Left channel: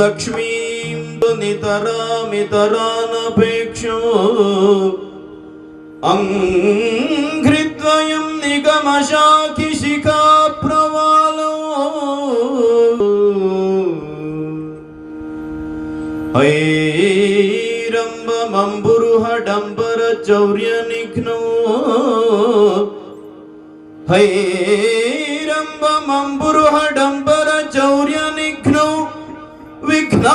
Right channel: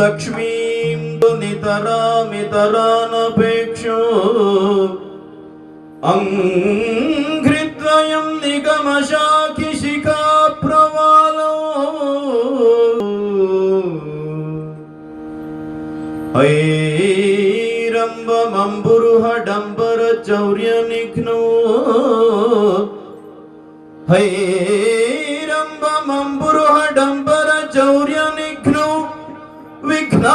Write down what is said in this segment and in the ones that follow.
ಲಕ್ಷ್ಮೀಂ ನಿತರಾಮಿತರಾನಪೇಕ್ಷೋ ಅಂಘ್ರಿದ್ವಯಂ ನಿಗಮಶಾಖಿ ಶಿಖಾ ಪ್ರವಾಲೋ ಹೈರಂಬಮಂಬುರುಹಡಂಬರ ಚೌರ್ಯ ನಿಘ್ನೋ ಹೈರಂಬಮಂಬುರುಹಡಂಬರ ಚೌರ್ಯ ನಿಘ್ನೋ ವಿಘ್ನಾದ್ರಿಭೇದ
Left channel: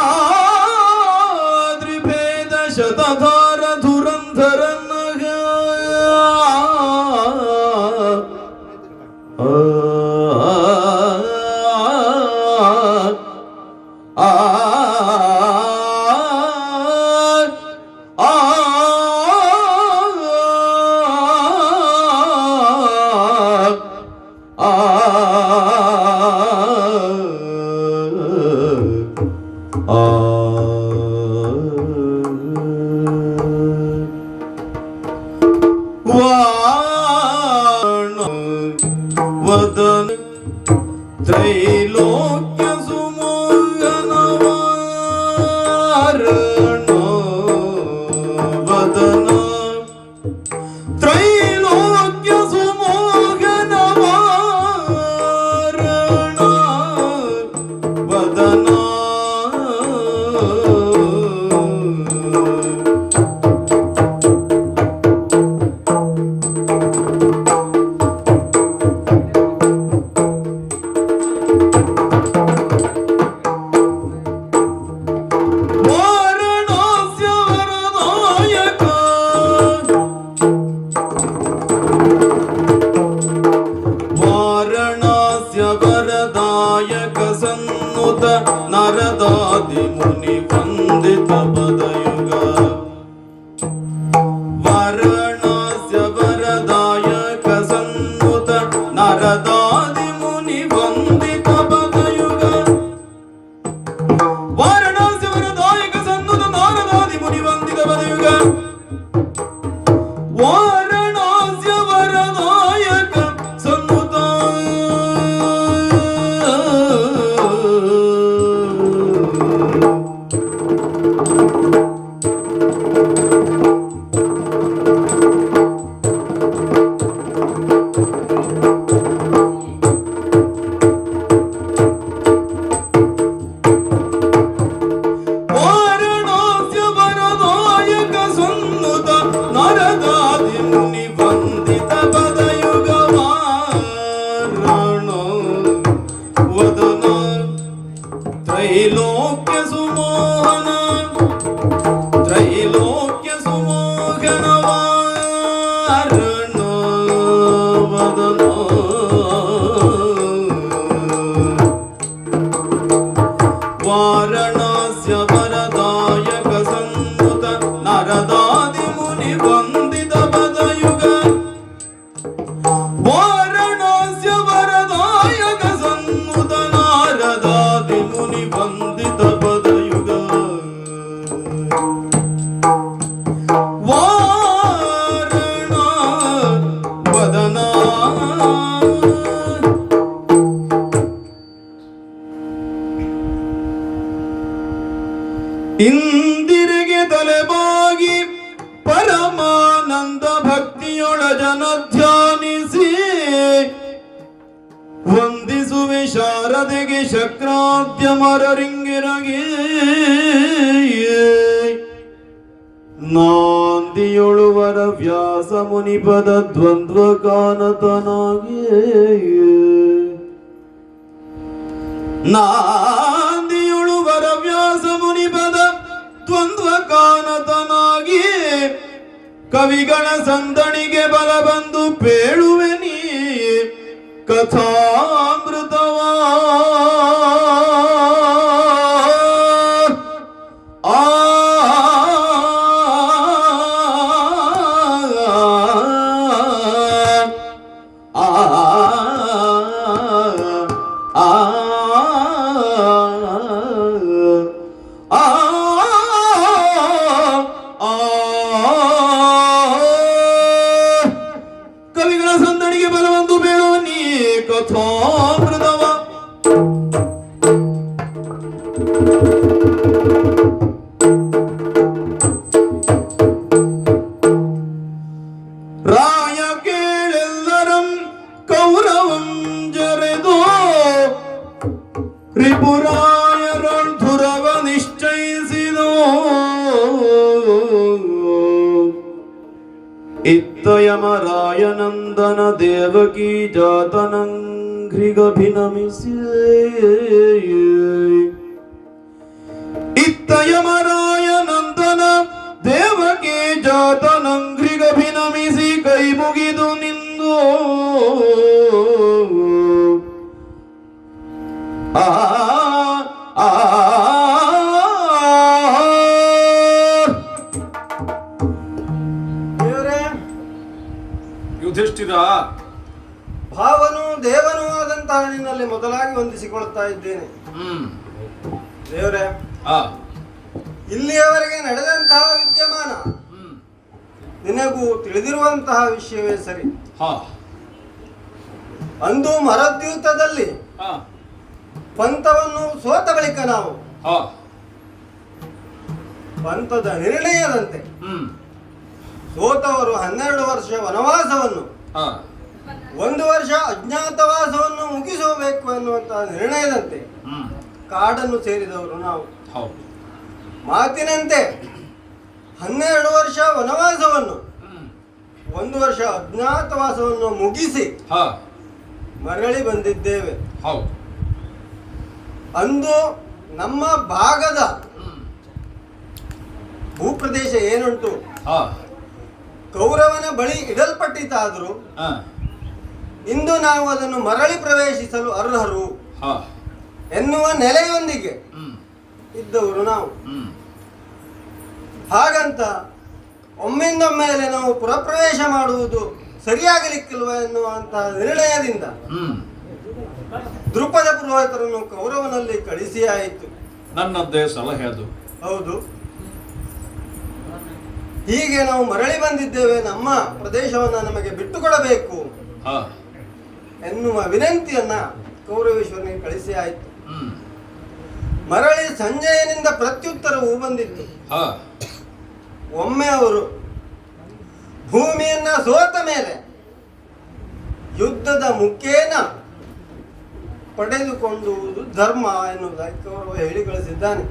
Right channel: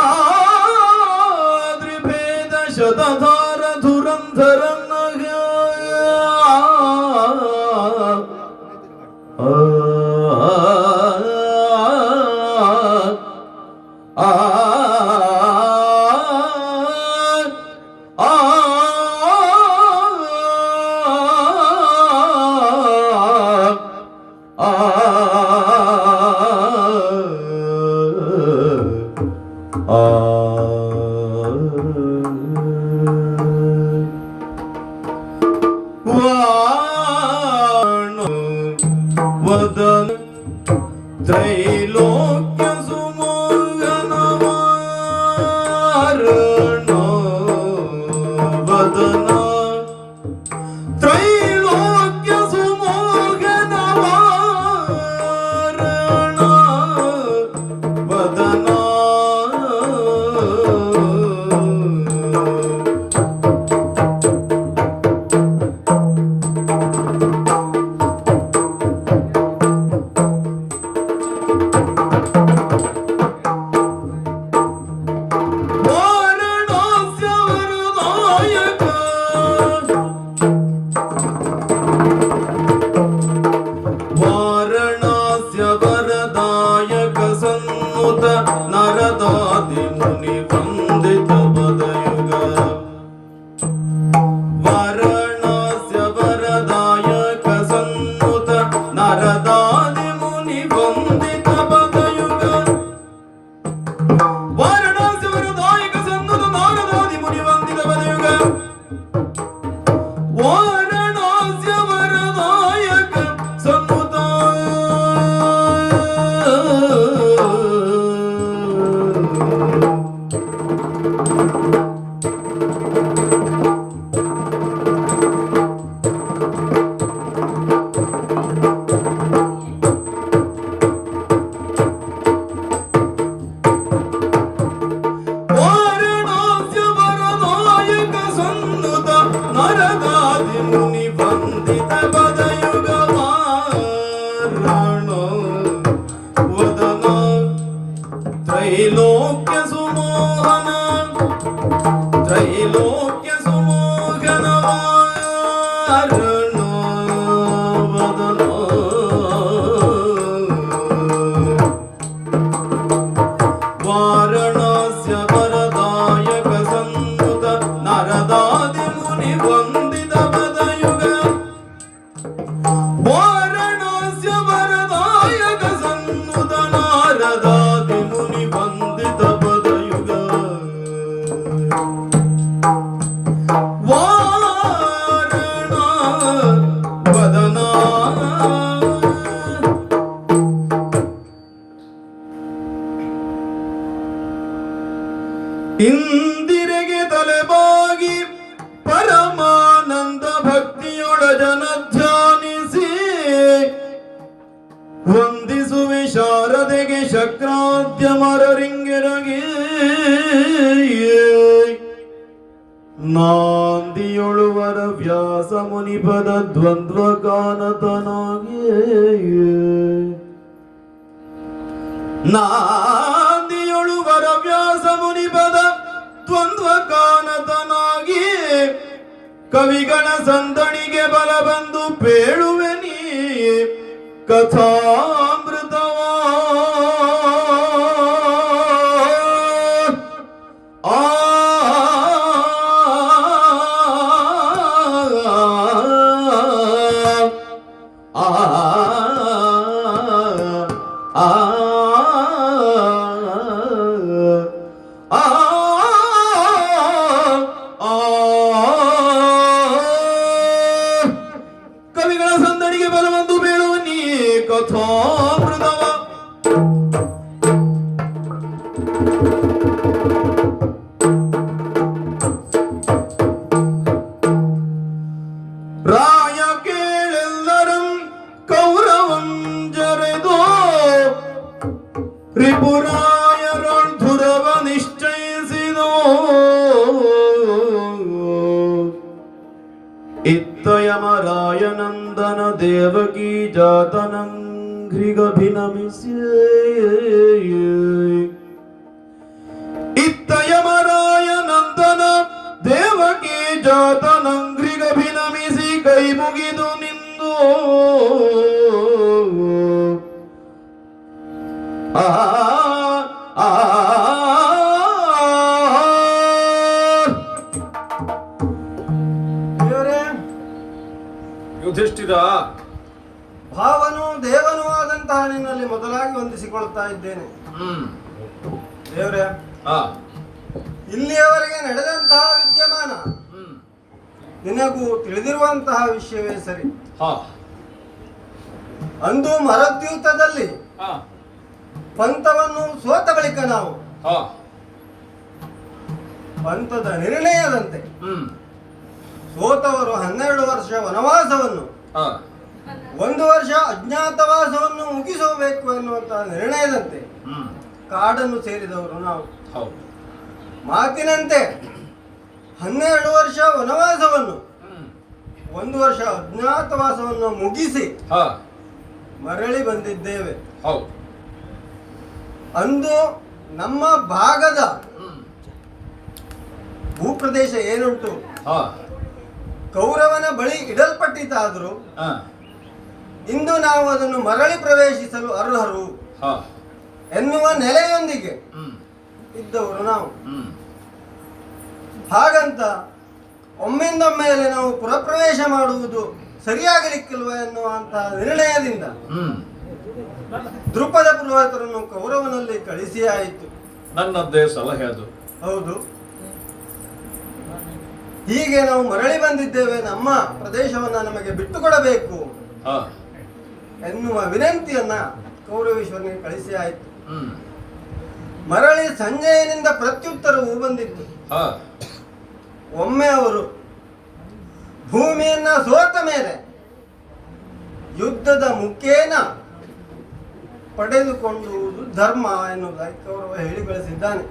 ಶತಧಾರ ಧುರಂಧರ ವದನ ತ್ರೈಲೋಕ್ಯ ಸುಮೋಹನವಾರಣ ವದನ ತ್ರೈಲೋಕ್ಯ ಸುಮೋಹನವಾರಣ ವದನ ನರದಾದಿ ಮುನಿ ವಂದಿತ ಪದಯುಗ ವಾರಣಾಸ್ಯ ವರದಾಯಕ ಸನ್ನುತ ನರದಾದಿ ಮುನಿ ವಂದಿತ ಪದಯುಗ ವಾರಣಾಸ್ಯ ವರದಾಯಕ ಸನ್ನುತ ನರದಾದಿ ಮುನಿ ವಂದಿತ ಪದಯುಗ ವಾರಣಾಸ್ಯ ವರದಾಯಕ ಸನ್ನುತ ನರದಾದಿ ಮುನಿ ವಂದಿತ ಪದಯುಗ ವಾರಣ ವದನ ತ್ರೈಲೋಕ್ಯ ಸುಮೋಹನ ತ್ರೈಲೋಕ್ಯ ಸುಮೋಹನ ವಾರಣ ವದನ ವಾರಣಾಸ್ಯ ವರದಾಯಕ ಸನ್ನುತ ನರದಾದಿ ಮುನಿ ವಂದಿತ ಪದಯುಗ ವಾರಣಾಸ್ಯ ವರದಾಯಕ ಸನ್ನುತ ನರದಾದಿ ಮುನಿ ವಂದಿತ ಪದಯುಗ ವಾರಣ ವದನ ಇಂದಿರೆಗೆ ತಲೆಬಾಗಿ ಪರಮಾನಂದ ಭಕ್ತಿಯೊಳ ಜನ ಧ್ಯಾನಿಸಿ ವಂದಿಸುವೆ ಶಾರದೆಗೆ ಶಕ್ರಾದ್ಯ ಮರರಿಂಗಿರಗೆ ನಾಂದಿಯೊಳುವರ ವ್ಯಾಸ ಮುನಿಪದ ದ್ವಂದ್ವ ಕಾನತನಾಗಿ ನಾಂದಿಯೊಳುವರ ವ್ಯಾಸ ಮುನಿಪದ ದ್ವಂದ್ವ ಕಾನತನಾಗಿ ಕವಿಗಳ ಸಂದಣಿಗೆ ಬಲ ಬಂದು ಪೇಳುವೆ ನೀ ಕಥಾಮೃತವಾ ಕವಿಗಳ ಸಂದಣಿಗೆ ಬಲವೊಂದು ಬೇಳುವ ನೀ ಕಥಾ ರಿಪುರಾಯರೊಳ್ಧುರವ ನಿಶ್ಚಯಿಸಿದೋ ಇತ್ತಯಮರಾಯನಂದನ ದೇವಕಿ ಜಾತನಂಘ್ರಿಗಭಿನಮಿಸಿ ಇತ್ತಯಮರಾಯನಂದನ ದೇವಕಿ ಜಾತನಂಘ್ರಿಗಭಿನಮಿಸಿ ಕೈ ಮುಗಿದು ನಿಂದು ಆ ಆ ಯುಧಿಷ್ಠಿರ, ಭಾವನು ದೇವನೂ ಆದಂತಹ ನಿನ್ನಲ್ಲಿ ಮೊದಲಾಗಿ ವಂದಿಸಿಕೊಳ್ಳುತ್ತಾ ಇದ್ದೇನೆ. ದೇವರೇ, ಇಲ್ಲಿಯವರೆಗೆ ನಡೆದಂತಹ ವಿದ್ಯಮಾನ ನಿನಗೂ ತಿಳಿದಿರುವಂತಹ ವಿಷಯವೇ ಸರಿ. ಅಂದು ಮರದ್ಯೂತದಲ್ಲಿ ಪಂಥವನ್ನು ಸೋತ ಬಳಿಕ ನಾವು ಪಂಥದ ನಿರ್ಣಯದಂತೆ ಸೋತವರು 12 ವರ್ಷ ವನವಾಸವನ್ನು 1 ವರ್ಷ ಅಜ್ಞಾತವಾಸವನ್ನು ಮುಗಿಸಬೇಕು ಎನ್ನುವಂತಹ ನಿರ್ಣಯದಂತೆ ಕಾಡನ್ನು ಸೇರಿದವರು ನಾವು. ಮಾತಿನಂತೆ 12 ವರ್ಷ ವನವಾಸವನ್ನು 1 ವರ್ಷ ಅಜ್ಞಾತವಾಸವನ್ನು ಮುಗಿಸಿ ಮರಳಿ ಬಂದಿದ್ದೇವೆ. ಅಂದು ನಮ್ಮ ಭಾಗದ ಭೂಪ್ರದೇಶ ಏನುಂಟು ಕೌರವನ ಬಳಿ ಇಡಲ್ಪಟ್ಟಿತಾದರೂ ಇಂದು ನಾವು ಅದನ್ನು ಮರಳಿ ಪ್ರವೇಶಿಸಲು ಅರ್ಹರು ಎನ್ನುವ ನೆಲೆಯೊಂದಿಗೆ ಇದ್ದವರು ನಾವು. ಹಾಗಂತ ಒಮ್ಮಿಂದೊಮ್ಮೆಲೆ ನಾವು ಪುರಪ್ರವೇಶ ಮಾಡುವುದು ಸರಿಯಾಗಲಿಕ್ಕಿಲ್ವ ಎನ್ನುವಂತಹ ನಿರ್ಣಯದಿಂದ ದೃಪದ ಪುರೋಹಿತರನ್ನು ಕೌರವನಲ್ಲಿ ಕಳಿಸಿ ಆಯಿತು. ನನ್ನದ್ದೇ ಸಲಹೆ ಅದು. ಹೌದು, ಹೀಗೆ ನಾವು ಮರಳಿ ಬಂದಿದ್ದೇವೆ, ನಮ್ಮ ಪ್ರದೇಶವನ್ನು ನಮಗೆ ಬಿಟ್ಟುಕೊಡಬೇಕು ಎನ್ನುವ ವಿನಂತಿಯನ್ನ ಕೌರವೇಶ್ವರನಿಗೆ ಕಳಿಸಿ ಆಯಿತು. ಮರಳಿ ಸಂಜಯನಿಂದ ಪ್ರತ್ಯುತ್ತರವು ಬಂದಿತ್ತು. ಒಮ್ಮೆ ಅವರು ಭೂಮಿಯನ್ನ ಸೋತ ಮೇಲೆ ಯುದ್ಧದ ಮುಖೇನ ಪಡೆದುಕೊಳ್ಳುವುದು ಧರ್ಮ ಎನ್ನುವುದಾಗಿ ಕೌರವ ಹೇಳಿ ಕಳಿಸಿದ್ದಾನೆ.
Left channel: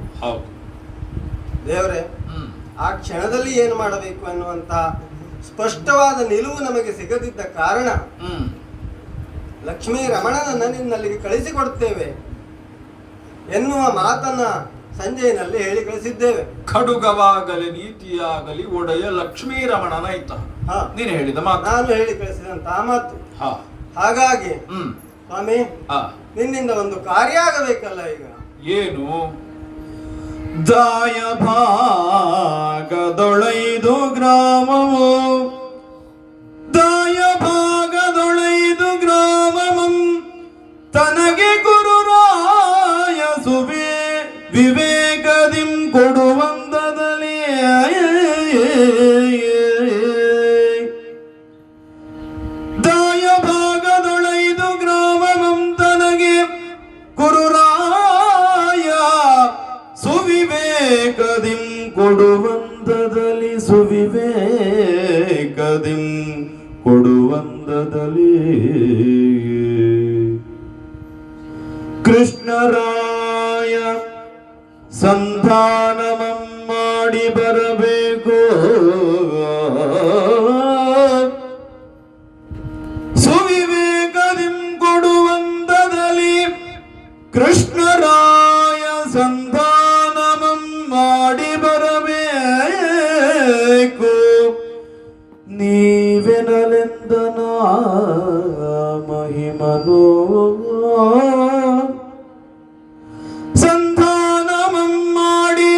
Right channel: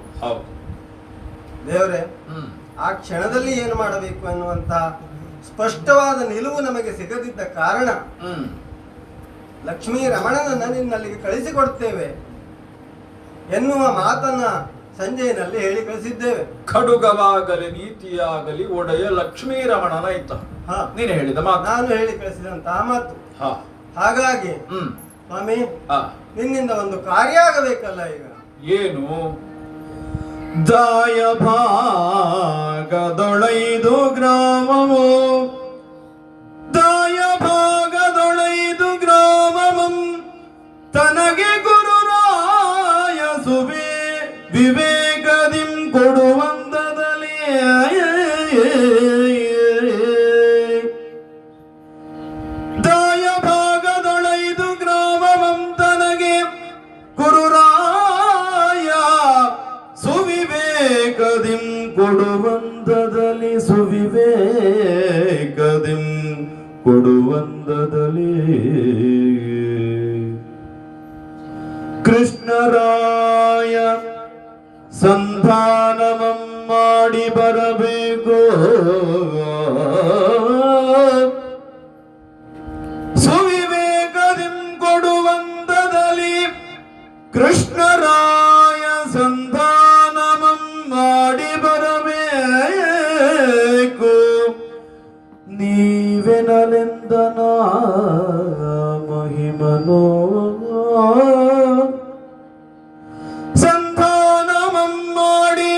ದೇವರೇ, ಆ ಕ್ಷಣದಲ್ಲಿ ಏನು ಮಾಡಬೇಕು ಎನ್ನುವಂತಹ ಸ್ಪಷ್ಟವಾದ ನಿಲುವು ನಮಗೆ ಸಿಗದಿದ್ದ ಕಾರಣ ಲಕ್ಷ್ಮೀ ರಮಣನನ್ನು ನಿನ್ನಲ್ಲಿಗೆ ಕಳಿಸಿಕೊಡುತ್ತೇವೆ ಎನ್ನುವ ಮಾತನ್ನ ಸಂಜೆಯಲ್ಲಿ ಹೇಳಿ ಕಳಿಸಿದ್ದೇವೆ. ಖಡುಗವಾಗಲಿ ನೀತಿಯಾಗಲಿ ಒಡೆಯ ಲಕ್ಷ್ಮೀ ರಮಣನಾಯ್ತ ನೀನು ಹೇಳಿದ ಮಾತು, ನಾನು ಹೇಳಿ ಕಳಿಸಿದಂತಹ ಮಾತು. ಹಾಗಾಗಿ ಸ್ವಾಮಿ, ನಿನ್ನಿಂದ ಒಂದು ಕಾರ್ಯ ಆಗಬೇಕಲ್ಲ. ಈಗ ಏನು? ದಾಯ ಭಾಗದೊಳೈದು ಗ್ರಾಮವು ದಾಯ ಭಾಗದೊಳೈದು ಗ್ರಾಮವಂ ತನಗೆ ಗುರುರಾಯ ಸುವೆ ವಿವೇಕದಿಂ ಕೊಡುವಂದದಲ್ಲಿ ದಾಯ ಭಾಗದೊಳೈದು ಗ್ರಾಮವಂ ತನಗೆ ಗುರುರಾಯ ಸುವಿವೇಕದಿಂ ಕೊಡುವಂದದಲ್ಲಿ ಸುವಿವೇಕದಿಂ ಕೊಡುವಂದದಲ್ಲಿ ಕೃಷ್ಣರಾಯ ಸಂಧಾನವಂ ಮಾಡಿ ಬರಬೇಕು ಸುವಿವೇಕದಿಂ ಕೊಡುವಂದದಲ್ಲಿ ಕೃಷ್ಣರಾಯ ಸಂಧಾನವಂ ಮಾಡಿ ಬರಬೇಕು ನೀವೆನಲೆಂದನ ಮಹಿಮನೋ ಸಂಧಾನವಂ ಮಾಡಿ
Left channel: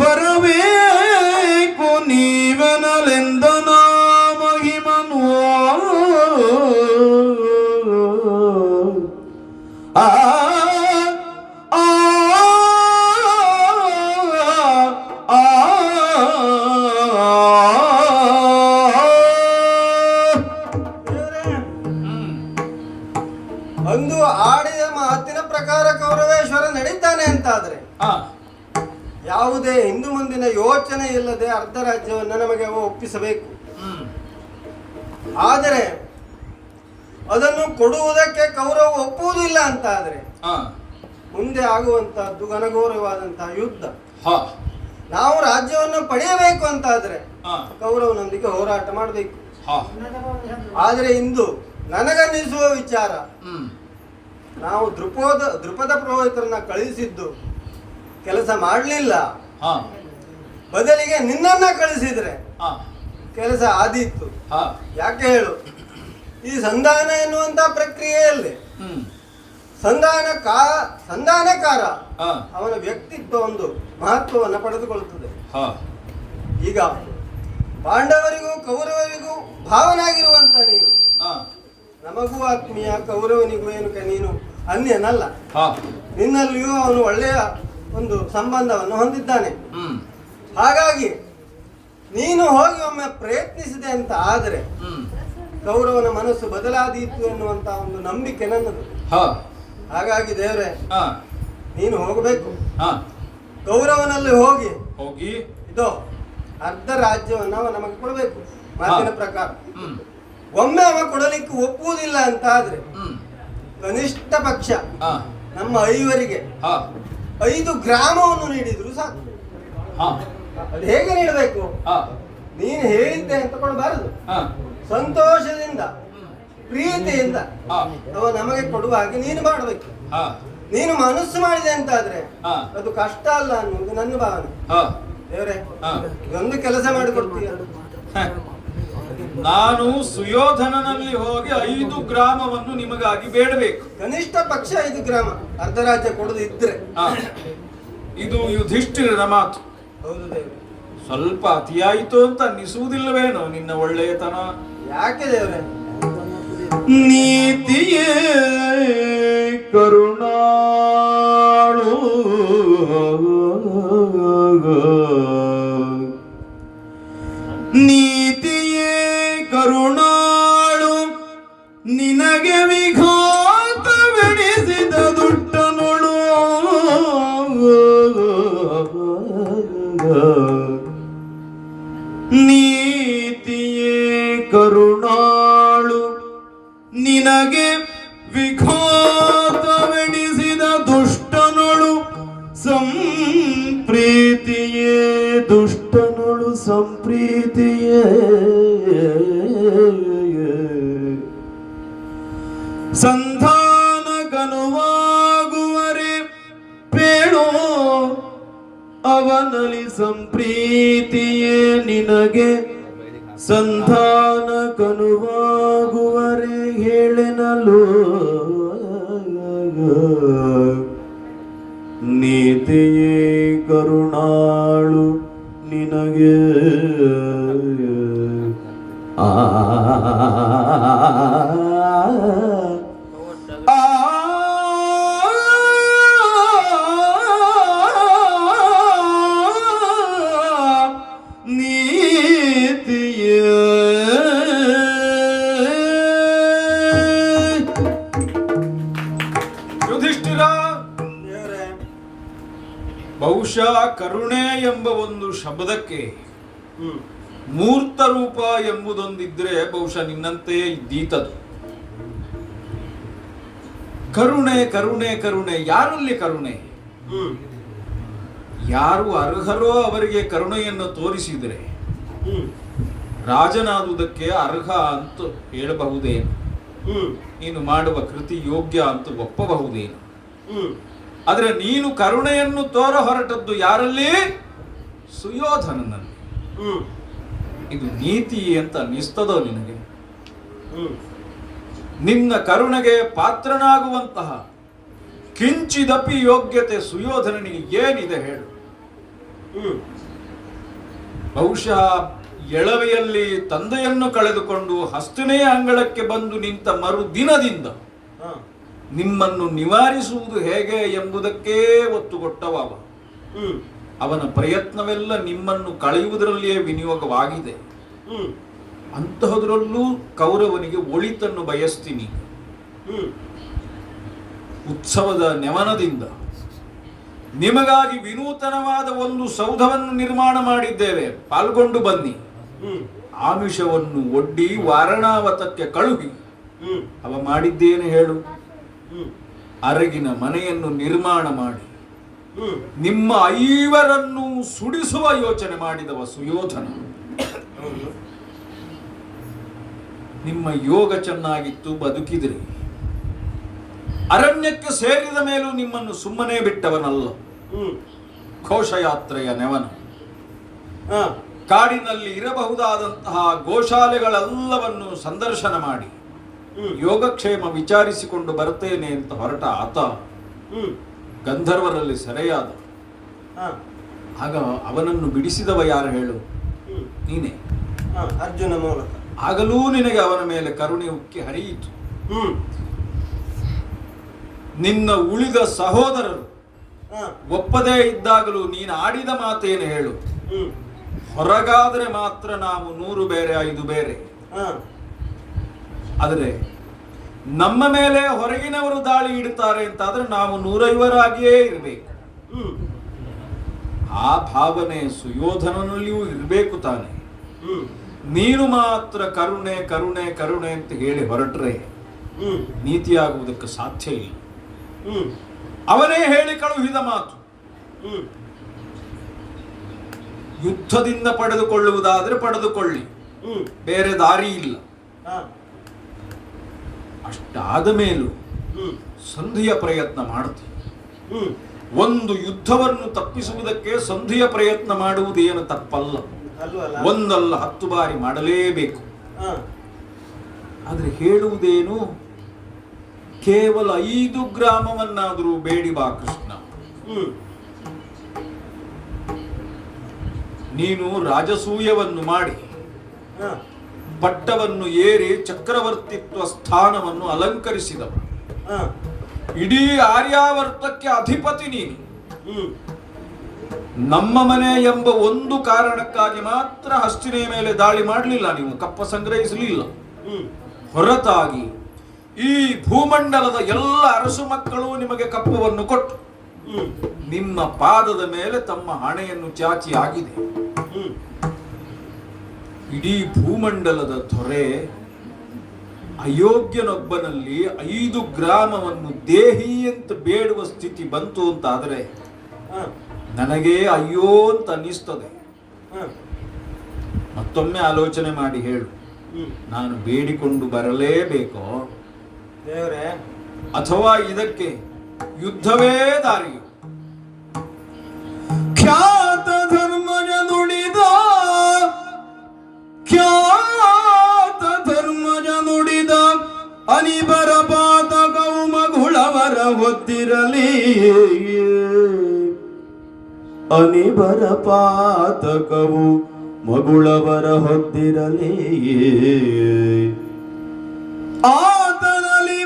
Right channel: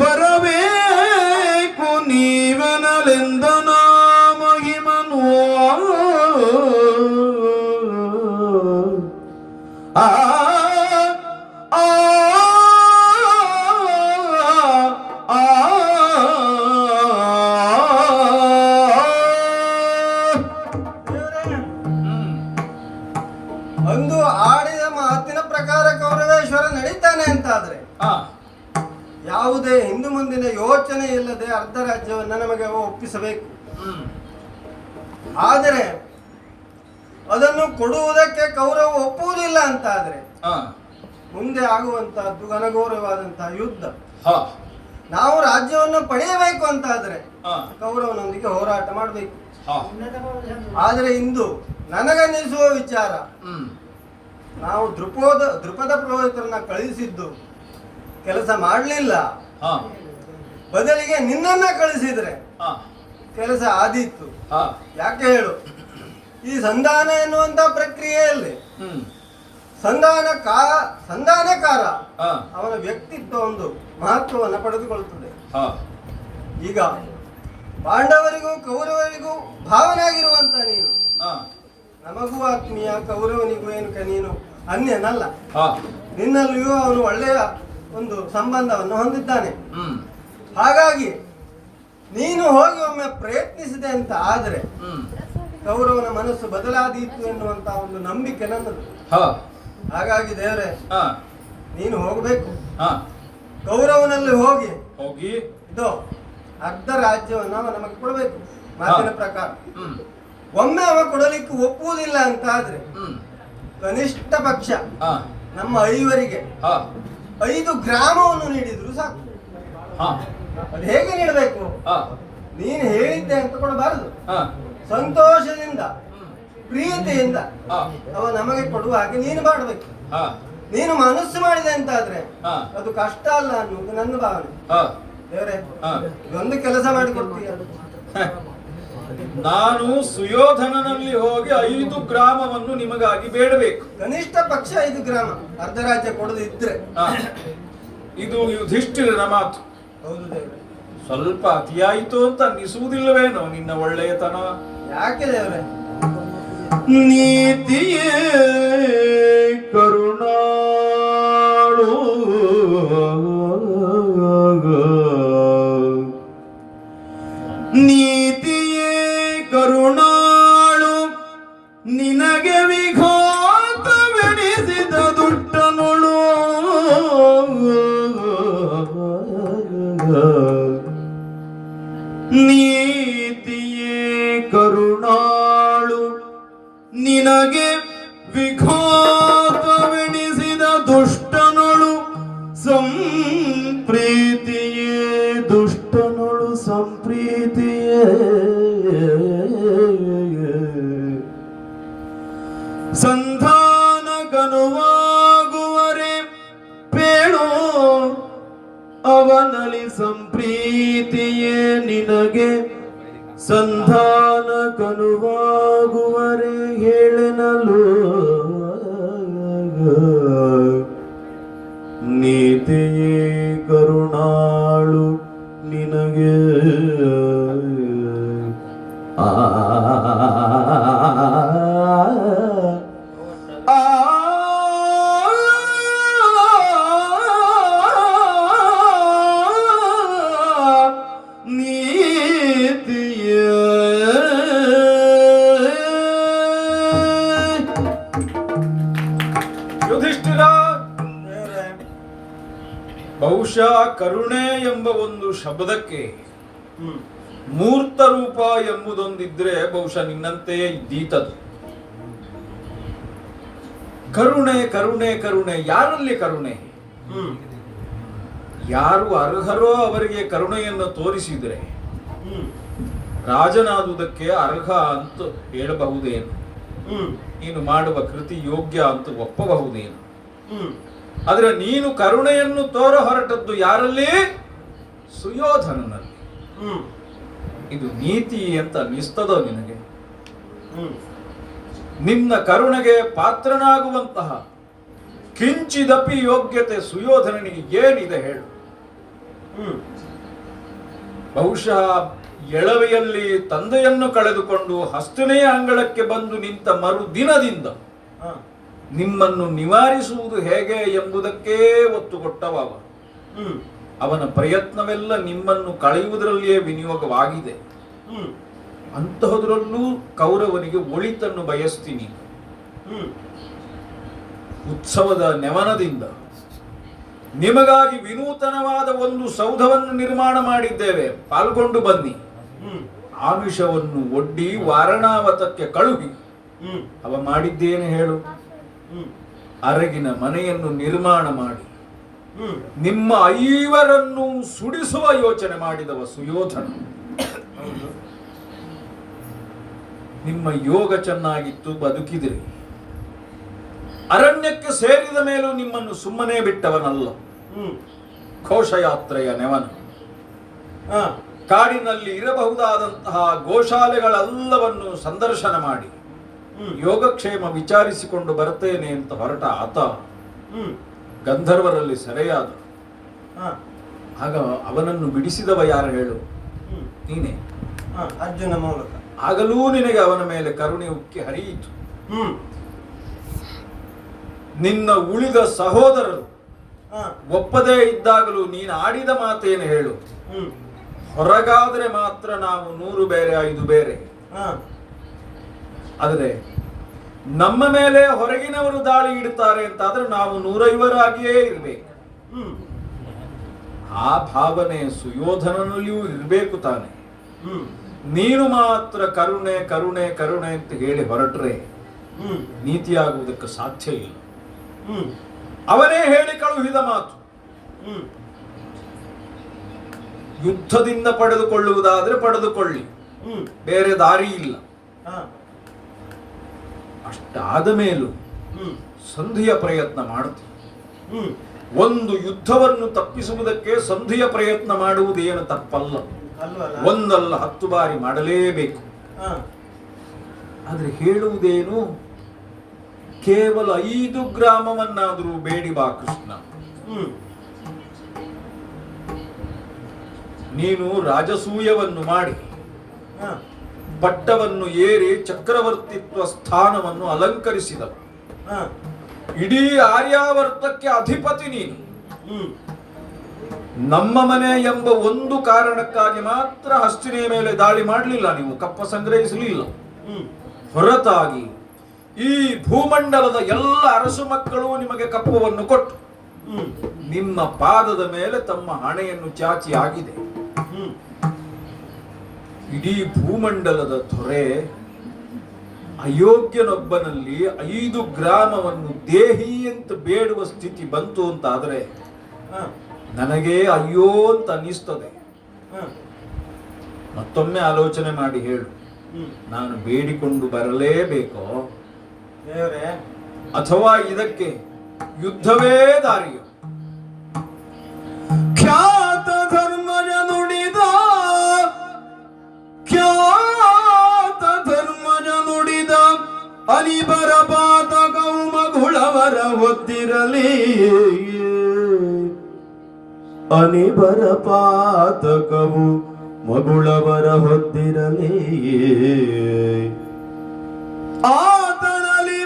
ಬರಬೇಕು ನೀವೆನಲೆಂದನ ಮಹಿಮನೋ ಆ ಅಂದು ಆಡಿದ ಮಾತಿನ ಪ್ರಕಾರ ಕೌರವೇಶ್ವರ ನಡೀತಾನೆ ಅಂತಾದ್ರೆ ಯಾವುದೇ ಹಿಂದು ಮುಂದಿನ ಯೋಚನೆ ಇಲ್ಲದೆ ಅರ್ಧ ರಾಜ್ಯವನ್ನ ನಮಗೆ ಒಪ್ಪಿಸಬೇಕು. ಆದರೆ ಅದನ್ನು ಕೊಡುವುದಕ್ಕೆ ಕೌರವ ಒಪ್ಪುವುದಿಲ್ಲ ಅಂತಾದ್ರೆ ಮುಂದೆ ಆಗುವಂತಹದ್ದು ಘನಘೋರವಾದಂತಹ ಯುದ್ಧ. ಹಾ ನಾವು ರಾಜ್ಯವನ್ನು ಪಡೆಯಬೇಕು ಅಂತಾದ್ರೆ ಹಾ ಕೌರವನೊಂದಿಗೆ ಹೋರಾಟ ಮಾಡಬೇಕು. ಹಾ ಆದರೆ ಇಂದು ನನಗನ್ನಿಸುವ ವಿಚಾರ, ಹ್ಮ್ ನಾವು ದೃಪದ ಪುರೋಹಿತರನ್ನ ಕಳಿಸಿದ್ದು ಕೆಲಸ ಮಾಡಲಿಲ್ಲ, ಹಾ ಬದಲಿಗೆ ನಿನ್ನನ್ನ ಕಳಿಸಿದ್ರೆ ಹಾ ಕೆಲಸ ಆದೀತು. ಹಾ ಯಾಕೆ ಹೇಳು, ಈ ಸಂಧಾನ ಎನ್ನುವಂತ ಪ್ರಕ್ರಿಯೆಯಲ್ಲಿ ಹ್ಮ್ ಸಂಧಾನಕಾರ ಹಾ ಅವನ ವ್ಯಕ್ತಿತ್ವ ಒಂದು ಮಹತ್ವವನ್ನು ಪಡೆದುಕೊಳ್ಳುತ್ತದೆ. ಹಾ ಈಗ ಪಾಂಡವರಿಗೂ ಕೌರವರಿಗೂ ಭಾವನಾಗಿರುವಂತ ನೀನು ಹಾ ನಮಗೂ ಆತ್ಮೀಯ, ಕೌರವನಿಗೂ ಏನು ನೀನು ಅನ್ಯನಲ್ಲ. ಹಾ ನಿನ್ನಲ್ಲಿಯೂ ಅವನು ಒಳ್ಳೆಯ ಒಂದು ಸಂಬಂಧವನ್ನು ಹೊಂದಿದ್ದಾನೆ. ಹ್ಮ್ ಹಾಗಾಗಿ ನೀನು ಹೋಗಿ ಒಮ್ಮೆ ಪ್ರಯತ್ನಿಸಿದೆ ಅಂತ ಆದರೆ ಹ್ಮ್ ಕೌರವನ ಮನಸ್ಸು ಬದಲಾದೀತು ಎನ್ನುವಂತ ಒಂದು ನಂಬಿಕೆ ನನ್ನದು. ಹಾ ಹಾಗಾಗಿ ದೇವರೇ, ಹಾ ನೀನು ಹೋಗಬೇಕು. ಹಾ ಕೌರವನಲ್ಲಿ ಹೋಗಿ ಹೋಗಿ ಇದು ಅರ್ಧ ರಾಜ್ಯವನ್ನು ಅವ ನಮಗೆ ಕೊಡಬೇಕು ಮಾತಿನ ಪ್ರಕಾರ. ಹ್ಮ್ ಒಮ್ಮೆ ಅವ ಕೊಡಲಿಕ್ಕೆ ಒಪ್ಪುವುದಿಲ್ಲ ಅಂತ ಆದ್ರೆ ಹ್ಮ್ ಕನಿಷ್ಠ ಪಕ್ಷ ಹಾ ನಮ್ಮ ಐವರಿಗೆ ಹಾ 5 ಗ್ರಾಮವನ್ನು ನೀಡಿದ್ರು ಸಾಕು. ಹಾ ಅದು ಹೇಗೆ ನೀಡಬೇಕು? ಹಾ ನೀನು ಹೇಳಿದ್ದೆ ಅಂತ ಕೊಡಬಾರದು. ಹಾ ಸಂತೋಷದಿಂದ ಪ್ರೀತಿಯಿಂದ ಹಾ ಅವ ನಮಗೆ ಕೊಡುವ ಹಾಗೆ ನೀನು ಮಾಡಬೇಕು. ಹಾ ನೀನು ಮನಸ್ಸು ಮಾಡಿದೆ ಅಂತಾದ್ರೆ ಹಾ ಅದು ಕಷ್ಟ ಅಲ್ಲ ಅನ್ನೋದು ನನ್ನ ಭಾವನೆ. ಹಾ ದೇವರೇ, ಹಾ ಇದೊಂದು ಕೆಲಸ ಮಾಡಿಕೊಡ್ತೀಯ. ನಾನು ಸುಯೋಧನನಲ್ಲಿ ಹೋಗಿ 5 ಗ್ರಾಮವನ್ನು ನಿಮಗಾಗಿ ಬೇಡಬೇಕು. ಕನಿಷ್ಠ ಪಕ್ಷ 5 ಗ್ರಾಮ, ಅರ್ಧ ರಾಜ್ಯ ಕೊಡದು ಇದ್ರೆ. ಹಾ, ಇದು ಯುಧಿಷ್ಠಿರನ ಮಾತು. ಹೌದು ದೇವ್ರೆ. ಸ್ವಲ್ಪ ಅತಿಯಾಯಿತು ಅಂತ ಅನ್ನಿಸುವುದಿಲ್ಲವೇನೋ ನಿನ್ನ ಒಳ್ಳೆಯತನ? ಯಾಕೆ ದೇವ್ರೆ? ನೀತಿಯೇ ಕರುಣಾಳು ನೀತಿಯೇ ಕರುಣಾಳು ನಿನಗೆ ವಿಘಾತವೆನಿಸಿದ ದುಷ್ಟನುಳು ನೀತಿಯೇ ಕರುಣಾಳು ನಿನಗೆ ವಿಘಾತವೆನಿಸಿದ ದುಷ್ಟನುಳು ಸಂಪ್ರೀತಿಯೇ ದುಷ್ಟನುಳು ಸಂಪ್ರೀತಿಯೇ ಸಂಧಾನಗನುವಾಗುವರೆ ಪೇಳೋ ಅವನಲ್ಲಿ ಸಂಪ್ರೀತಿಯೇ ನಿನಗೆ ಸಂಧಾನಗನುವಾಗುವರೆ ಹೇಳೆನಲು ನೀತಿಯೇ ಕರುಣಾಳು ನಿನಗೆ ಆ ಬಹುಶಃ ಕರುಣೆ ಎಂಬ ಒಂದು ಶಬ್ದಕ್ಕೆ ಮೂರ್ತ ರೂಪ ಎಂಬುದೊಂದಿದ್ರೆ ಬಹುಶಃ ನಿನ್ನಂತೆಯೇ ಇದ್ದೀತದು. ಕರುಣೆ ಕರುಣೆ ಕರುಣೆ, ಯಾರಲ್ಲಿ ಕರುಣೆ? ಯಾರು ಅರ್ಹರೋ ಅವರಿಗೆ ಕರುಣೆಯನ್ನು ತೋರಿಸಿದರೆ ರಾಜನಾದುದಕ್ಕೆ ಅರ್ಹ ಅಂತ ಹೇಳಬಹುದೇನು? ನೀನು ಮಾಡುವ ಕೃತಿ ಯೋಗ್ಯ ಅಂತ ಒಪ್ಪಬಹುದೇನು? ಆದ್ರೆ ನೀನು ಕರುಣೆಯನ್ನು ತೋರ ಹೊರಟದ್ದು ಯಾರಲ್ಲಿ? ಸುಯೋಧನನಲ್ಲಿ. ಇದು ನೀತಿ ಅಂತ ಅನ್ನಿಸ್ತದೋ ನಿನಗೆ? ನಿನ್ನ ಕರುಣೆಗೆ ಪಾತ್ರನಾಗುವಂತಹ ಕಿಂಚಿದಪಿ ಯೋಗ್ಯತೆ ಸುಯೋಧನನಿಗೆ ಏನಿದೆ ಹೇಳು? ಬಹುಶಃ ಎಳವೆಯಲ್ಲಿ ತಂದೆಯನ್ನು ಕಳೆದುಕೊಂಡು ಹಸ್ತನೆಯ ಅಂಗಳಕ್ಕೆ ಬಂದು ನಿಂತ ಮರುದಿನದಿಂದ ನಿಮ್ಮನ್ನು ನಿವಾರಿಸುವುದು ಹೇಗೆ ಎಂಬುದಕ್ಕೇ ಒತ್ತು ಕೊಟ್ಟವ. ಅವನ ಪ್ರಯತ್ನವೆಲ್ಲ ನಿಮ್ಮನ್ನು ಕಳೆಯುವುದರಲ್ಲಿಯೇ ವಿನಿಯೋಗವಾಗಿದೆ. ಅಂತಹದ್ರಲ್ಲೂ ಕೌರವನಿಗೆ ಒಳಿತನ್ನು ಬಯಸ್ತೀನಿ. ಉತ್ಸವದ ನೆವನದಿಂದ ನಿಮಗಾಗಿ ವಿನೂತನವಾದ ಒಂದು ಸೌಧವನ್ನು ನಿರ್ಮಾಣ ಮಾಡಿದ್ದೇವೆ, ಪಾಲ್ಗೊಂಡು ಬನ್ನಿ. ಆಮಿಷವನ್ನು ಒಡ್ಡಿ ವಾರಣಾವತಕ್ಕೆ ಕಳುಹಿ ಅವ ಮಾಡಿದ್ದೇನೆ ಹೇಳು? ಅರಗಿನ ಮನೆಯನ್ನು ನಿರ್ಮಾಣ ಮಾಡಿ ನಿಮ್ಮ 5 ಸುಡಿಸುವ ಯೋಚನೆ ಮಾಡಿದವ ಸುಯೋಧನ. ನಿಮ್ಮ ಯೋಗ ಚೆನ್ನಾಗಿತ್ತು, ಬದುಕಿದಿರಿ. ಅರಣ್ಯಕ್ಕೆ ಸೇರಿದ ಮೇಲೂ ನಿಮ್ಮನ್ನು ಸುಮ್ಮನೆ ಬಿಟ್ಟವನಲ್ಲ. ಘೋಷಯಾತ್ರೆಯ ನೆವನ. ಕಾಡಿನಲ್ಲಿ ಇರಬಹುದಾದಂತಹ ಗೋಶಾಲೆಗಳೆಲ್ಲವನ್ನು ಸಂದರ್ಶನ ಮಾಡಿ ಯೋಗಕ್ಷೇಮ ವಿಚಾರಿಸಿಕೊಂಡು ಬರ್ತೇನೆ ಅಂತ ಹೊರಟ ಆತ ಗಂಧರ್ವರಲ್ಲಿ ಸೆರೆಯಾದ. ಆಗ ಅವನನ್ನು ಬಿಡಿಸಿದವ ಯಾರು ಹೇಳು? ನೀನೇ. ಅರ್ಜುನ ಮೂಲಕ. ಆಗಲೂ ನಿನಗೆ ಅವನ ಮೇಲೆ ಕರುಣೆ ಉಕ್ಕಿ ಹರಿಯಿತು. ನಿನ್ನ ಉಳಿದ ಸಹೋದರರು ಒಪ್ಪದೇ ಇದ್ದಾಗಲೂ ನೀನು ಆಡಿದ ಮಾತೇನು ಹೇಳು? ಹೊರಗಾದ್ರೆ ಮಾತ್ರ ನಾವು 100 ಬೇರೆ 5 ಬೇರೆ. ಆದರೆ ನಮ್ಮ ಮೇಲೆ ಹೊರಗಿನವರು ದಾಳಿ ಇಡುತ್ತಾರೆ ಅಂತಾದ್ರೆ ನಾವು 150 ಇರಬೇಕು. ಆ ಭಾವನೆ ಸುಯೋಧನನಲ್ಲಿಯೂ ಇರಬೇಕು ತಾನೆ. ನೀನು ಮಾತ್ರ ಕರುಣೆ ಕರುಣೆ ಕರುಣೆ ಅಂತ ಹೇಳಿ ಹೊರಟ್ರೆ ನೀತಿಯಾಗುವುದಕ್ಕೆ ಸಾಧ್ಯ ಇಲ್ಲ. ಅವನೇ ಹೇಳಿ ಕಳುಹಿದ ಮಾತು. ಯುದ್ಧದಿಂದ ಪಡೆದುಕೊಳ್ಳುವುದಾದ್ರೆ ಪಡೆದುಕೊಳ್ಳಿ, ಬೇರೆ ದಾರಿ ಇಲ್ಲ. ಅಷ್ಟಾದ ಮೇಲೂ ಸಂಧಿಯ ಪ್ರಯತ್ನ ಮಾಡ್ತೀವಿ. ಒಂದು ಯುದ್ಧವನ್ನು ತಪ್ಪಿಸುವುದಕ್ಕೆ ಸಂಧಿಯ ಪ್ರಯತ್ನ ಮಾಡುವುದೇನು ತಪ್ಪಲ್ಲ. 1 ಅಲ್ಲ 10 ಬಾರಿ ಮಾಡಲೇಬೇಕು. ಆದ್ರೆ ಹೇಳುವುದೇನು? ಕೇವಲ 5 ಗ್ರಾಮವನ್ನಾದರೂ ಬೇಡಿ ಬಾ ಕೃಷ್ಣ. ನೀನು ರಾಜಸೂಯವನ್ನು ಮಾಡಿ ಪಟ್ಟವನ್ನು ಏರಿ ಚಕ್ರವರ್ತಿತ್ವ ಸ್ಥಾನವನ್ನು ಅಲಂಕರಿಸಿದವ. ಇಡೀ ಆರ್ಯಾವರ್ತಕ್ಕೆ ಅಧಿಪತಿ ನೀನು. ನಮ್ಮ ಮನೆ ಎಂಬ ಒಂದು ಕಾರಣಕ್ಕಾಗಿ ಮಾತ್ರ ಹಸ್ತಿನೆಯ ಮೇಲೆ ದಾಳಿ ಮಾಡಲಿಲ್ಲ, ನೀವು ಕಪ್ಪ ಸಂಗ್ರಹಿಸಲಿಲ್ಲ. ಹೊರತಾಗಿ ಈ ಭೂಮಂಡಲದ ಎಲ್ಲ ಅರಸು ಮಕ್ಕಳು ನಿಮಗೆ ಕಪ್ಪವನ್ನು ಕೊಟ್ಟು ನಿಮ್ಮ ಪಾದದ ಮೇಲೆ ತಮ್ಮ ಹಣೆಯನ್ನು ಚಾಚಿ ಆಗಿದೆ. ಇಡೀ ಭೂಮಂಡಲದ ದೊರೆ ಅಯೋಗ್ಯನೊಬ್ಬನಲ್ಲಿ 5 ಗ್ರಾಮವನ್ನು ದೇಹಿ ಅಂತ ಬೇಡುವ ಸ್ಥಿತಿ ಬಂತು ಅಂತಾದ್ರೆ ನನಗೆ ಅಯ್ಯೋ ಅಂತ ಅನ್ನಿಸ್ತದೆ. ಮತ್ತೊಮ್ಮೆ ಆಲೋಚನೆ ಮಾಡಿ ಹೇಳು, ನಾನು ಬೇಡಿಕೊಂಡು ಬರಲೇಬೇಕೋ ಅಥವಾ ಇದಕ್ಕೆ ಯುದ್ಧವೇ ದಾರಿಯೋ? ಖ್ಯಾತ ಧರ್ಮನ ನುಡಿದ ಅನಿಬರ ಪಾತಕವು ಮಗುಳವರ ಹೊತ್ತಿರಲಿ, ಅನಿಬರ ಪಾತಕವು ಮಗುಳವರ ಹೊತ್ತಿರಲಿ. ಆತನಲ್ಲಿ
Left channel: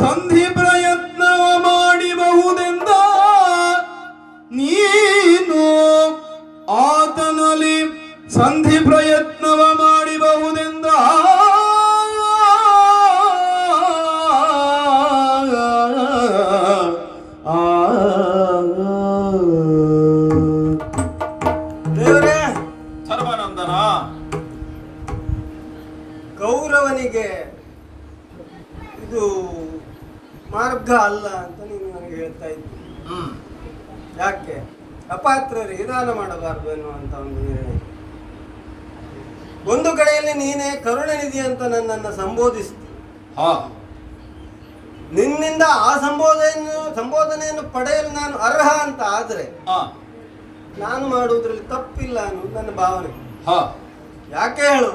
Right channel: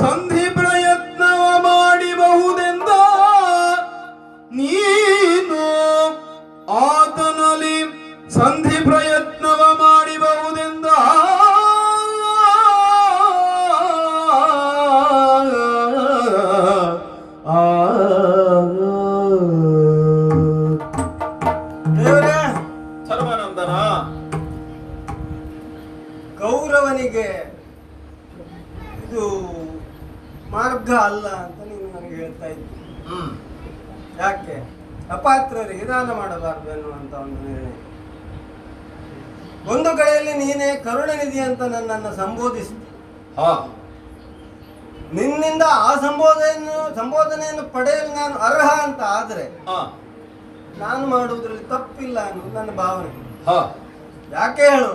ಸಂಧಿ ಪ್ರಯತ್ನವ ಮಾಡಿಬಹುದೆಂದ ನೀನು, ಆತನಲ್ಲಿ ಸಂಧಿ ಪ್ರಯತ್ನವ ಮಾಡಿಬಹುದೆಂದ ಸರ್ವಾನಂದನ. ಕೌರವನಿಗೆ ಇದು ಮಾರ್ಗ ಅಲ್ಲ ಅಂತ ನೀನು ನನಗೆ ಹೇಳ್ತಾ ಇದ್ದಿ. ಯಾಕೆ ಅಪಾತ್ರರಿಗೆ ದಾನ ಮಾಡಬಾರ್ದು ಎನ್ನುವಂತ ಒಂದು ನಿರ್ಣಯ. ಒಂದು ಕಡೆಯಲ್ಲಿ ನೀನೇ ಕರುಣನಿಧಿ ಅಂತ ನನ್ನನ್ನು ಸಂಬೋಧಿಸಿದ. ನಿನ್ನಿಂದ ಆ ಸಂಬೋಧನೆಯನ್ನು ಪಡೆಯಲು ನಾನು ಅರ್ಹ ಅಂತ ಆದ್ರೆ ನಾನು ಮಾಡುವುದರಲ್ಲಿ ತಪ್ಪಿಲ್ಲ ಅನ್ನೋದು ನನ್ನ ಭಾವನೆ. ಯಾಕೆ ಹೇಳು?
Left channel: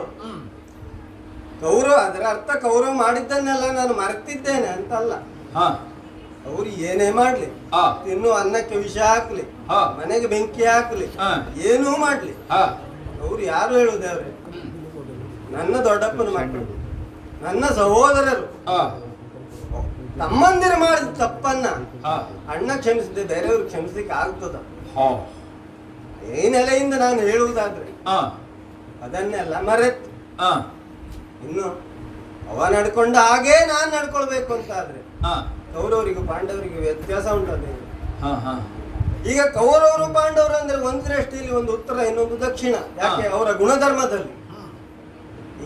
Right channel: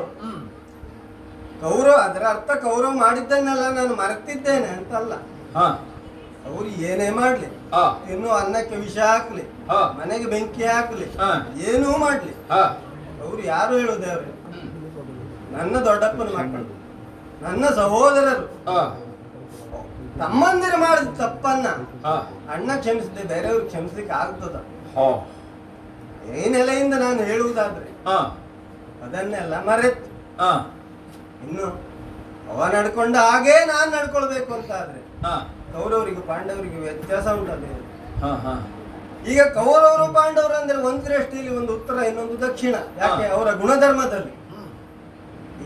ಕೌರವ ಅದರ ಅರ್ಥ ಕೌರವ ಮಾಡಿದ್ದನ್ನೆಲ್ಲ ನಾನು ಮರೆತಿದ್ದೇನೆ ಅಂತ ಅಲ್ಲ. ಅವ್ರು ಏನೇ ಮಾಡ್ಲಿ, ಇನ್ನು ಅನ್ನಕ್ಕೆ ವಿಷ ಹಾಕ್ಲಿ, ಮನೆಗೆ ಬೆಂಕಿ ಹಾಕ್ಲಿ, ಏನೂ ಮಾಡ್ಲಿ, ಅವ್ರು ಯಾರು ಹೇಳುದೇವ್ರೆ? ನನ್ನ ದೊಡ್ಡಪ್ಪನ ಮಕ್ಕಳು, ನನ್ನ ಸಹೋದರರು. ತಮ್ಮಂದಿರು ಮಾಡಿದ ತಪ್ಪನ್ನ ಅಣ್ಣ ಕ್ಷಮಿಸಿದೆ, ಬೇರೆಯವ್ರಿಗೆ ಕ್ಷಮಿಸ್ಲಿಕ್ಕೆ ಆಗ್ತದ? ಈ ನೆಲೆಯಿಂದ ನಾನು ಹೇಳುವುದಾದ್ರೆ ಅದನ್ನೆಲ್ಲ ಮರೆತು ಇನ್ನು ಅವ ನಡ್ಕೊಂಡ ಹಾಗೇ ನಾನು ನಡ್ಕೊಳ್ಬೇಕು ಅಂತ ಆದ್ರೆ ಕೌರವರಿಗೆ ಪಾಂಡವರಿಗೆ ವ್ಯತ್ಯಾಸ ಉಂಟದೆ. ಈಗ ಕೌರವರು ಪಾಂಡವರು ಅಂದ್ರೆ ಒಂದು ದೃಷ್ಟಿಯಲ್ಲಿ ಒಂದು ಉತ್ತರ, ಇನ್ನೊಂದು ದಕ್ಷಿಣ. ಯಾಕೆ? ಅವರ ಗುಣಧರ್ಮದಲ್ಲಿ.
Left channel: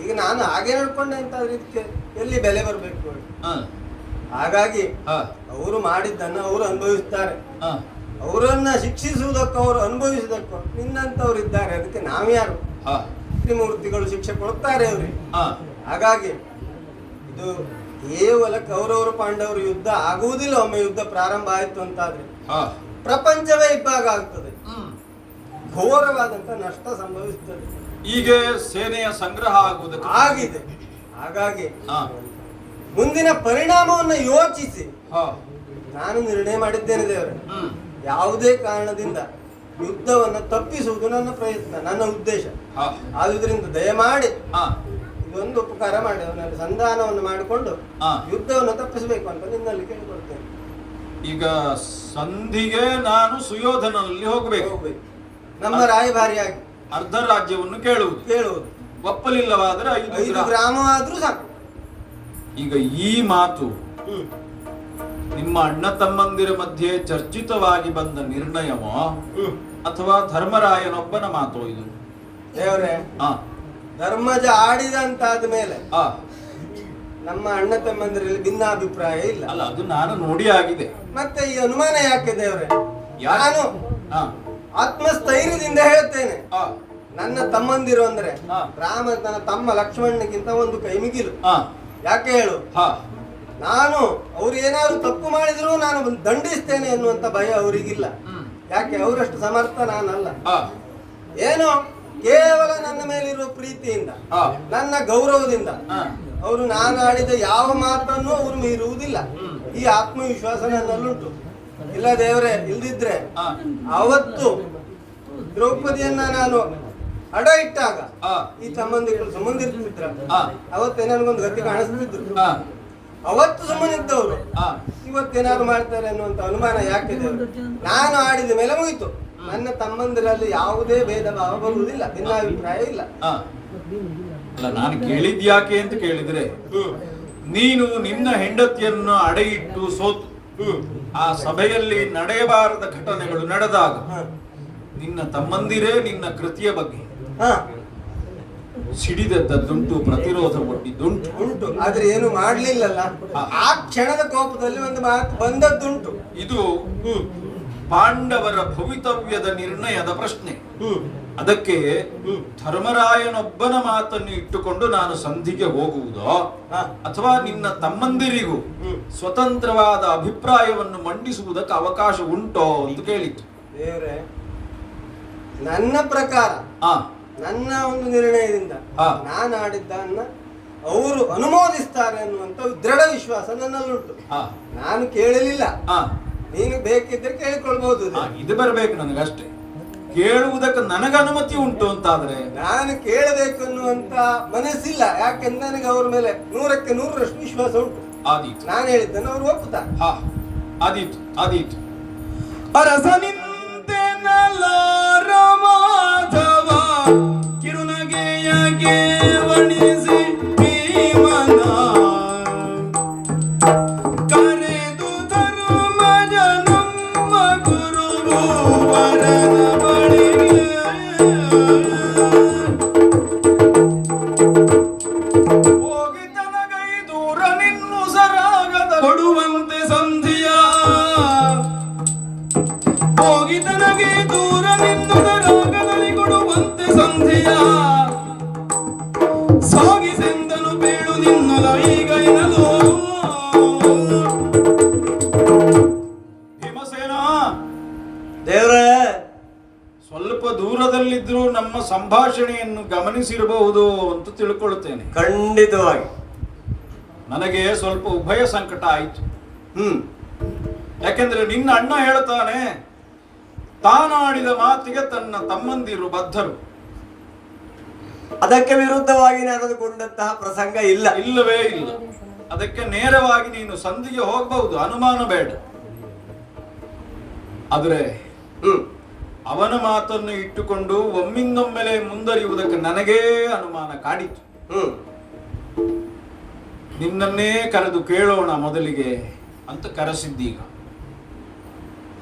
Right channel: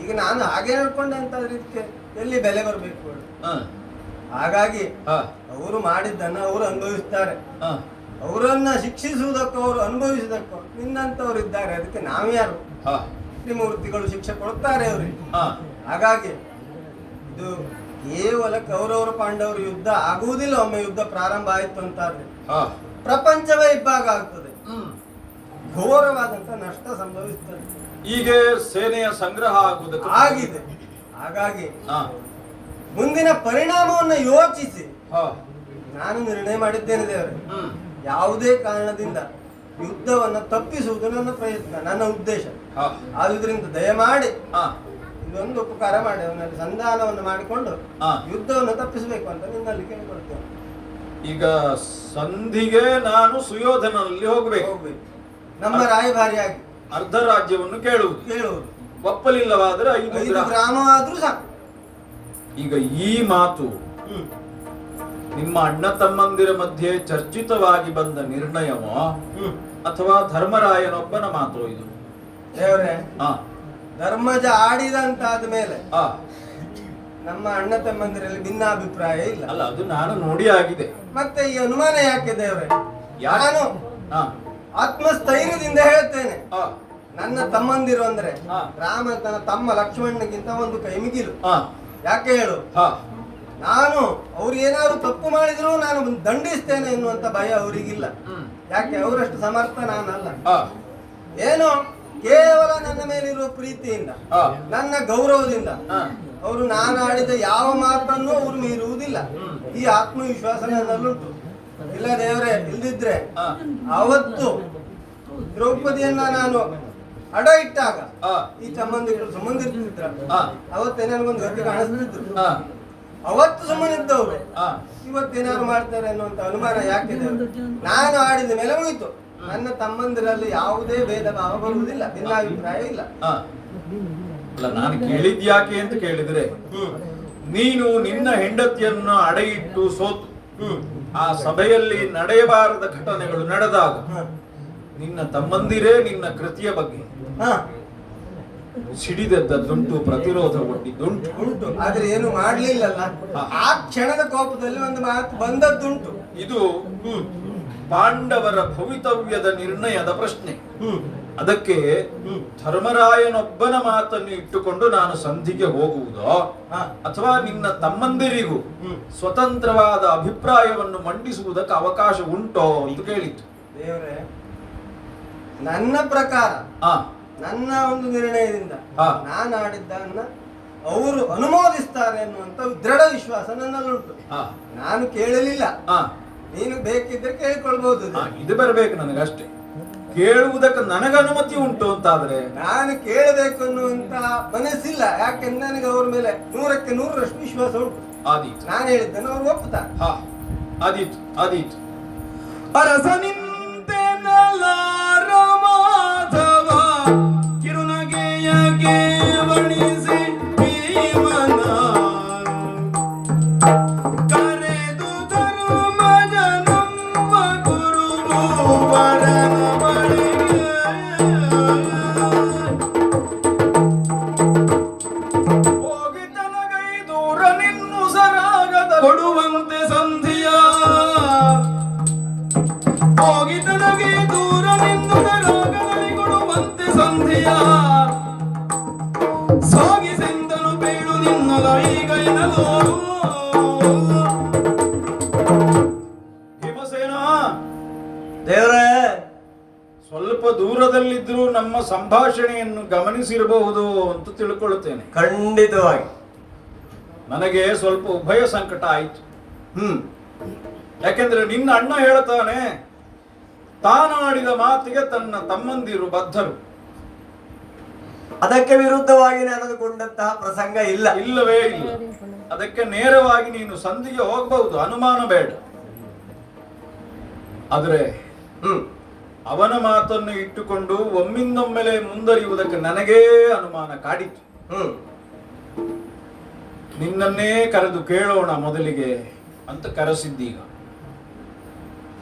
ಈಗ ನಾನು ಹಾಗೆ ನಡ್ಕೊಂಡೆ ಅಂತಾದ್ರೆ ಇದಕ್ಕೆ ಎಲ್ಲಿ ಬೆಲೆ ಬರಬೇಕು? ಹಾಗಾಗಿ ಹ, ಅವರು ಮಾಡಿದ್ದನ್ನು ಅವರು ಅನುಭವಿಸ್ತಾರೆ. ಹ, ಅವರನ್ನ ಶಿಕ್ಷಿಸುವುದಕ್ಕೂ ಅವರು ಅನುಭವಿಸುವುದಕ್ಕೂ ನಿನ್ನಂತವ್ರು ಇದ್ದಾರೆ, ಅದಕ್ಕೆ ನಾವ್ಯಾರು? ಹ, ತ್ರಿಮೂರ್ತಿಗಳು ಶಿಕ್ಷೆ ಕೊಡ್ತಾರೆ ಅವರಿಗೆ. ಹ, ಹಾಗಾಗಿ ಇದು ಕೇವಲ ಕೌರವರು ಪಾಂಡವರು ಯುದ್ಧ ಆಗುವುದಿಲ್ಲ. ಒಮ್ಮೆ ಯುದ್ಧ ಪ್ರಾರಂಭ ಆಯಿತು ಅಂತಾದ್ರೆ ಹ. ಪ್ರಪಂಚವೇ ಇಬ್ಬಾಗ ಆಗ್ತದೆ, ಹ್ಮ್. ಘೋರವಾದಂತ ನಷ್ಟ ಸಂಭವಿಸ್ತದೆ. ಈಗ ಸೇನೆಯ ಸಂಗ್ರಹ ಆಗುವುದಕ್ಕೆ ಆಗಿದೆ. ಹಾಗಾಗಿ ಹ, ಮುಂದಿನ ಪರಿಣಾಮವನ್ನು ಯೋಚಿಸಿ ಹ, ನಾನು ನಿರ್ಣಯ ಮಾಡಿದ್ದೇನೆ ದೇವರೇ, ಹ್ಮ್, ಯಾವುದೇ ಕಾರಣದಿಂದ ಯುದ್ಧವನ್ನು ತಪ್ಪಿಸುವುದು ನನ್ನ ಪ್ರಯತ್ನ, ನನ್ನ ಉದ್ದೇಶ. ಹ, ಆದುದರಿಂದ ದಯಮಾಡಿ ಹ, ಇದೊಂದು ಉಪಕಾರ ಮಾಡಿ ಅವನಲ್ಲಿ ಸಂಧಾನವನ್ನು ಮಾಡಿಕೊಂಡು ಹ. ಯುದ್ಧವನ್ನು ತಪ್ಪಿಸಬೇಕು ಅಂತ ನಿನ್ನಲ್ಲಿ ಕೇಳಿಕೊಳ್ತೇನೆ. ಈಗ ಸಂಧಿಗೆ ನಾನು ಸುಯೋಧನಲ್ಲಿ ಹೋಗಬೇಕು, ಹೋಗ್ಬೇಕು, ನಮ್ಮ ರಾಯಭಾರಿಯಾಗಿ ಅರ್ಧ ರಾಜ್ಯವನ್ನು ಕೇಳುವುದು, ಕೇಳುವುದು. ಒಪ್ಪಲಿಲ್ಲವಾದರೆ 5 5 ಗ್ರಾಮವಾದ್ರೂ ಸಾಕು. ಈಗ ಈ ಮಾತು ಹ್ಮ್. ನಿಮ್ಮ ಅಣ್ಣ ತಮ್ಮಂದಿರ ಮಧ್ಯೆ ಚರ್ಚಿತವಾಗಿ ಬಂದ ನಿರ್ಣಯವೋ ಹ್ಮ್. ಅಥವಾ ಧರ್ಮರಾಯನೊಬ್ಬನ ಮಾತು ಇದು? ದೇವರೇ, ಹ, ಧರ್ಮಜ ಆಡಿದಂತಾದ ಮೇಲೆ ಹ. ನಮ್ಮ ಅಣ್ಣ ತಮ್ಮಂದಿರಲ್ಲಿ ಭಿನ್ನಾಭಿಪ್ರಾಯ ಇಲ್ಲ. ಅಲ್ಲ, ಅದು ನಾನು ನೋಡಿ ಆಗಿದೆ. ಮತ್ತೆ ಈ ಅನುಮಾನ ಯಾಕೆ ದೇವರೇ? ಯಾಕೆ? ನಾನು ಹ, ಆತ್ಮಸ್ಥೈರ್ಯದಿಂದ ಹೇಳ್ತೇನೆ, ಹ, ನನ್ನ ತಮ್ಮಂದಿರು ಅಂದ್ರೆ ಹಾ. ರಾಮ ತನ್ನ ತಮ್ಮ ಲಕ್ಷ್ಮಣನಿಗಿಂತ ಒಂದು ಕೈ ಮಿಗಿಲು. ಹ, ಯಾಕೆ ಹೇಳು? ಹ, ನಾನು ಅವ್ರು ಏನಾದ್ರು ತಪ್ಪು ಮಾಡಿದ್ರು ನಾನು ದಂಡಿಸ್ತೇನೆ ಎನ್ನುವಂತ ಭಯ ಅವರಿಗಿಲ್ಲ. ಹ್ಮ್, ಯಾಕೆ? ಅವರಷ್ಟು ಸಮರ್ಥ ನಾನಲ್ಲ. ಹ, ಏನೋ ಕೇವಲ ನನ್ನ ಮೇಲಿರುವ ಪ್ರೀತಿಯಿಂದ, ಹ, ನನ್ನ ಗೌರವದಿಂದ ಹ. ಅವರು ನಾನು ಆಡಿದ ಯಾವ ಮಾತನ್ನು ಅವರು ಮೀರುವುದಿಲ್ಲ. ಈ ಆತ್ಮವಿಶ್ವಾಸ ನನ್ನಲ್ಲುಂಟು. ಇಲ್ಲ ದೇವರೇ, ಇಲ್ದಿದ್ರೆ ಹ, ಅವತ್ತು ದ್ರೌಪದಿಯನ್ನ ನಾನು ಅಡ ಇಟ್ಟಾಗ ಹ, ಈ ಸಂಬಂಧಿಗಳು ಸುಮ್ಮನಿರ್ತಿದ್ರ, ಹ, ಅವತ್ತೇ ನನಗೊಂದು ಗತಿ ಕಾಣಿಸ್ತಿದ್ರು. ಹ, ಅವತ್ತು ಸುಮ್ಮನಿದ್ದವರು ಹ. ಇವತ್ತೇನಾದ್ರು ಮಾಡ್ತಾರೆ ಅನ್ನುವಂತ ಅನುಮಾನ ಯಾಕೆ ದೇವ್ರೆ? ನಾನು ಆಡಿದ ಮೇಲೆ ಮುಗಿತು. ನನ್ನ ತಮ್ಮಂದಿರಲ್ಲಿ ಯಾವುದೇ ಭೇದ ಭಾವ ಬರುವುದಿಲ್ಲ, ಭಿನ್ನಾಭಿಪ್ರಾಯ ಇಲ್ಲ. ಹ. ಅಲ್ಲ, ನಾನು ಕೇಳಿದ್ಯಾಕೆ ಅಂತ ಕೇಳಿದ್ರೆ, ಹ್ಮ್. ನೀನು ನಿನ್ನ ಹೆಂಡತಿಯನ್ನು ಅಡೆಯಿಟ್ಟು ಸೋತು ಹ್ಮ್. ಆ ಸಭೆಯಲ್ಲಿ ನಡೆಯಬಾರದ ಘಟನೆಗಳು ನಡೆದಾಗ ಹ. ನಿನ್ನ ತಮ್ಮಂದಿರೇ ನಿನ್ನ ಕೃತಿಯ ಬಗ್ಗೆ ಹ. ಸಿಡಿದದ್ದುಂಟು, ಪ್ರತಿರೋಧ ಕೊಟ್ಟಿದ್ದುಂಟು. ಉಂಟು, ಆದ್ರೆ ಏನು ಮಾಡ್ಲಿಲ್ಲಲ್ಲ. ಆ ಕ್ಷಣದ ಕೋಪದಲ್ಲಿ ಒಂದು ಮಾತು ಬಂದದ್ದುಂಟು. ಇದು ಹ್ಮ್. ಪಾಂಡವರ ಭವಿತವ್ಯದ ನಿರ್ಣಯದ ಪ್ರಶ್ನೆ. ಹ್ಮ್. ಅದಕ್ಕೆ ಹ್ಮ್. ಧರ್ಮರಾಯನೊಬ್ಬನ ಮಾತನ್ನು ಇಟ್ಟುಕೊಂಡು ನಾನು ಸಂಧಿಗೆ ಹೋಗುವುದೋ ಹ. ಅಥವಾ ನಿನ್ನ ತಮ್ಮಂದಿರಿಗೂ ಹ್ಮ್. ಸ್ವತಂತ್ರವಾದ ಅಭಿಪ್ರಾಯವನ್ನು ಮಂಡಿಸುವುದಕ್ಕೆ ಅವಕಾಶ ಉಂಟೋ ಅಂತ ಕೇಳಿತ್ತು. ದೇವ್ರೆ, ನನ್ನ ಪ್ರಕಾರ ಆ, ನನ್ನ ಒಂದು ನಿರ್ಣಯದಿಂದ ಹಾ. ನಾನು ಆಡಿದ್ದನ್ನ ಅವರು ಅನುಮೋದಿಸ್ತಾರೆ ಅನ್ನುವಂತ ದೃಢ ವಿಶ್ವಾಸ ನನ್ನಲ್ಲುಂಟು. ಆ, ನಾನು ಕೇಳಲಿಲ್ಲ, ಆ, ನೀನು ಬೇಕಿದ್ರೆ ಕೇಳಿಕೊಳ್ಬಹುದು. ಆ, ಇದು ಬರಬೇಕು ನನಗಷ್ಟೇ. ಕೇಳುವುದಕ್ಕೆ ನನಗೆ ಅನುಮತಿ ಉಂಟು ಅಂತಾದ್ರೆ ನಾನು ಕೇಳಬೇಕು ಅನ್ನುವಂತ ಮನಸ್ಸಿಲ್ಲ. ಯಾಕೆಂದ್ರೆ ನನಗೆ ಅವ್ರ ಮೇಲೆ 100ಕ್ಕೆ 100ರಷ್ಟು ವಿಶ್ವಾಸ ಉಂಟು. ಆದೀತು. ನಾನು ಹೇಳಿದ್ದನ್ನು ಅವ್ರು ಒಪ್ಪುತ್ತಾರೆ. ಹಾ, ಆದೀತು, ಆದೀತು. ಅರಸನಿಂತೆ ನಲಾರ ಮಾಧವ ಕಿರುನಗೆಯಗೆ ವಣಿಸಿ ಭೀಮನ ಕರೆದು ಧನುಮಜ ನಮ್ಮ ಗುರುವು ವರನ ಬಳಿಗೆ ಹೋಗಿ ತನಗೈದೂರ ನಿನ್ನು ಸರಾಗದ ಕೊಡುವಂತೆ ಸಂಧಿಯ ಹೋಗಿ ತನಗೆ ದೂರ ನಿನ್ನು ಸರಾಗದಲ್ಲಿ ಕೊಡುವಂತೆ ಸಂಧಿಯ ಸಾಗಿಸೆಂದನು ಬೀಳು ನಿನ್ನಲ ಈಗ ಎನ್ನಲು. ಭೀಮಸೇನ, ದೇವ್ರೇ, ಸ್ವಲ್ಪ ದೂರದಲ್ಲಿದ್ರೂ ನಮ್ಮ ಸಂಭಾಷಣೆಯನ್ನು ಗಮನಿಸಿರಬಹುದು ಅಂತ ತಿಳ್ಕೊಳ್ಳುತ್ತೇನೆ. ಖಂಡಿತವಾಗಿ ನನಗೆ ಸ್ವಲ್ಪ ಉಭಯ ಸಂಕಟ ಆಯಿತು. ಹ್ಮ್. ಯಾಕೆಂದ್ರೆ ನಿನ್ನ ಅಣ್ಣ ಹೇಳ್ತಾನೆ, ತಾನಾಡಿದ ಮಾತಿಗೆ ತನ್ನ ತಮ್ಮಂದಿರು ಬದ್ಧರು. ಅದಕ್ಕೆ ವಿರುದ್ಧವಾಗಿ ನಡೆದುಕೊಂಡಂತಹ ಪ್ರಸಂಗ ಇಲ್ಲ. ಇಲ್ಲವೇ ಇಲ್ಲ. ಅದಕ್ಕೆ ನೇರವಾಗಿ ನೀನು ಸಂಧಿಗೆ ಹೋಗಬಹುದು, ಅನುಮಾನ ಬೇಡ. ಆದರೆ ಹ್ಮ್. ಅವನ ಮಾತನ್ನು ಇಟ್ಟುಕೊಂಡು ಒಮ್ಮಿಂದೊಮ್ಮೆಲೆ ಮುಂದರಿಯುವುದಕ್ಕೆ ನನಗೇ ಅನುಮಾನ ಕಾಡಿತು. ಹ್ಮ್. ನಿನ್ನನ್ನೇ ಕರೆದು ಕೇಳೋಣ ಮೊದಲಿಗೆ ಅಂತ ಕರೆಸಿದ್ದೀಗ.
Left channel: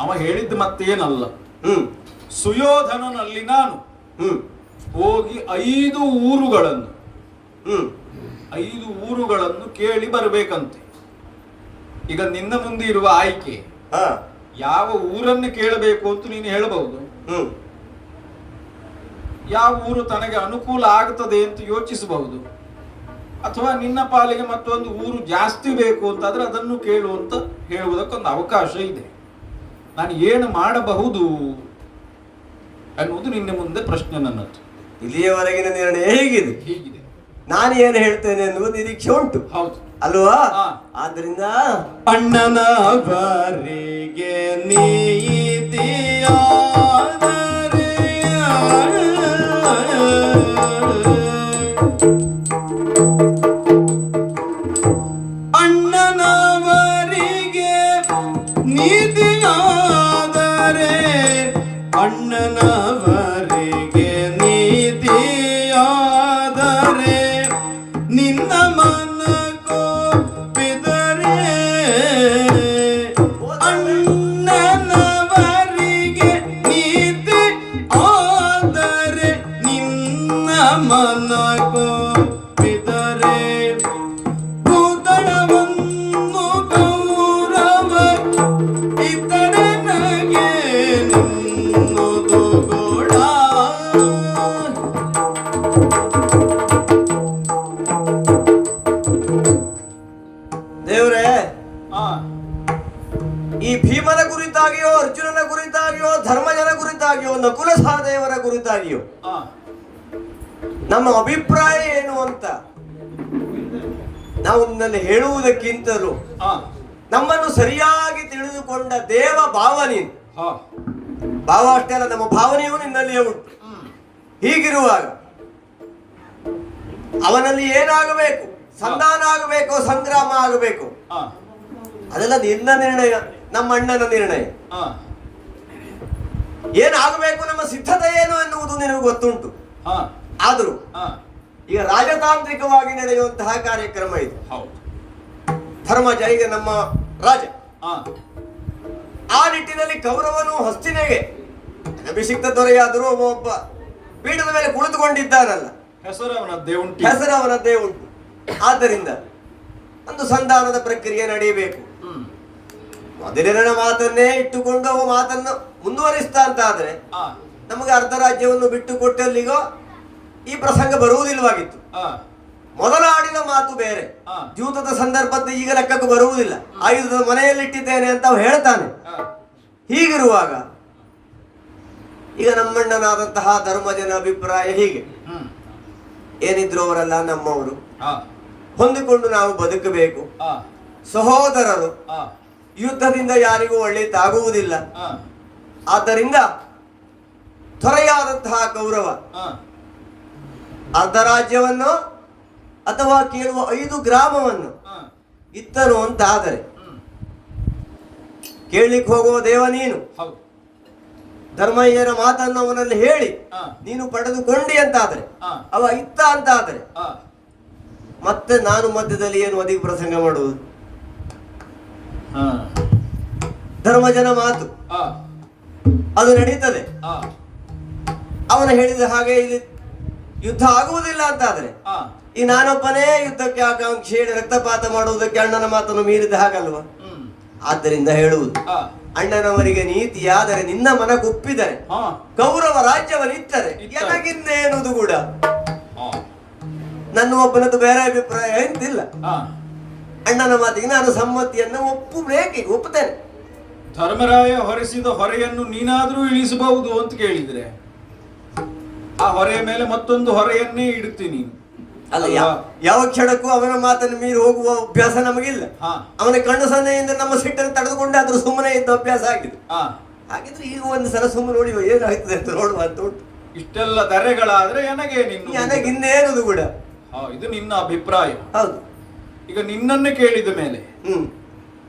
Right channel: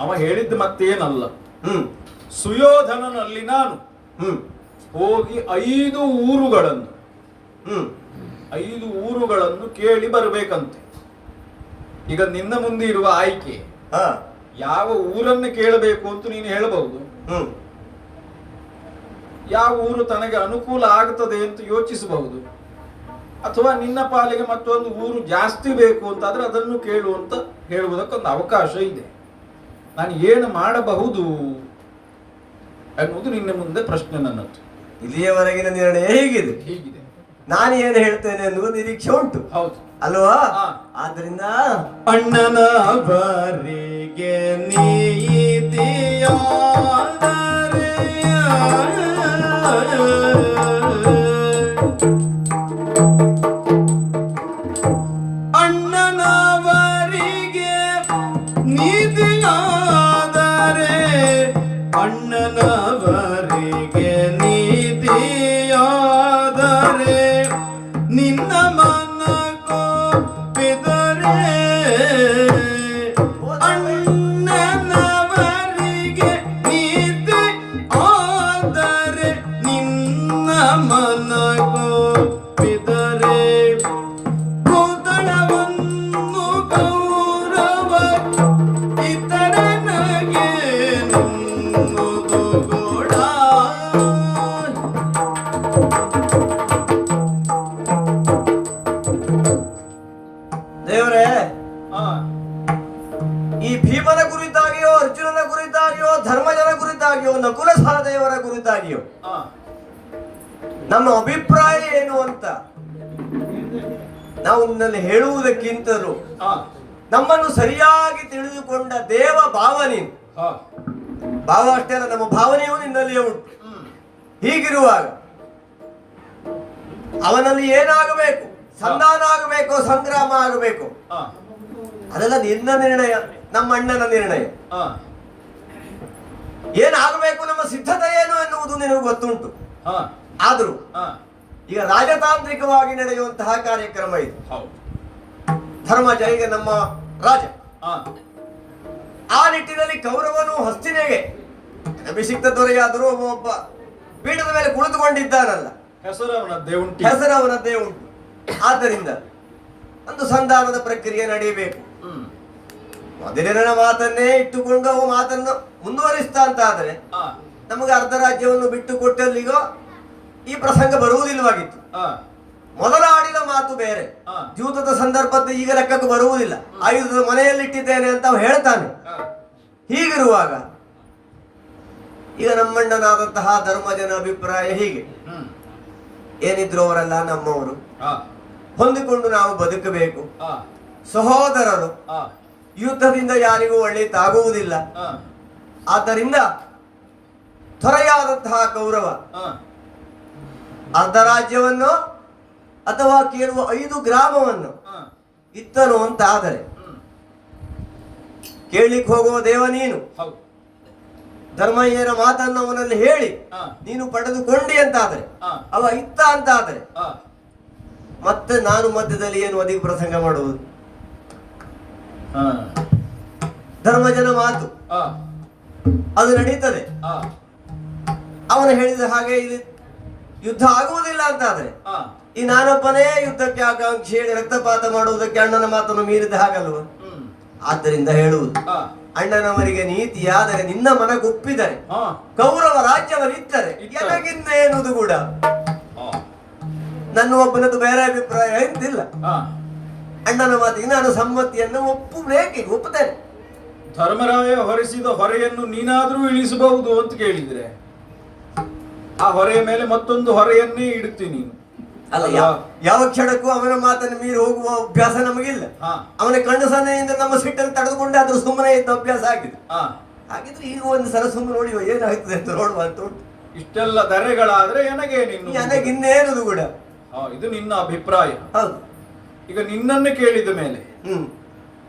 ಅವ ಹೇಳಿದ್ದು ಮತ್ತೇನಲ್ಲ, ಹ್ಮ್. ಸುಯೋಧನನಲ್ಲಿ ನಾನು ಹ್ಮ್. ಹೋಗಿ 5 ಊರುಗಳನ್ನು ಹ್ಮ್. 5 ಊರುಗಳನ್ನು ಕೇಳಿ ಬರಬೇಕಂತೆ. ಈಗ ನಿನ್ನ ಮುಂದೆ ಇರುವ ಆಯ್ಕೆ ಹಾ ಯಾವ ಊರನ್ನು ಕೇಳಬೇಕು ಅಂತ ನೀನು ಹೇಳಬಹುದು. ಹ್ಮ್ ಯಾವ ಊರು ತನಗೆ ಅನುಕೂಲ ಆಗ್ತದೆ ಅಂತ ಯೋಚಿಸಬಹುದು. ಅಥವಾ ನಿನ್ನ ಪಾಲಿಗೆ ಮತ್ತೊಂದು ಊರು ಜಾಸ್ತಿ ಬೇಕು ಅಂತಾದ್ರೆ ಅದನ್ನು ಕೇಳುವಂತ ಹೇಳುವುದಕ್ಕೊಂದು ಅವಕಾಶ ಇದೆ. ನಾನು ಏನು ಮಾಡಬಹುದು ಎನ್ನುವುದು ನಿನ್ನ ಮುಂದೆ ಪ್ರಶ್ನೆ ನನ್ನದು. ಇಲ್ಲಿಯವರೆಗಿನ ನಿರ್ಣಯ ಹೇಗಿದೆ? ಹೀಗಿದೆ. ನಾನು ಏನು ಹೇಳ್ತೇನೆ ಅನ್ನುವ ನಿರೀಕ್ಷೆ ಉಂಟು, ಹೌದು ಅಲ್ವಾ? ಹಾ. ಆದ್ರಿಂದ ಅಣ್ಣನ ಬಾರಿಗೆ ನೀತಿಯಾದರೆ ಅಣ್ಣನವರಿಗೆ ನೀತಿಯಾದರೆ ಅಣ್ಣನವರಿಗೆ ನೀತಿಯಾದರೆ ನಿನ್ನ ಮನಗೊಪ್ಪಿದರೆ ಅಣ್ಣನವರಿಗೆ ನೀತಿ ಆದರೆ ನಿನ್ನ ಮನಗೊಪ್ಪಿದರೆ ಭೂತಳವನ್ನು ಗೌರವ ಇತರೆ ನಗೆ ನಿನ್ನುದು ಗೋಳ. ದೇವರೇ, ಹಾ ಈ ಭೀಮನ ಕುರಿತಾಗಿಯೋ ಅರ್ಜುನನ ಕುರಿತಾಗಿಯೋ ಧರ್ಮಜನ ಕುರಿತಾಗಿಯೋ ನಕುಲ ಸಹದೇವರ ಕುರಿತಾಗಿಯೋ ಹಾ ನಮ್ಮ ಅಭಿಪ್ರಾಯ ಏನು ಅಂತ ನಾವು ನಿನ್ನಲ್ಲಿ ಹೇಳುವುದಕ್ಕಿಂತಲೂ ಹಾ ನಮ್ಮನ್ನು ಸರಿಯಾಗಿ ತಿಳಿದುಕೊಂಡ ದೇವ ಭಾವ ನೀನು. ಹಾ ಭಾವ ಅಷ್ಟೇ ಅಲ್ಲ, ನಮ್ಮ ಭಾವನೆಯೂ ನಿನ್ನಲ್ಲಿಯೇ ಉಂಟು. ಹೀಗಿರುವಾಗ ಅವನಲ್ಲಿ ಏನಾಗಬೇಕು, ಸಂಧಾನ ಆಗಬೇಕು, ಸಂಗ್ರಾಮ ಆಗಬೇಕು, ಹಾ ಅದೆಲ್ಲ ನಿನ್ನ ನಿರ್ಣಯ, ನಮ್ಮ ಅಣ್ಣನ ನಿರ್ಣಯ. ಹಾ ಏನಾಗಬೇಕು, ನಮ್ಮ ಸಿದ್ಧತೆ ಏನು ಎನ್ನುವುದು ನಿನಗೆ ಗೊತ್ತುಂಟು. ಹಾ ಆದರೂ ಹಾ ಈಗ ರಾಜತಾಂತ್ರಿಕವಾಗಿ ನಡೆಯುವಂತಹ ಕಾರ್ಯಕ್ರಮ ಇದು. ಹೌದು. ಧರ್ಮಜ ಈಗ ನಮ್ಮ ರಾಜ. ಹಾ ಆ ನಿಟ್ಟಿನಲ್ಲಿ ಕೌರವನು ಹಸ್ತಿನೆಗೆ ಅಭಿಷಿಕ್ತ ದೊರೆಯಾದರೂ ಒಬ್ಬ ಪೀಠದ ಮೇಲೆ ಕುಳಿತುಕೊಂಡಿದ್ದಾನಲ್ಲ, ಹೆಸರು ಅವನದ್ದೇ ಉಂಟು. ಹೆಸರು ಅವನದ್ದೇ ಉಂಟು. ಆದ್ದರಿಂದ ಒಂದು ಸಂಧಾನದ ಪ್ರಕ್ರಿಯೆ ನಡೆಯಬೇಕು. ಮೊದಲಿನ ಮಾತನ್ನೇ ಇಟ್ಟುಕೊಂಡು ಅವ ಮಾತನ್ನು ಮುಂದುವರಿಸ್ತಾ ಅಂತ ಆದ್ರೆ ಹಾ ನಮಗೆ ಅರ್ಧ ರಾಜ್ಯವನ್ನು ಬಿಟ್ಟು ಕೊಟ್ಟಲ್ಲಿಗ ಈ ಪ್ರಸಂಗ ಬರುವುದಿಲ್ಲವಾಗಿತ್ತು. ಹಾ ಮೊದಲ ಆಡಿದ ಮಾತು ಬೇರೆ, ಹಾ. ದ್ಯೂತದ ಸಂದರ್ಭದ ಈಗ ಲೆಕ್ಕಕ್ಕೆ ಬರುವುದಿಲ್ಲ. ಆಯುಧದ ಮನೆಯಲ್ಲಿಟ್ಟಿದ್ದೇನೆ ಅಂತ ಅವ ಹೇಳ್ತಾನೆ. ಹಾ ಹೀಗಿರುವಾಗ ಈಗ ನಮ್ಮಣ್ಣನಾದಂತಹ ಧರ್ಮಜನ ಅಭಿಪ್ರಾಯ ಹೀಗೆ, ಏನಿದ್ರು ಅವರೆಲ್ಲ ನಮ್ಮವರು, ಹಾ ಹೊಂದಿಕೊಂಡು ನಾವು ಬದುಕಬೇಕು, ಹಾ ಸಹೋದರರು, ಹಾ ಯುದ್ಧದಿಂದ ಯಾರಿಗೂ ಒಳ್ಳೆಯದಾಗುವುದಿಲ್ಲ. ಹಾ ಆದ್ದರಿಂದ ತ್ವರೆಯಾದಂತಹ ಕೌರವ ಹಾ ಅರ್ಧ ರಾಜ್ಯವನ್ನು ಅಥವಾ ಕೇಳುವ 5 ಗ್ರಾಮವನ್ನು ಹಾ ಇತ್ತನು ಅಂತ ಆದರೆ ಕೇಳಲಿಕ್ಕೆ ಹೋಗುವ ದೇವ ನೀನು. ಹೌದು. ಧರ್ಮಯ್ಯನ ಮಾತನ್ನು ಅವನಲ್ಲಿ ಹೇಳಿ ಹಾ ನೀನು ಪಡೆದುಕೊಂಡಿ ಅಂತಾದರೆ, ಹಾ ಅವ ಇತ್ತ ಅಂತ ಆದರೆ ಹಾ ಮತ್ತೆ ನಾನು ಮಧ್ಯದಲ್ಲಿ ಏನು ಅಧಿಕ ಪ್ರಸಂಗ ಮಾಡುವುದು? ಹಾ ಧರ್ಮಜನ ಮಾತು ಹಾ ಅದು ನಡೀತದೆ. ಹಾ ಅವನು ಹೇಳಿದ ಹಾಗೆ ಇಲ್ಲಿ ಯುದ್ಧ ಆಗುವುದಿಲ್ಲ ಅಂತಾದ್ರೆ ಹಾ ಈ ನಾನೊಬ್ಬನೇ ಯುದ್ಧಕ್ಕೆ ಆಕಾಂಕ್ಷಿ ಹೇಳಿ ರಕ್ತಪಾತ ಮಾಡುವುದಕ್ಕೆ ಅಣ್ಣನ ಮಾತನ್ನು ಮೀರಿದ ಹಾಗಲ್ವ? ಆದ್ದರಿಂದ ಹೇಳುವುದು, ಹಾ ಅಣ್ಣನವರಿಗೆ ನೀತಿಯಾದರೆ ನಿನ್ನ ಮನಗೊಪ್ಪಿದರೆ ಹಾ ಕೌರವ ರಾಜ್ಯವನ್ನಿತ್ತರೆ ಎನಗಿನ್ನೇನುವುದು ಕೂಡ ಹಾ ನನ್ನ ಒಬ್ಬನದ್ದು ಬೇರೆ ಅಭಿಪ್ರಾಯ ಎಂತಿಲ್ಲ. ಹಾ ಅಣ್ಣನ ಮಾತಿಗೆ ನಾನು ಸಮ್ಮತಿಯನ್ನು ಒಪ್ಪುತ್ತೇನೆ. ಧರ್ಮರಾಯ ಹೊರಿಸಿದ ಹೊರೆಯನ್ನು ನೀನಾದ್ರೂ ಇಳಿಸಬಹುದು ಅಂತ ಕೇಳಿದ್ರೆ ಆ ಹೊರೆಯ ಮೇಲೆ ಮತ್ತೊಂದು ಹೊರೆಯನ್ನೇ ಇಡುತ್ತೀನಿ. ಅಲ್ಲ, ಯಾವ ಕ್ಷಣಕ್ಕೂ ಅವನ ಮಾತನ್ನು ಮೀರಿ ಹೋಗುವ ಅಭ್ಯಾಸ ನಮಗಿಲ್ಲ. ಹಾ ಅವನ ಕಣ್ಣು ಸನ್ನೆಯಿಂದ ನಮ್ಮ ಸಿಟ್ಟನ್ನು ತಡೆದುಕೊಂಡೆ ಆದ್ರೂ ಸುಮ್ಮನೆ ಇದ್ದ ಅಭ್ಯಾಸ ಆಗಿದೆ. ಹಾ ಹಾಗಿದ್ರೆ ಈಗ ಒಂದು ಸಲ ಸುಮ್ಮನೆ ನೋಡಿ ಏನಾಗ್ತದೆ ಅಂತ ನೋಡುವ ಅಂತ ಉಂಟು. ಇಷ್ಟೆಲ್ಲ ಧರೆಗಳಾದ್ರೆ ನನಗಿನ್ನೇನುದು ಕೂಡ. ಇದು ನಿನ್ನ ಅಭಿಪ್ರಾಯ. ಹೌದು. ಈಗ ನಿನ್ನನ್ನೇ ಕೇಳಿದ ಮೇಲೆ ಹ್ಮ್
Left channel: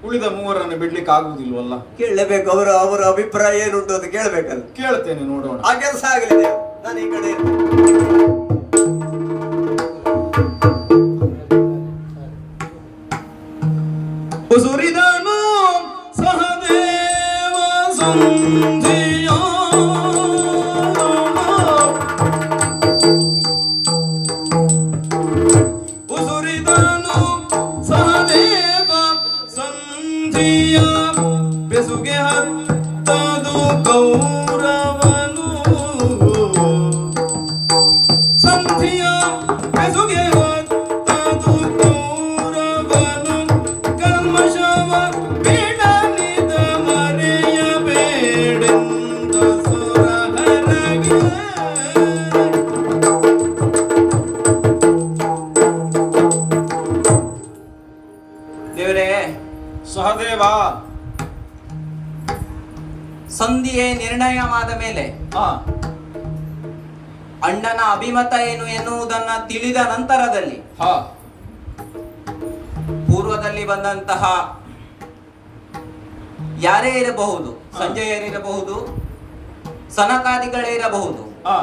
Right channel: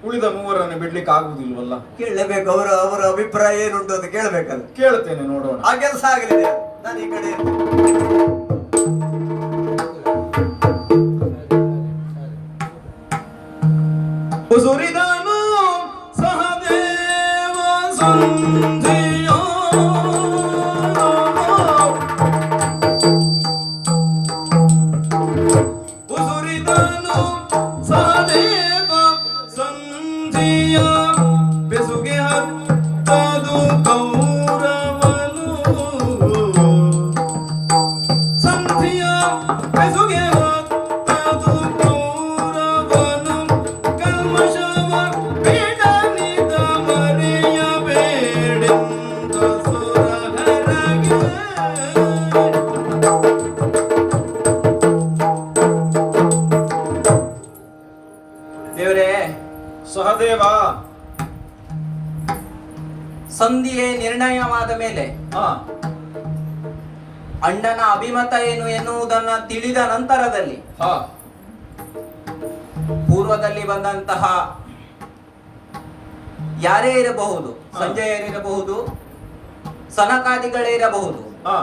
ಉಳಿದ ಮೂವರನ್ನು ಬಿಡ್ಲಿಕ್ಕೆ ಆಗುವುದಿಲ್ವಲ್ಲ? ಕೇಳಬೇಕು. ಅವರ ಅಭಿಪ್ರಾಯ ಏನುಂಟು ಅಂತ ಕೇಳಬೇಕಲ್ಲ. ಕೇಳ್ತೇನೆ, ನೋಡೋಣ. ಆ ಕೆಲಸ ಆಗಲಿದೆ. ನಾನು ಈ ಕಡೆ ಸುರಿದನು ಸಹದೇವ ಸಂಧಿಯ ಉಸುರಿದನು ಸಹದೇವ ಸಂಧಿಯ ಒತ್ತದು ಗೌರವನು ಸಂಧಿಯ ಬೆಸುಗೆ ಒತ್ತದು ಗೌರವನು ಕಲ್ಮಶವ ಬಿಡಲಿದ ಮರೆಯಬೇಡೆಂದ ಸುರಹರಗೆ ದೇವರೇ, ಸಹದೇವ. ಸಂಧಿಯೇ ನಿರ್ಣಯವಾದ ಮೇಲೆ ಆ, ಅಣ್ಣನ ಅಭಿಮತ ಏನು ಎನ್ನುವುದನ್ನ ತಿಳಿದ ನಂತರದಲ್ಲಿ ಹಾ, ಪೂರ್ವದಲ್ಲಿ ಬಂದಂತಹ ಯಾರೇ ಇರಬಹುದು, ಸಂಜಯರಿರಬಹುದು, ಸನಕಾದಿಗಳೇ ಇರಬಹುದು, ಆ,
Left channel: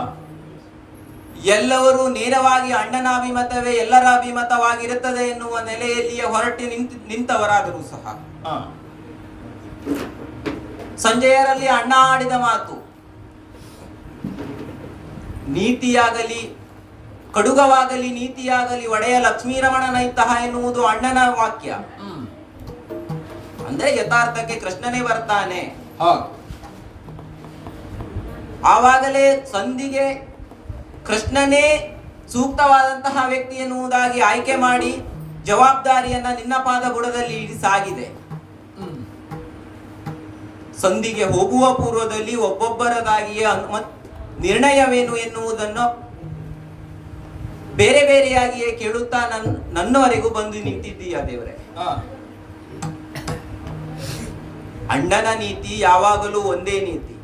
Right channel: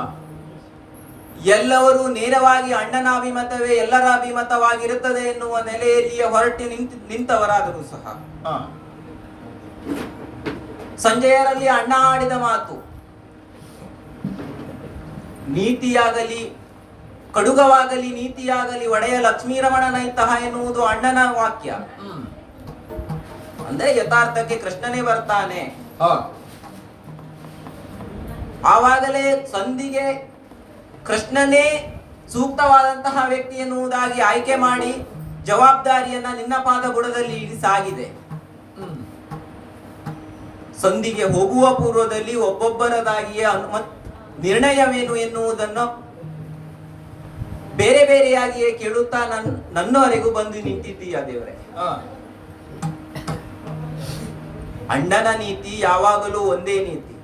ಎಲ್ಲರೂ ನೇರವಾಗಿ ಅಣ್ಣನ ಅಭಿಮತವೇ ಎಲ್ಲರ ಅಭಿಮತವಾಗಿರುತ್ತದೆ ಎನ್ನುವ ನೆಲೆಯಲ್ಲಿಯೇ ಹೊರಟಿ ನಿಂತವರಾದರೂ ಸಹ ಆ, ಸಂಜಯರಲ್ಲಿ ಅಣ್ಣ ಆಡಿದ ಮಾತು ನೀತಿಯಾಗಲಿ ಕಡುಗವಾಗಲಿ ನೀತಿಯಾಗಲಿ ಒಡೆಯ ಲಕ್ಷ್ಮೀರಮಣನಂತಹ ಎನ್ನುವುದು ಅಣ್ಣನ ವಾಕ್ಯ. ಅಂದ್ರೆ ಯಥಾರ್ಥಕ್ಕೆ ಕೃಷ್ಣನೇ ಬರ್ತಾನೆ. ಹಾ, ಆವಾಗಲೇ ಸಂಧಿಗೆ ಕೃಷ್ಣನೇ ಸೂಕ್ತವಾದಂತಹ ವ್ಯಕ್ತಿ ಎನ್ನುವುದಾಗಿ ಆಯ್ಕೆ ಮಾಡಿ ಜವಾಬ್ದಾರಿಯನ್ನ ನಿನ್ನ ಪಾದ ಬುಡದಲ್ಲಿ ಇರಿಸಾಗಿದೆ. ಸಂಧಿಗೆ ಹೋಗುವ ಪೂರ್ವದಲ್ಲಿ ಒಬ್ಬೊಬ್ಬರದಾಗಿಯೇ ನಿರ್ಣಯವೇನು ಎನ್ನುವುದನ್ನು ಬೇರೆ ಬೇರೆಯಾಗಿಯೇ ಕೇಳುತ್ತಾ ನನ್ನವರೆಗೂ ಬಂದು ನಿಂತಿದ್ದೀಯ ದೇವರೇ. ಆ, ಅಣ್ಣನ ನೀತಿ ಯಾವಾಗಲೂ ಒಂದೇ ನೀತಿ.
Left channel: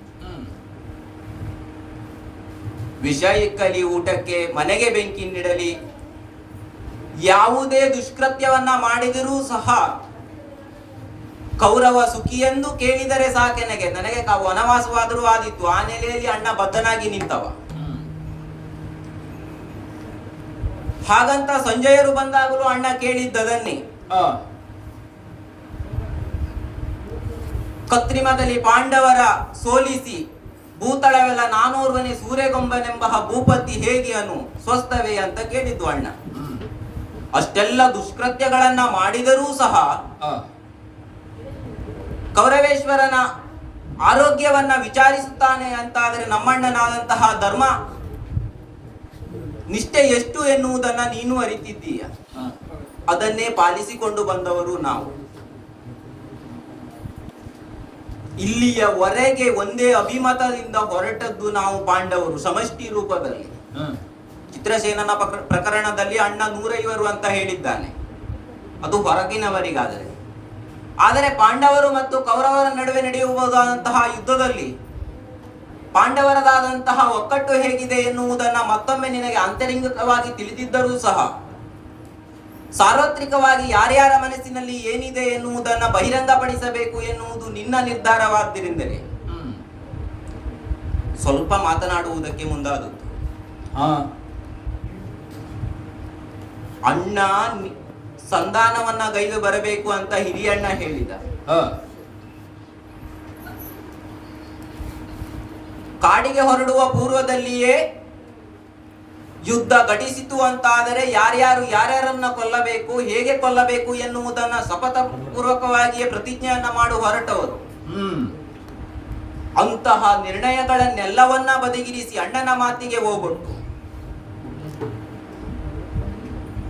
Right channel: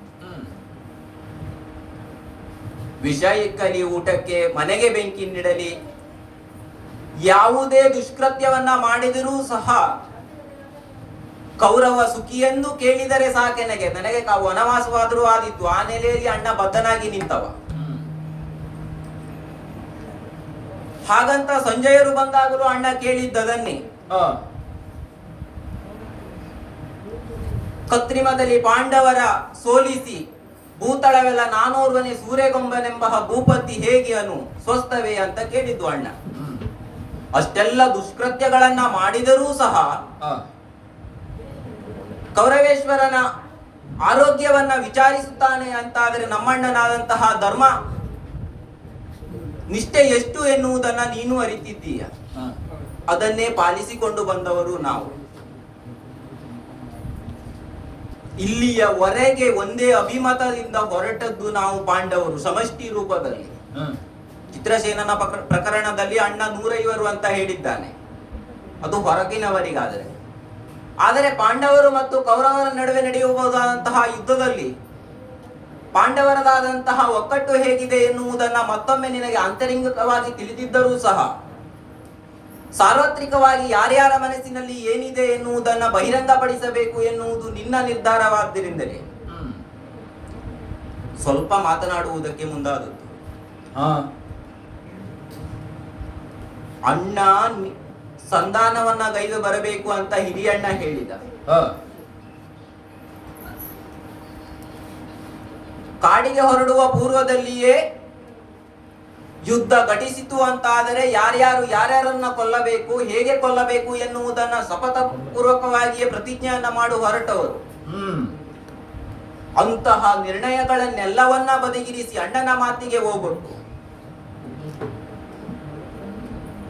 ವಿಷ ಇಕ್ಕಲಿ ಊಟಕ್ಕೆ, ಮನೆಗೆ ಬೆಂಕಿ ನೀಡಲಿ, ಯಾವುದೇ ದುಷ್ಕೃತ್ಯವನ್ನ ಮಾಡಿದರೂ ಸಹ ಕೌರವ ಸುಖಿಯೆಂದು ಕೇಳಿದರೆ ಸಾಕೆನಗೆ, ನನಗೆ ವನವಾಸವಾದರೂ ಆದಿತ್ತು. ಆ ನೆಲೆಯಲ್ಲಿ ಅಣ್ಣ ಬದ್ಧನಾಗಿ ನಿಂತವ. ಹಾಗಂತ ಸಂಜಯರು ಬಂದಾಗಲೂ ಅಣ್ಣ ಕೇಳಿದ್ದದನ್ನೇ. ಆ, ಕತ್ರಿಮದಲ್ಲಿ ಪಾಂಡವರ ಸೋಲಿಸಿ ಭೂತಳವೆಲ್ಲ ನಾನೂರ್ವನೇ ಸೂರ್ಯಗೊಂಬನೆಂಬ ಭೂಪತಿ ಹೇಗೆ ಅನು ಸ್ವಸ್ಥವೇ ಅಂತ ಕೇಳಿದ್ದು ಅಣ್ಣ. ಅಷ್ಟೆಲ್ಲ ದುಷ್ಕೃತ್ಯಗಳನ್ನ ಮಾಡಿದರೂ ಸಹ ಆ, ಕೌರವೇಶ್ವರನ ಆರೋಗ್ಯವನ್ನ ವಿಚಾರಿಸುತ್ತಾನೆ ಅಂತಾದರೆ ನಮ್ಮಣ್ಣನಾದಂತಹ ಧರ್ಮ ನಿಷ್ಠೆ ಎಷ್ಟು ಎನ್ನುವುದನ್ನ ನೀನು ಅರಿತಿದ್ದೀಯ. ಆ, ಅದನ್ನೇ ಪಾಲಿಸಿಕೊಂಡು ಬಂದವರು ನಾವು. ಇಲ್ಲಿಯವರೆಗೆ ಒಂದೇ ಅಭಿಮತದಿಂದ ಹೊರಟದ್ದು ನಾವು ಪಾಂಡವರು ಸಮಷ್ಟಿ ರೂಪದಲ್ಲಿ. ಆ, ಚಿತ್ರಸೇನನ ಪ್ರಕರಣದಲ್ಲಿ ಅಣ್ಣ 150 ಅಂತ ಹೇಳಿದ್ದಾನೆ, ಅದು ಹೊರಗಿನವರಿಗಾದರೆ. ಆದರೆ ಪಾಂಡವರು ಮತ್ತು ಕೌರವರ ನಡುವೆ ನಡೆಯಬಹುದಾದಂತಹ ಯುದ್ಧದಲ್ಲಿ ಪಾಂಡವರದಾದಂತಹ ಒಕ್ಕಟ್ಟು ಹೇಗಿದೆ ಎನ್ನುವುದನ್ನ ಮತ್ತೊಮ್ಮೆ ನಿನಗೆ ಆಂತರಿಕವಾಗಿ ತಿಳಿದಿದ್ದರೂ ಸಹ ಸಾರ್ವತ್ರಿಕವಾಗಿ ಯಾರ್ಯಾರ ಮನಸ್ಸಿನಲ್ಲಿ ಏನಿದೆ ಎನ್ನುವುದನ್ನ ಬಹಿರಂಗಪಡಿಸಬೇಕು ಎನ್ನುವುದು ನಿನ್ನ ನಿರ್ಧಾರವಾದ್ದರಿಂದಲೇ ಸ್ವಲ್ಪ ಮಾತನಾಡುವುದಕ್ಕೆ ಮುಂದಾದದ್ದು. ಆ, ಅಣ್ಣ ಸಂಧಾನವನ್ನ ಗೈದು ಬರಬೇಕು ಅಂತ ಹಿರಿಯಣ್ಣ ಹೇಳಿದ. ಆ, ಕಾಡಿಗೆ ಹೊರಡುವ ಪೂರ್ವದಲ್ಲಿಯೇ ಯುದ್ಧ ಘಟಿಸಿತು ಅಂತಾದರೆ ಯಾರ್ಯಾರನ್ನ ಕೊಲ್ಲಬೇಕು, ಹೇಗೆ ಕೊಲ್ಲಬೇಕು ಎನ್ನುವುದನ್ನ ಶಪಥ ಪೂರ್ವಕವಾಗಿಯೇ ಪ್ರತಿಜ್ಞೆಯನ್ನ ಮಾಡಿ ಹೊರಟವರು. ಅಂತಹ ನಿರ್ಣಯಗಳನ್ನೆಲ್ಲವನ್ನ ಬದಿಗಿರಿಸಿ ಅಣ್ಣನ ಮಾತಿಗೆ ಹೋಗ್ಬಿಟ್ಟು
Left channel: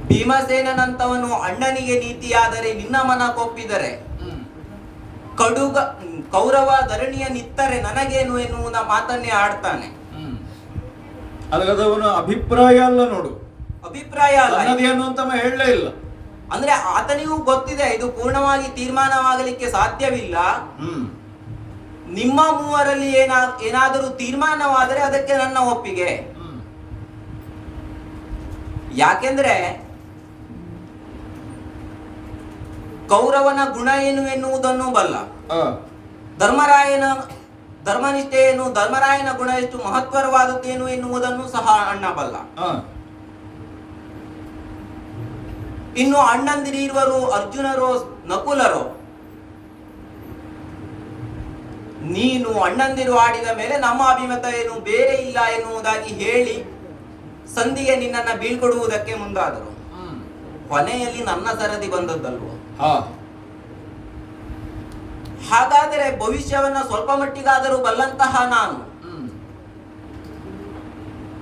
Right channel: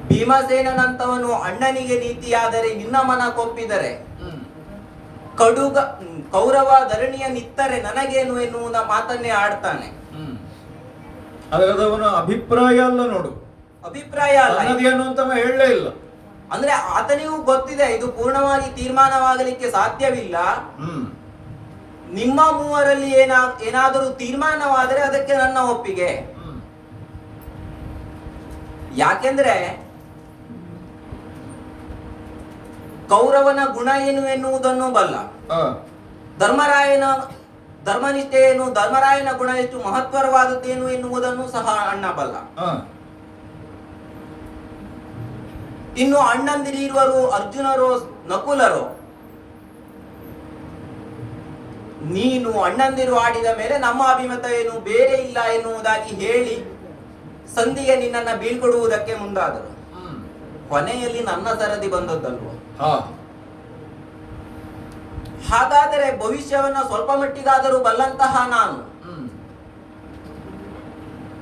ಭೀಮಸೇನಂತವನು ಅಣ್ಣನಿಗೆ ನೀತಿಯಾದರೆ ನಿನ್ನ ಮನ ಕೊಪ್ಪಿದರೆ ಕೌರವ ಧರಣಿಯ ನಿತ್ತರೆ ನನಗೇನು ಎನ್ನುವುದ ಮಾತನ್ನೇ ಆಡ್ತಾನೆ. ಅದವನ ಅಭಿಪ್ರಾಯ ಅಲ್ಲ ನೋಡು, ಅಭಿಪ್ರಾಯ ಅಲ್ಲ, ಅದೇನು ಅಂತ ಹೇಳಲೇ ಇಲ್ಲ. ಅಂದ್ರೆ ಆತನಿಗೂ ಗೊತ್ತಿದೆ ಇದು ಪೂರ್ಣವಾಗಿ ತೀರ್ಮಾನವಾಗಲಿಕ್ಕೆ ಸಾಧ್ಯವಿಲ್ಲ. ನಿಮ್ಮ ಮೂವರಲ್ಲಿ ಏನಾದರೂ ತೀರ್ಮಾನವಾದರೆ ಅದಕ್ಕೆ ನನ್ನ ಒಪ್ಪಿಗೆ. ಯಾಕೆಂದ್ರೆ ಕೌರವನ ಗುಣ ಏನು ಎನ್ನುವುದನ್ನು ಬಲ್ಲ, ಧರ್ಮರಾಯನ ಧರ್ಮನಿಷ್ಠೆಯನ್ನು, ಧರ್ಮರಾಯನ ಗುಣ ಎಷ್ಟು ಮಹತ್ವರವಾದದ್ದೇನು ಎನ್ನುವುದನ್ನು ಸಹ ಅಣ್ಣ ಬಲ್ಲ. ಇನ್ನು ಅಣ್ಣಂದಿರಿರುವರು ಅರ್ಜುನರೋ ನಕುಲರೋ, ನೀನು ಅಣ್ಣಂದಿರು ಆಡಿದ ಮೇಲೆ ನಮ್ಮ ಅಭಿಮತ ಏನು ಬೇರೆ ಇಲ್ಲ ಎನ್ನುವುದಾಗಿ ಹೇಳಿ ಸಂಧಿಗೆ ನಿನ್ನನ್ನ ಬೀಳ್ಕೊಡುವುದಕ್ಕೆ ಮುಂದಾದರು. ಕೊನೆಯಲ್ಲಿ ನನ್ನ ಸರದಿ ಬಂದದ್ದಲ್ವ. ಹಾಗಾದರೆ ಭವಿಷ್ಯವನ್ನ ಸ್ವಲ್ಪ ಮಟ್ಟಿಗಾದರೂ ಬಲ್ಲಂತಹ ನಾನು,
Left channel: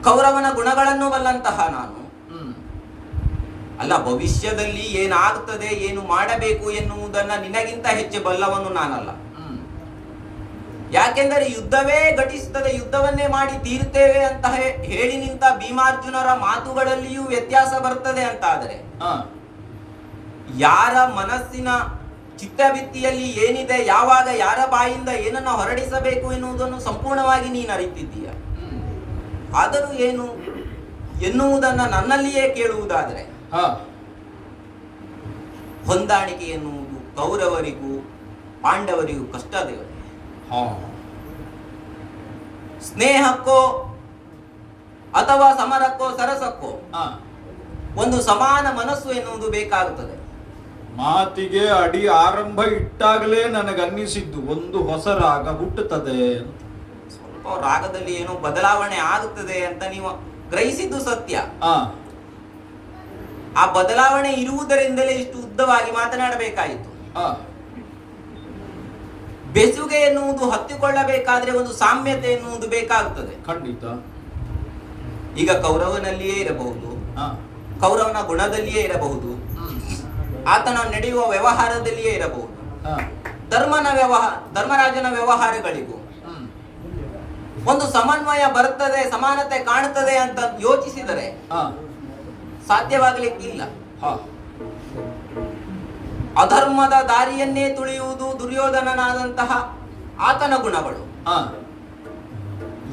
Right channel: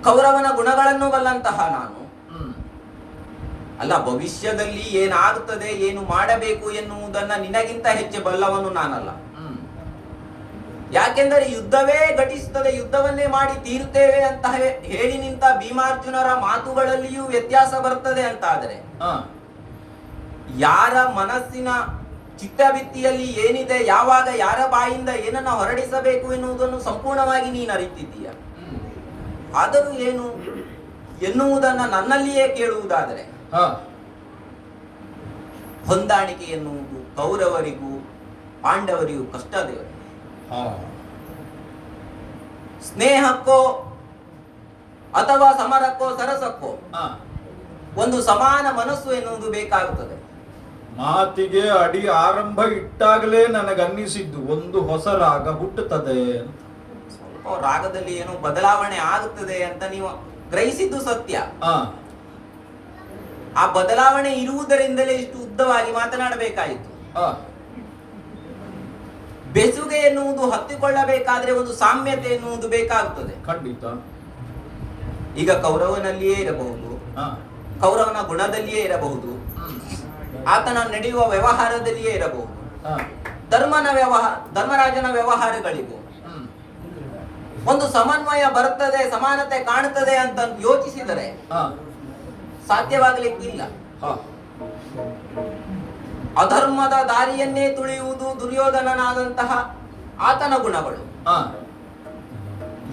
ಕೌರವನ ಗುಣಗಳನ್ನು ಬಲ್ಲಂತಹ ನಾನು, ಅಲ್ಲ ಭವಿಷ್ಯದಲ್ಲಿ ಏನಾಗುತ್ತದೆ ಏನು ಮಾಡಬೇಕು ಎನ್ನುವುದನ್ನ ನಿನಗಿಂತ ಹೆಚ್ಚು ಬಲ್ಲವನು ನಾನಲ್ಲ. ಯಾಕೆಂದರೆ ಯುದ್ಧವೇ ಘಟಿಸುತ್ತದೆ, ಯುದ್ಧವನ್ನೇ ಮಾಡಿ ತೀರುತ್ತೇವೆ ಅಂತ ಹೇಳಿ ನಿಂತ ಭೀಮಾರ್ಜುನರ ಮಾತುಗಳಲ್ಲಿಯೂ ವ್ಯತ್ಯಾಸ ಬರ್ತದೆ ಅಂತಾದರೆ, ಯಾರ ಮನಸ್ಸಿನ ಚಿತ್ತಭಿತ್ತಿಯಲ್ಲಿ ಏನಿದೆ, ಯಾವಾಗ ಯಾರ ಬಾಯಿಂದ ಏನನ್ನ ಹೊರಡಿಸಬೇಕು ಎನ್ನುವುದನ್ನು ಸಂಪೂರ್ಣವಾಗಿ ನೀನು ಅರಿತಿದ್ದೀಯ. ಆದರೂ ಏನು ಎನ್ನುವುದನ್ನ ನನ್ನಲ್ಲಿಯೇ ಕೇಳುವುದಾದರೆ, ಹೊಂದಾಣಿಕೆ ಎನ್ನುವುದು ಕೌರವರಿಗೂ ಪಾಂಡವರಿಗೂ ಕಷ್ಟ ದೇವರು. ಸ್ನೇಹಕ್ಕೋ ಅಥವಾ ಸಮರಕ್ಕೋ ಸರಸಕ್ಕೋ ಒಂದು ಸಮಾನ ಮನಸ್ಸು ಎನ್ನುವುದು ಬೇಕಾಗುತ್ತದೆ. ಮಾತಿಗೆ ಅಡಿ ಆರಂಭ ಇಟ್ಟಾಗಲೇ ನನಗನ್ನಿಸಿದ್ದು ಒಂದು ಹೊಸ ರಾಗ ಹುಟ್ಟುತ್ತದೆ. ಸ್ವಲ್ಪ ರಾಗದಲ್ಲಿ ಏನೋ ಬದಲಾವಣೆ ಆಗುತ್ತದೆ ಅಂತ ನೀವು ಗ್ರಹಿಸಿದ್ದು ಸತ್ಯ. ಆ ಬದಲಾವಣೆ ಇರುವುದರಿಂದಲೇ ಇಷ್ಟು ಉದ್ದವಾಗಿ ಮಾತನಾಡಬೇಕಾಯಿತು. ಬೆಸುಗೆ ಎನ್ನುವುದು ಹತ್ತಿಕೊಳ್ಳಬೇಕಾದ್ರೆ ಒಂದು ಸಾಮ್ಯತೆ ಎನ್ನುವುದು ಬೇಕಾಗುತ್ತದೆ. ಖಂಡಿತ. ಈಗ ಕೌರವನಲ್ಲಿಯೇ ಇರಬಹುದು, ಕೌರವನ ಗುಣದಲ್ಲಿಯೇ ಇರಬಹುದು, ಆತನ ನಡೆಯುವ ವ್ಯವಹಾರದಲ್ಲಿಯೇ ಇರಬಹುದು, ಧರ್ಮರಾಜನ ವ್ಯವಹಾರಗಳಿಗೂ ಒಂದು ಸಮನ್ವಯ ಬರುತ್ತದೆ, ಸಮಾನತೆ ಕಾಣುತ್ತದೆ ಅಂತ ಯೋಚಿಸಿದರೆ ಸಾಧ್ಯವಾಗಲಿಕ್ಕಿಲ್ಲ. ಅಧರ್ಮದ ದಾರಿಯನ್ನೇ ತುಳಿಯುವುದು ದುರ್ಯೋಧನನಾದಂತಹ ಆತನ ಗುಣಗಳು.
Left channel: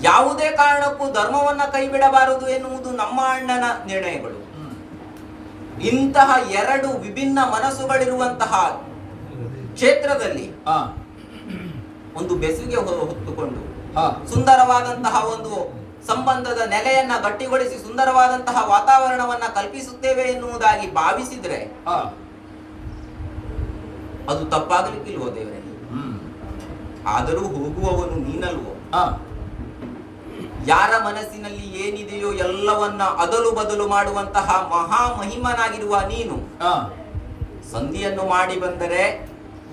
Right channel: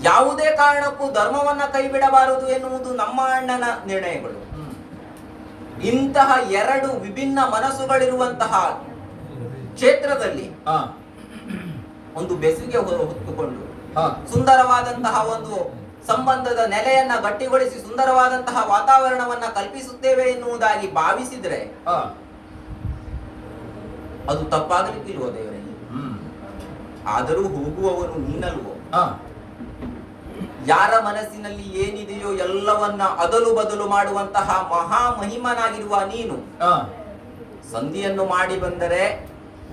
ಯಾವುದೇ ಕಾರಣಕ್ಕೂ ಧರ್ಮವನ್ನ ಕೈಬಿಡಬಾರದು ಎನ್ನುವುದು ನಮ್ಮ ಅಣ್ಣನ ನಿರ್ಣಯಗಳು. ಇಂತಹ ಎರಡು ವಿಭಿನ್ನ ಮನಸ್ಸುಗಳಿರುವಂತಹ ಕ್ಷೇತ್ರದಲ್ಲಿ ಒಂದು ಬೆಸುಗೆ ಹೊತ್ತುಕೊಂಡು ಸುಂದರವಾದಂತಹ ಒಂದು ಸಂಬಂಧದ ನೆಲೆಯನ್ನ ಗಟ್ಟಿಗೊಳಿಸಿ ಸುಂದರವಾದಂತಹ ವಾತಾವರಣವನ್ನ ಕಲ್ಪಿಸುತ್ತೇವೆ ಎನ್ನುವುದಾಗಿ ಭಾವಿಸಿದ್ರೆ ಅದು ತಪ್ಪಾಗಲಿಕ್ಕಿಲ್ವೋ ದೇವರೇ? ಆದರೂ ಹೋಗುವವನು ನೀನಲ್ವೋ? ಯಾರ ಮನಸ್ಸಿನಲ್ಲಿ ಏನಿದೆಯೋ ಎಲ್ಲವನ್ನ ಅದಲು ಬದಲು ಮಾಡುವಂತಹ ಮಹಾ ಮಹಿಮನಾಗಿರುವ ನೀನು ಸಂಧಿಯನ್ನು ಮಾಡಿ ಬಂದರೆ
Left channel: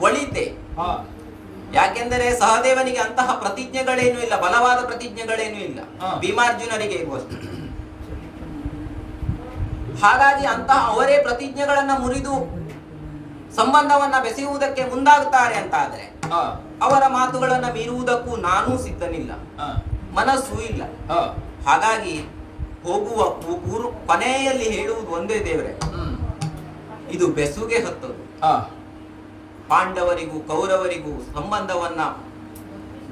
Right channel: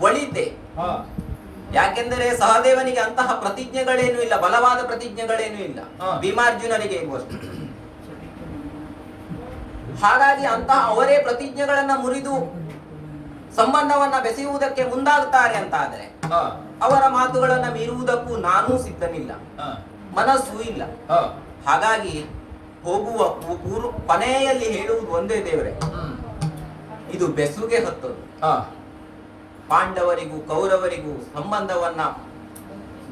ಒಳಿತೆ. ಯಾಕೆಂದರೆ ಸಹದೇವನಿಗೆ ಅಂತಹ ಪ್ರತಿಜ್ಞೆಗಳೇನು ಇಲ್ಲ, ಬಲವಾದ ಪ್ರತಿಜ್ಞೆಗಳೇನು ಇಲ್ಲ, ಭೀಮಾರ್ಜುನರಿಗೆ ಇರುವಷ್ಟು. ಹಾಗಾಗಿ ಅಂತಹ ಅವರೇ ಪ್ರತಿಜ್ಞೆಗಳನ್ನ ಮುರಿದು ಸಂಬಂಧವನ್ನ ಬೆಸೆಯುವುದಕ್ಕೆ ಮುಂದಾಗುತ್ತಾರೆ ಅಂತಾದ್ರೆ ಅವರ ಮಾತುಗಳನ್ನ ಮೀರುವುದಕ್ಕೂ ನಾನೂ ಸಿದ್ಧನಿಲ್ಲ, ಮನಸ್ಸೂ ಇಲ್ಲ. ಹಾಗಾಗಿ ಹೋಗುವ ಕೊನೆಯಲ್ಲಿ ಹೇಳುವುದು ಒಂದೇ ದೇವರೇ, ಇದು ಬೆಸುಗೆ ಹತ್ತದು. ಪಾಂಡವರಿಗೂ ಕೌರವರಿಗೂ ಸಂಬಂಧವನ್ನ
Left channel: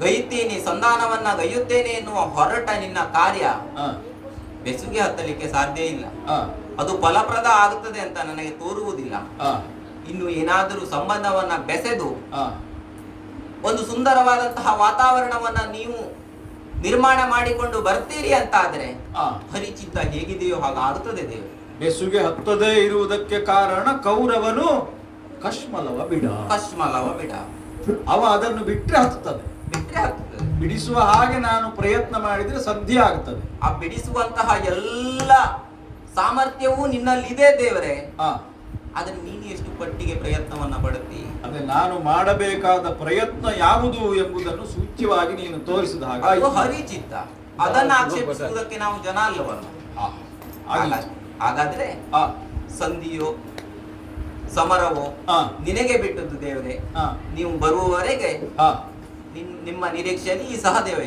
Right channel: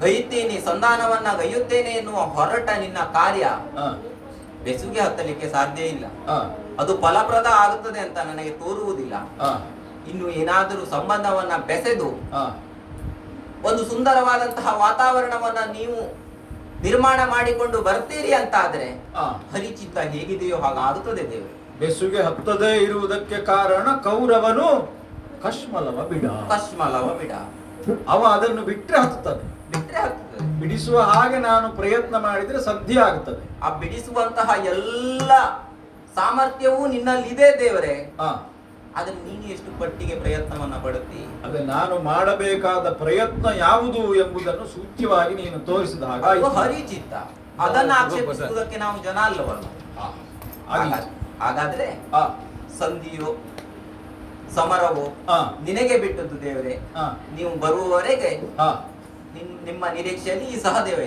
ಗೈಯುತ್ತೇನೆ, ಸಂಧಾನವನ್ನ ಗೈಯುತ್ತೇನೆ ಎನ್ನುವ ಹೊರಟ ನಿನ್ನ ಕಾರ್ಯ ಬೆಸುಗೆ ಹತ್ತಲಿಕ್ಕೆ ಸಾಧ್ಯ ಇಲ್ಲ. ಅದು ಫಲಪ್ರದ ಆಗುತ್ತದೆ ಅಂತ ನನಗೆ ತೋರುವುದಿಲ್ಲ. ಇನ್ನು ಏನಾದರೂ ಸಂಬಂಧವನ್ನ ಬೆಸೆದು ಒಂದು ಸುಂದರವಾದಂತಹ ವಾತಾವರಣವನ್ನ ನೀವು ನಿರ್ಮಾಣ ಮಾಡಿಕೊಂಡು ಬರ್ತೀರಿ ಅಂತ ಆದ್ರೆ ಹರಿಚಿತ್ತ ಹೇಗಿದೆಯೋ ಹಾಗಾಗುತ್ತದೆ ದೇವರು. ಬೆಸುಗೆ ಹತ್ತದೇ ಇರುವುದಕ್ಕೆ ಕಾರಣ ಕೌರವನು ಕಶ್ಮಲವ ಬಿಡ. ಅವ ಅದನ್ನು ಬಿಟ್ರೆ ಹತ್ತುತ್ತದೆ. ಬಿಡಿಸುವ ಹಾಗೆ ನಾನು ಪ್ರಯತ್ನ ಮಾಡಿದ್ರೆ ಸಾಧ್ಯ ಆಗ್ತದೆ. ಆ ಬಿಡಿಸುವಂತಹ ಎಲ್ಲ ಸಾಮರ್ಥ್ಯವೂ ನಿನ್ನಲ್ಲಿದೆ ದೇವರೇ. ಅದನ್ನು ನೀನು ಎಷ್ಟು ಪಟ್ಟಿಗೆ ಪ್ರಯತ್ನವನ್ನ ಪಡುತ್ತಿ? ಅದೇ ನಾನು ಮಾಡಬೇಕಾದ ಪ್ರಯತ್ನ ಯಾವುದು ಎಂಬುದನ್ನು ಸೂಚ್ಯವಾಗಿ ನೀನು ತೋರಿಸಿದ ಹಾಗೆ ಹರಿಚಿತ್ತ. ಅದನ್ನು ಆಕ್ಷೇಪಿಸುವುದಕ್ಕೆ ನಾವು ಜನ ಅಲ್ಲವಲ್ಲ. ಹಾಗಾದ್ರೆ ಸಂಧಿಯೋ ಸಮರವೋ ನಿನಗೆ ಬಿಟ್ಟದ್ದು ದೇವರೇ. ನೀವು ಬರುವವರೆಗೆ ನಿಮ್ಮ ನಿರೀಕ್ಷೆಯಲ್ಲಿ ಈ ಸಹದೇವ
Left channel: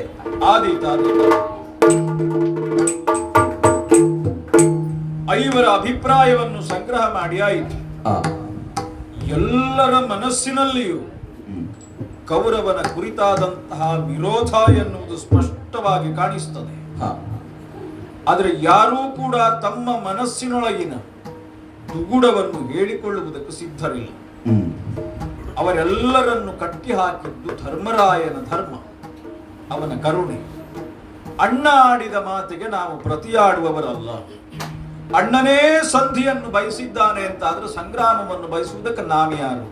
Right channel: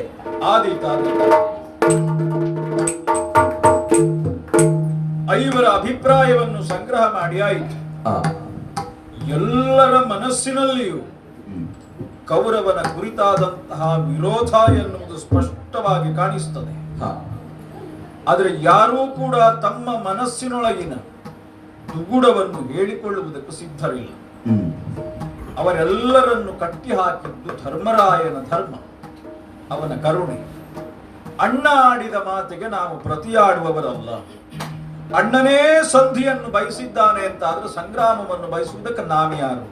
ಐವರ ಅಭಿಪ್ರಾಯವನ್ನು ಸಂಗ್ರಹ ಮಾಡಿ ಆಯಿತು. ಎಲ್ಲರ ಮನಸ್ಸಿನಲ್ಲಿಯೂ ಕೌರವನ ಕುರಿತಾದಂತಹ ವಿರೋಧ ಎನ್ನುವುದು ಸ್ಪಷ್ಟವಾಗಿ ಕಾಣಿಸುತ್ತದೆ. ಆದರೆ ಯಾರೂ ಕೂಡ ತಮ್ಮ ಮನಸ್ಸಿನೊಳಗಿನ ದುಗುಡವನ್ನು ಹೇಳಿಕೊಳ್ಳುವುದಕ್ಕೂ ಸಿದ್ಧರಿಲ್ಲ. ಅವರೆಲ್ಲರನ್ನು ಕಟ್ಟಿ ಹಾಕಿದ್ದು ಧರ್ಮರಾಯನ ಧರ್ಮ, ಅವನ ಕರುಣೆ. ಅಣ್ಣ ಆಡಿದ ಮಾತಿಗೆ ನಾವು ಪ್ರತಿಯಾಡುವವರಲ್ಲ. ಅಣ್ಣನೇ ಸಂಧಿಯನ್ನು ಬಯಸಿದ್ದಾನೆ ಅಂತಾದ್ರೆ ಸಂಗ್ರಾಮವನ್ನು ಬಯಸುವುದಕ್ಕೆ ನಾವ್ಯಾರು?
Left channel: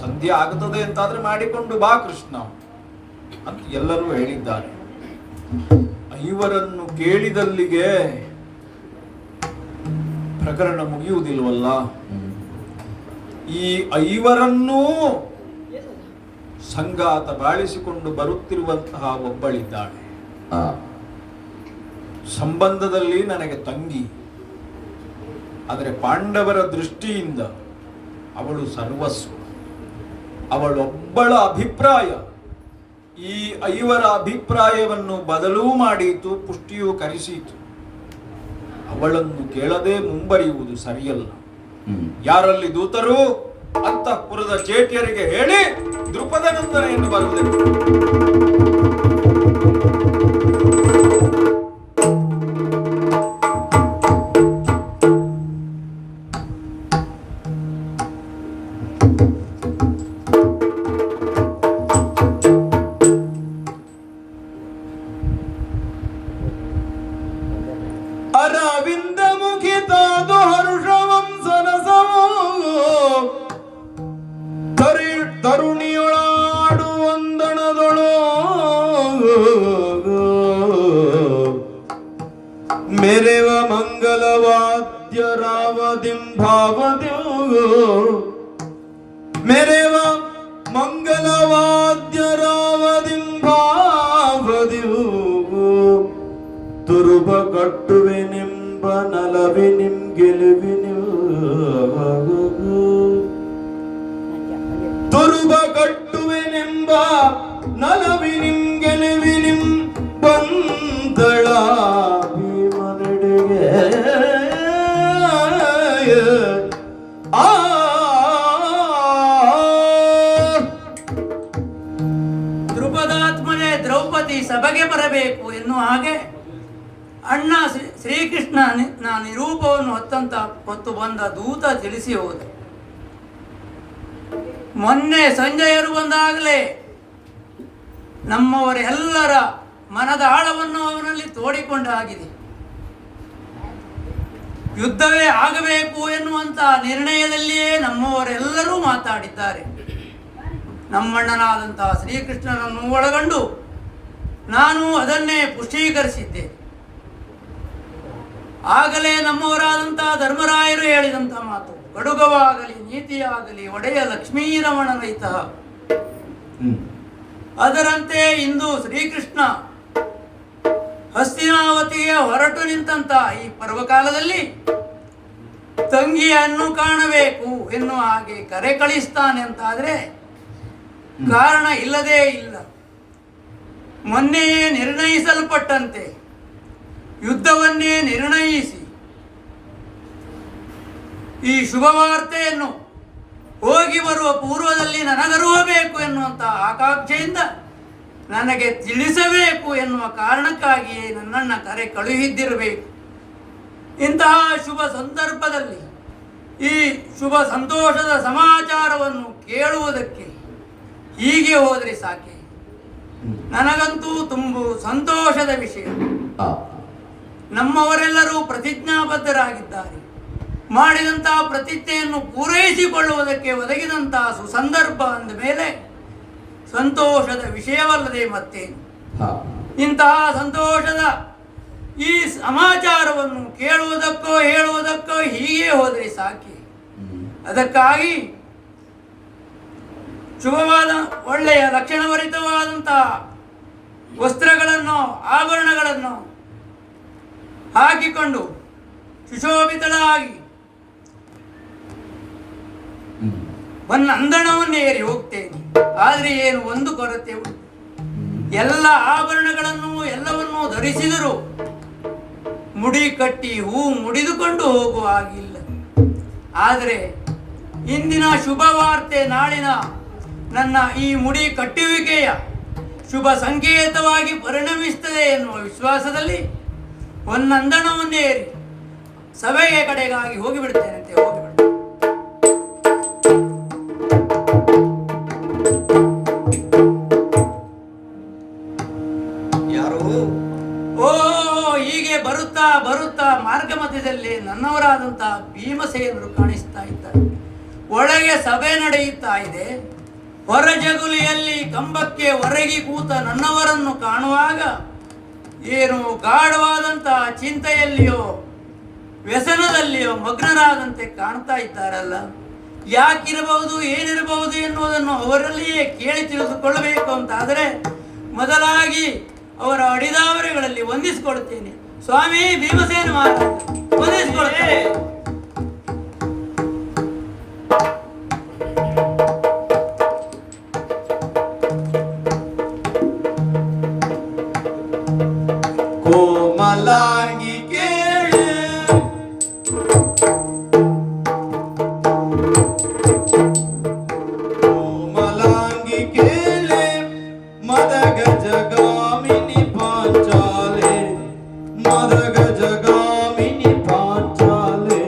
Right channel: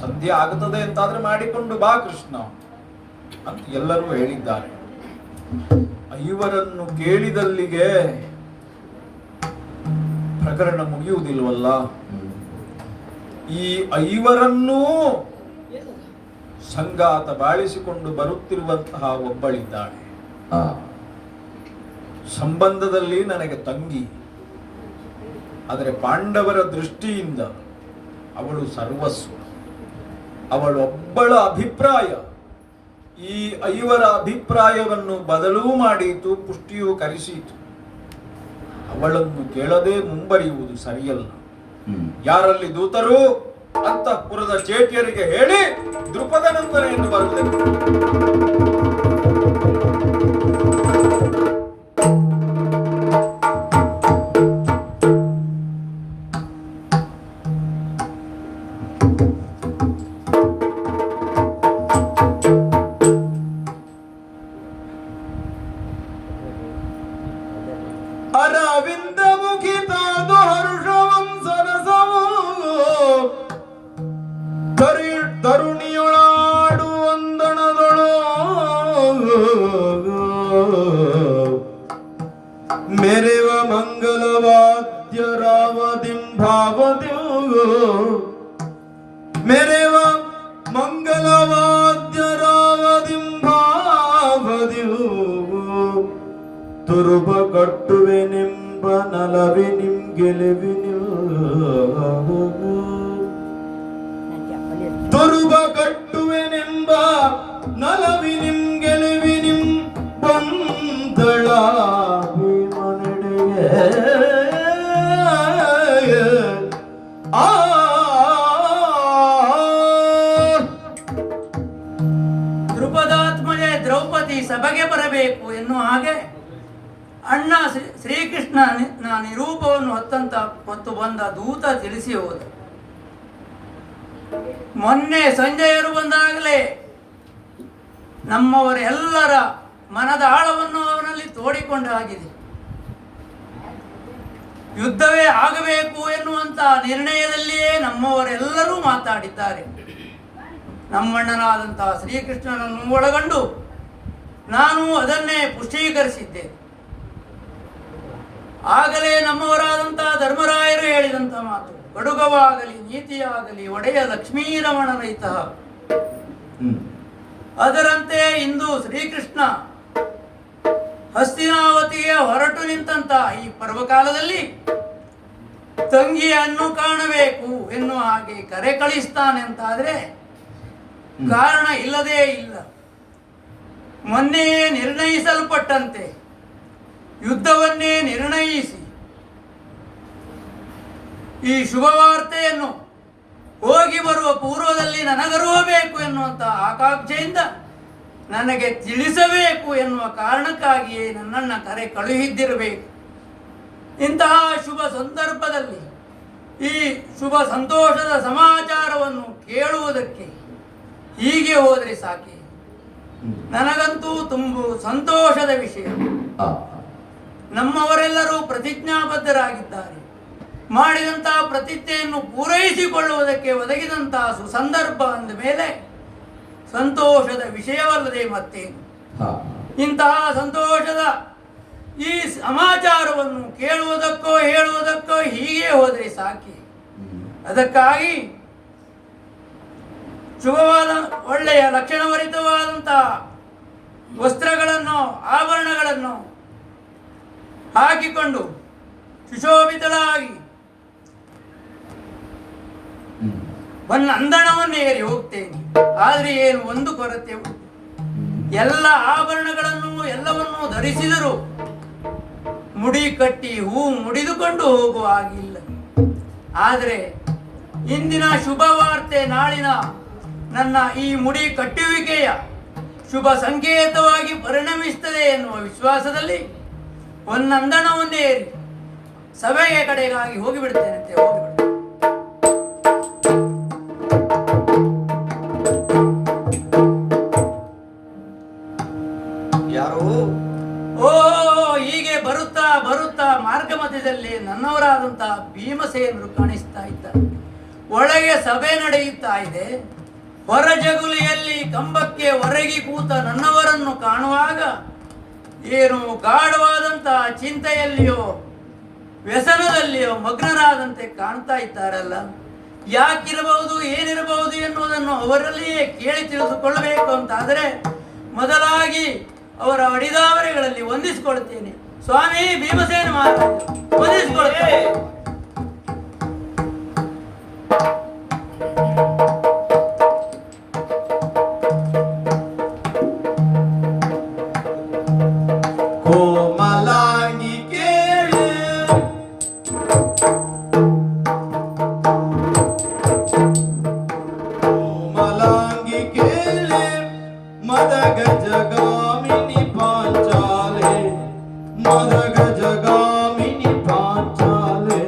ಸಂಧಿ ಆಗುತ್ತದೆ ಅಂತಾದ್ರೆ ಮಾಡಿಕೊಂಡು ಬಾ ಕೃಷ್ಣ ಅಂತ ಎಲ್ಲರೂ ಹೇಳಿದ್ದಾರೆ. ಐವರನ್ನು ಕೇಳಿದಲ್ಲಿಗೆ ಪ್ರಕರಣ ಮುಗಿಯುವುದಿಲ್ವಲ್ಲ. ಈ ಐವರನ್ನೂ ಸಂಗಾತ ಬಾಳಿಸಿಕೊಂಡು ಬರುತ್ತಿರುವಂತಹ ಒಬ್ಬಳಿದ್ದಾಳೆ. ಸಂಬಂಧದಲ್ಲಿ ನನಗೆ ತಂಗಿ, ಆದರೆ ಪಾಂಡವರ ದೃಷ್ಟಿಯಿಂದ ಅವಳು ಸರ್ವಸ್ವ. ಅವಳೊಬ್ಬಳ ಅಭಿಪ್ರಾಯ ಈ 5 ಅಭಿಪ್ರಾಯವನ್ನು ಬದಲೂ ಮಾಡೀತು, ಪುಷ್ಟಿಯೂ ಕರೆಸಿತು. ಅವಳನ್ನು ಕೇಳದೆ ಮುಂಬರಿಯುವುದು ಸರಿಯಲ್ಲ. ಯಾರಲ್ಲಿ ದೂತರು ಅಂತಃಪುರದ ಚೇಟಿಯರಿಗೆ ಹೇಳಿ ದೃಪದನಂದನೆಯನ್ನು ಬರುತ್ತದೆ. ಅರವಿಂದ ಮುಖಿತಾದು ಹರ್ಷವಂಸನಸಮೋ ತರುಣಿಯೊಳಾಡು ವಂದನದೊಳು ಮೆರೆವ ಮಂಗಲವಾದ್ಯ ರಾವದಿಂಭಾವದ್ಯೋ ಮೆರೆವ ಮಂಗಲವಾದ್ಯ ರಾವದಿಂಭಾವದ್ಯೋ ತುರುಬ ಕಟ್ಟುವೆ ನಿಂಬ ನಲವಿ ನಿಮ್ ಗೆಲುವಿನ ತುರುಬ ಕಟ್ಟುವೆ ನಿಂಬ ನಲವಿ ನಿಮ್ ಗೆಲುವಿನಿಂ ಬಂದಳ ಭೀಮನೆಡೆಗೆ ಆ ದ್ರುಪದಾತ್ಮನೆ ದ್ರೌಪದಿ ಸಭೆಗೆ ಬರಬೇಕು ಎನ್ನುವ ಹಾಗೆ ಅಣ್ಣ ಶ್ರೀಕೃಷ್ಣನ ನಿರೂಪವನ್ನು ಹೊತ್ತು ಬಂದ ದೂತ ತಿಳಿಸಿ ಹೋದ. ಮೊನ್ನೆ ಸಂಜಯರು ಬಂದಾಗಲೇ ನಮ್ಮವರೆಲ್ಲರ ಮನದ ಆಳವನ್ನು ಅವನಲ್ಲಿ ತೋಡಿಕೊಂಡಾಗಿದೆ. ಯುದ್ಧವೇ ಆಗಬೇಕು ಎನ್ನುವಂತ ನಿರ್ಣಯದಲ್ಲಿಯೇ ನಮ್ಮವರೆಲ್ಲರೂ ಮಾತಾಡಿದ್ದಾರೆ. ನಮ್ಮಣ್ಣನಾದಂತಹ ಶ್ರೀಕೃಷ್ಣನನ್ನು ಒಳಗೊಂಡು ನಾನು ಅದನ್ನೇ ಪುಷ್ಟೀಕರಿಸಿದ್ದೆ. ಆಗಲೇ ನಮ್ಮವರಾದಂತಹ ಧರ್ಮರಾಯರು ಹೇಳಿದಂತಹ ಮಾತು, ಗಡುಗವಾಗಲಿ ನೀತಿಯಾಗಲಿ ಒಡೆಯ ಲಕ್ಷ್ಮೀರಮಣನೈತ. ಅದರಂತೆ ಇಂದು ಶ್ರೀಕೃಷ್ಣ ಹಸ್ತಿನಾವತಿಗೆ ಹೊರಟು ನಿಂತಹ ಈ ಪರ್ವಕಾಲದಲ್ಲಿ ತಂಗಿಯನ್ನು ಕಾಣಬೇಕು ಎನ್ನುವ ಹಾಗೆ ಕರೆ ಕಳಿಸ್ತಾನೆ ಅಂತಾದ್ರೆ ಕಾರಣ ಇಲ್ಲದೇ ಇಲ್ಲ. ಮೊನ್ನೆಯೇ ನಿರ್ಣಯಿಸಲ್ಪಟ್ಟಂತೆ ಯುದ್ಧವನ್ನೇ ನಿರ್ಣಯಿಸಿ ಈ ಶುಭವಾರ್ತೆಯನ್ನು ಹೋಗಿ ಬರುವ ಪೂರ್ವದಲ್ಲಿ ನನಗರಿಯಬೇಕು ಎನ್ನುವಂಥ ಆಕಾಂಕ್ಷೆಯಿಂದ ನನಗೆ ತಿಳಿಸಬೇಕು ಎನ್ನುವ ಕಾರಣಕ್ಕಾಗಿಯೇ ನನ್ನನ್ನು ಕರೆ ಕಳುಹಿದ್ದಿರಬೇಕು. ಇಂತಹ ಶುಭ ಸಂದರ್ಭದಲ್ಲಿ ಈ ಶುಭ ಸಂತೋಷದ ಸಮಾಚಾರವನ್ನು ಕೇಳುವುದಕ್ಕೆ ಹೀಗೆ ಹೋದರೆ ಸಾಕೆ. ನನಗಂತೂ ತುಂಬ ಸಂತೋಷದ ವಿಷಯ. ನಮ್ಮವರೆಲ್ಲರೂ ಪ್ರತಿಜ್ಞಾಬದ್ಧರಾಗಿದ್ದಾರೆ. ಮಾಡಿದಂತಹ ಪ್ರತಿಜ್ಞೆಯನ್ನು ಪೂರೈಸಿಕೊಳ್ಳುವುದಕ್ಕೆ ಒದಗಿದಂತಹ ಸುಸಂದರ್ಭ ಅಂದ ಮೇಲೆ ಸಂತೋಷದ ವಿಷಯವಲ್ಲದೆ ಮತ್ತೇನು. ಇಂತಹ ಸಂತೋಷದ ಈ ಸಮಾಚಾರವನ್ನು ಕೇಳುವುದಕ್ಕೋ ಹೇಳುವುದಕ್ಕೋ ಹೀಗೆ ಹೋದರೆ ಸಾಕೆ. ಅದಕ್ಕಾಗಿ ಶುಭವಾದ ಒಳ್ಳೆಯ ಲಕ್ಷಣಭರಿತವಾದಂತಹ ವಸ್ತ್ರಗಳನ್ನು ಆಭರಣಗಳನ್ನು ಹಾಕಿಕೊಂಡು ಸುಶೋಭಿತಳಾಗಿ ಅಂದಣವನ್ನು ಏರಿ ಹೋಗ್ತೇನೆ. ಆದರೆ ಏನು ಒಂದು ಕೊರತೆ ಉಂಟು. ಎಲ್ಲ ಆಭರಣಗಳನ್ನು ಎಲ್ಲವನ್ನೂ ಧರಿಸಿದರೂ ಮುಡಿ ಕಟ್ಟಿ ಹೂ ಮುಡಿದುಕೊಂಡು ಹೋಗುವ ಹಾಗಿಲ್ಲ. ಆದರೆ ಇಂದಿನ ಶುಭ ವಾರ್ತೆ ನಾಳಿನ ನನ್ನ ಈ ಮುಡಿ ಕಟ್ಟುವಿಕೆಯ ಶುಭ ಸಂಕೇತವಾಗಿ ಪರಿಣಮಿಸುತ್ತದೆ ಎನ್ನುವ ವಿಶ್ವಾಸದಲ್ಲಿ ಒಂದಂದಣವನ್ನೇ ಏರಿ ಸಭೆಯ ಕಡೆಗಾಗಿ ಹೋಗಿಬಿಡ್ತೇನೆ ಅಂತ ಹೋಗಿಬಿಡ್ತೇನೆ. ಯಾರು? ಓ, ಹೀಗೆ ಬರುತ್ತಾ ಬರುತ್ತಾ ಮಾರ್ಗ ಮಧ್ಯದಲ್ಲಿ ನನ್ನವರಾದಂತಹ ಭೀಮಸೇನರು ಕಾಣಿಸ್ತಾ ಇದ್ದಾರೆ. ಒಳಗೆ ಸಭೆ ನಡೆಯುತ್ತಾ ಇದೆ. ಹೊರ ಜಗುಲಿಯಲ್ಲಿ ಕಂಬಕ್ಕೆ ಹೊರಗಿ ಕೂತ ನನ್ನವರನ್ನು ಕಾಣುವಾಗ ಏನು ಗಾಢವಾದಂತಹ ಚಿಂತೆಯಲ್ಲಿಯೋ ವ್ಯಸನದಲ್ಲಿಯೋ ಮಗ್ನರಾದಂತೆ ಕಾಣ್ತಾ ಇದ್ದಾರಲ್ಲ. ಯಾಕಿರಬಹುದು, ಏನಿರಬಹುದು ಎನ್ನುವುದನ್ನು ಅವರಲ್ಲಿಯೇ ಕೇಳಿ ತಿಳಿದುಕೊಳ್ಳಬೇಕು ಅಂತಾದರೆ ಮೊದಲಾಗಿ ಅವರ ಅಡಿದಾವರೆಗಳಲ್ಲಿ ವಂದಿಸಿಕೊಡುತ್ತೇನೆ. ಸ್ವಾಮಿ ಭೀಮಸೇನ ಮಹಾರಾಜ, ವಂದಿಸಿಕೊಡುತ್ತೇನೆ. ಕೋಮಲಾಗಿ ಕೇಳು ಕೋಮಲಾಂಗಿ ಕೇಳೆ ಮದಗ ಜಗಾಮಿನಿ ಪಾಂಚಾಲೆ ಮದಗ ಜಗಾಮಿನಿ ಪಾಂಚಾಲೆ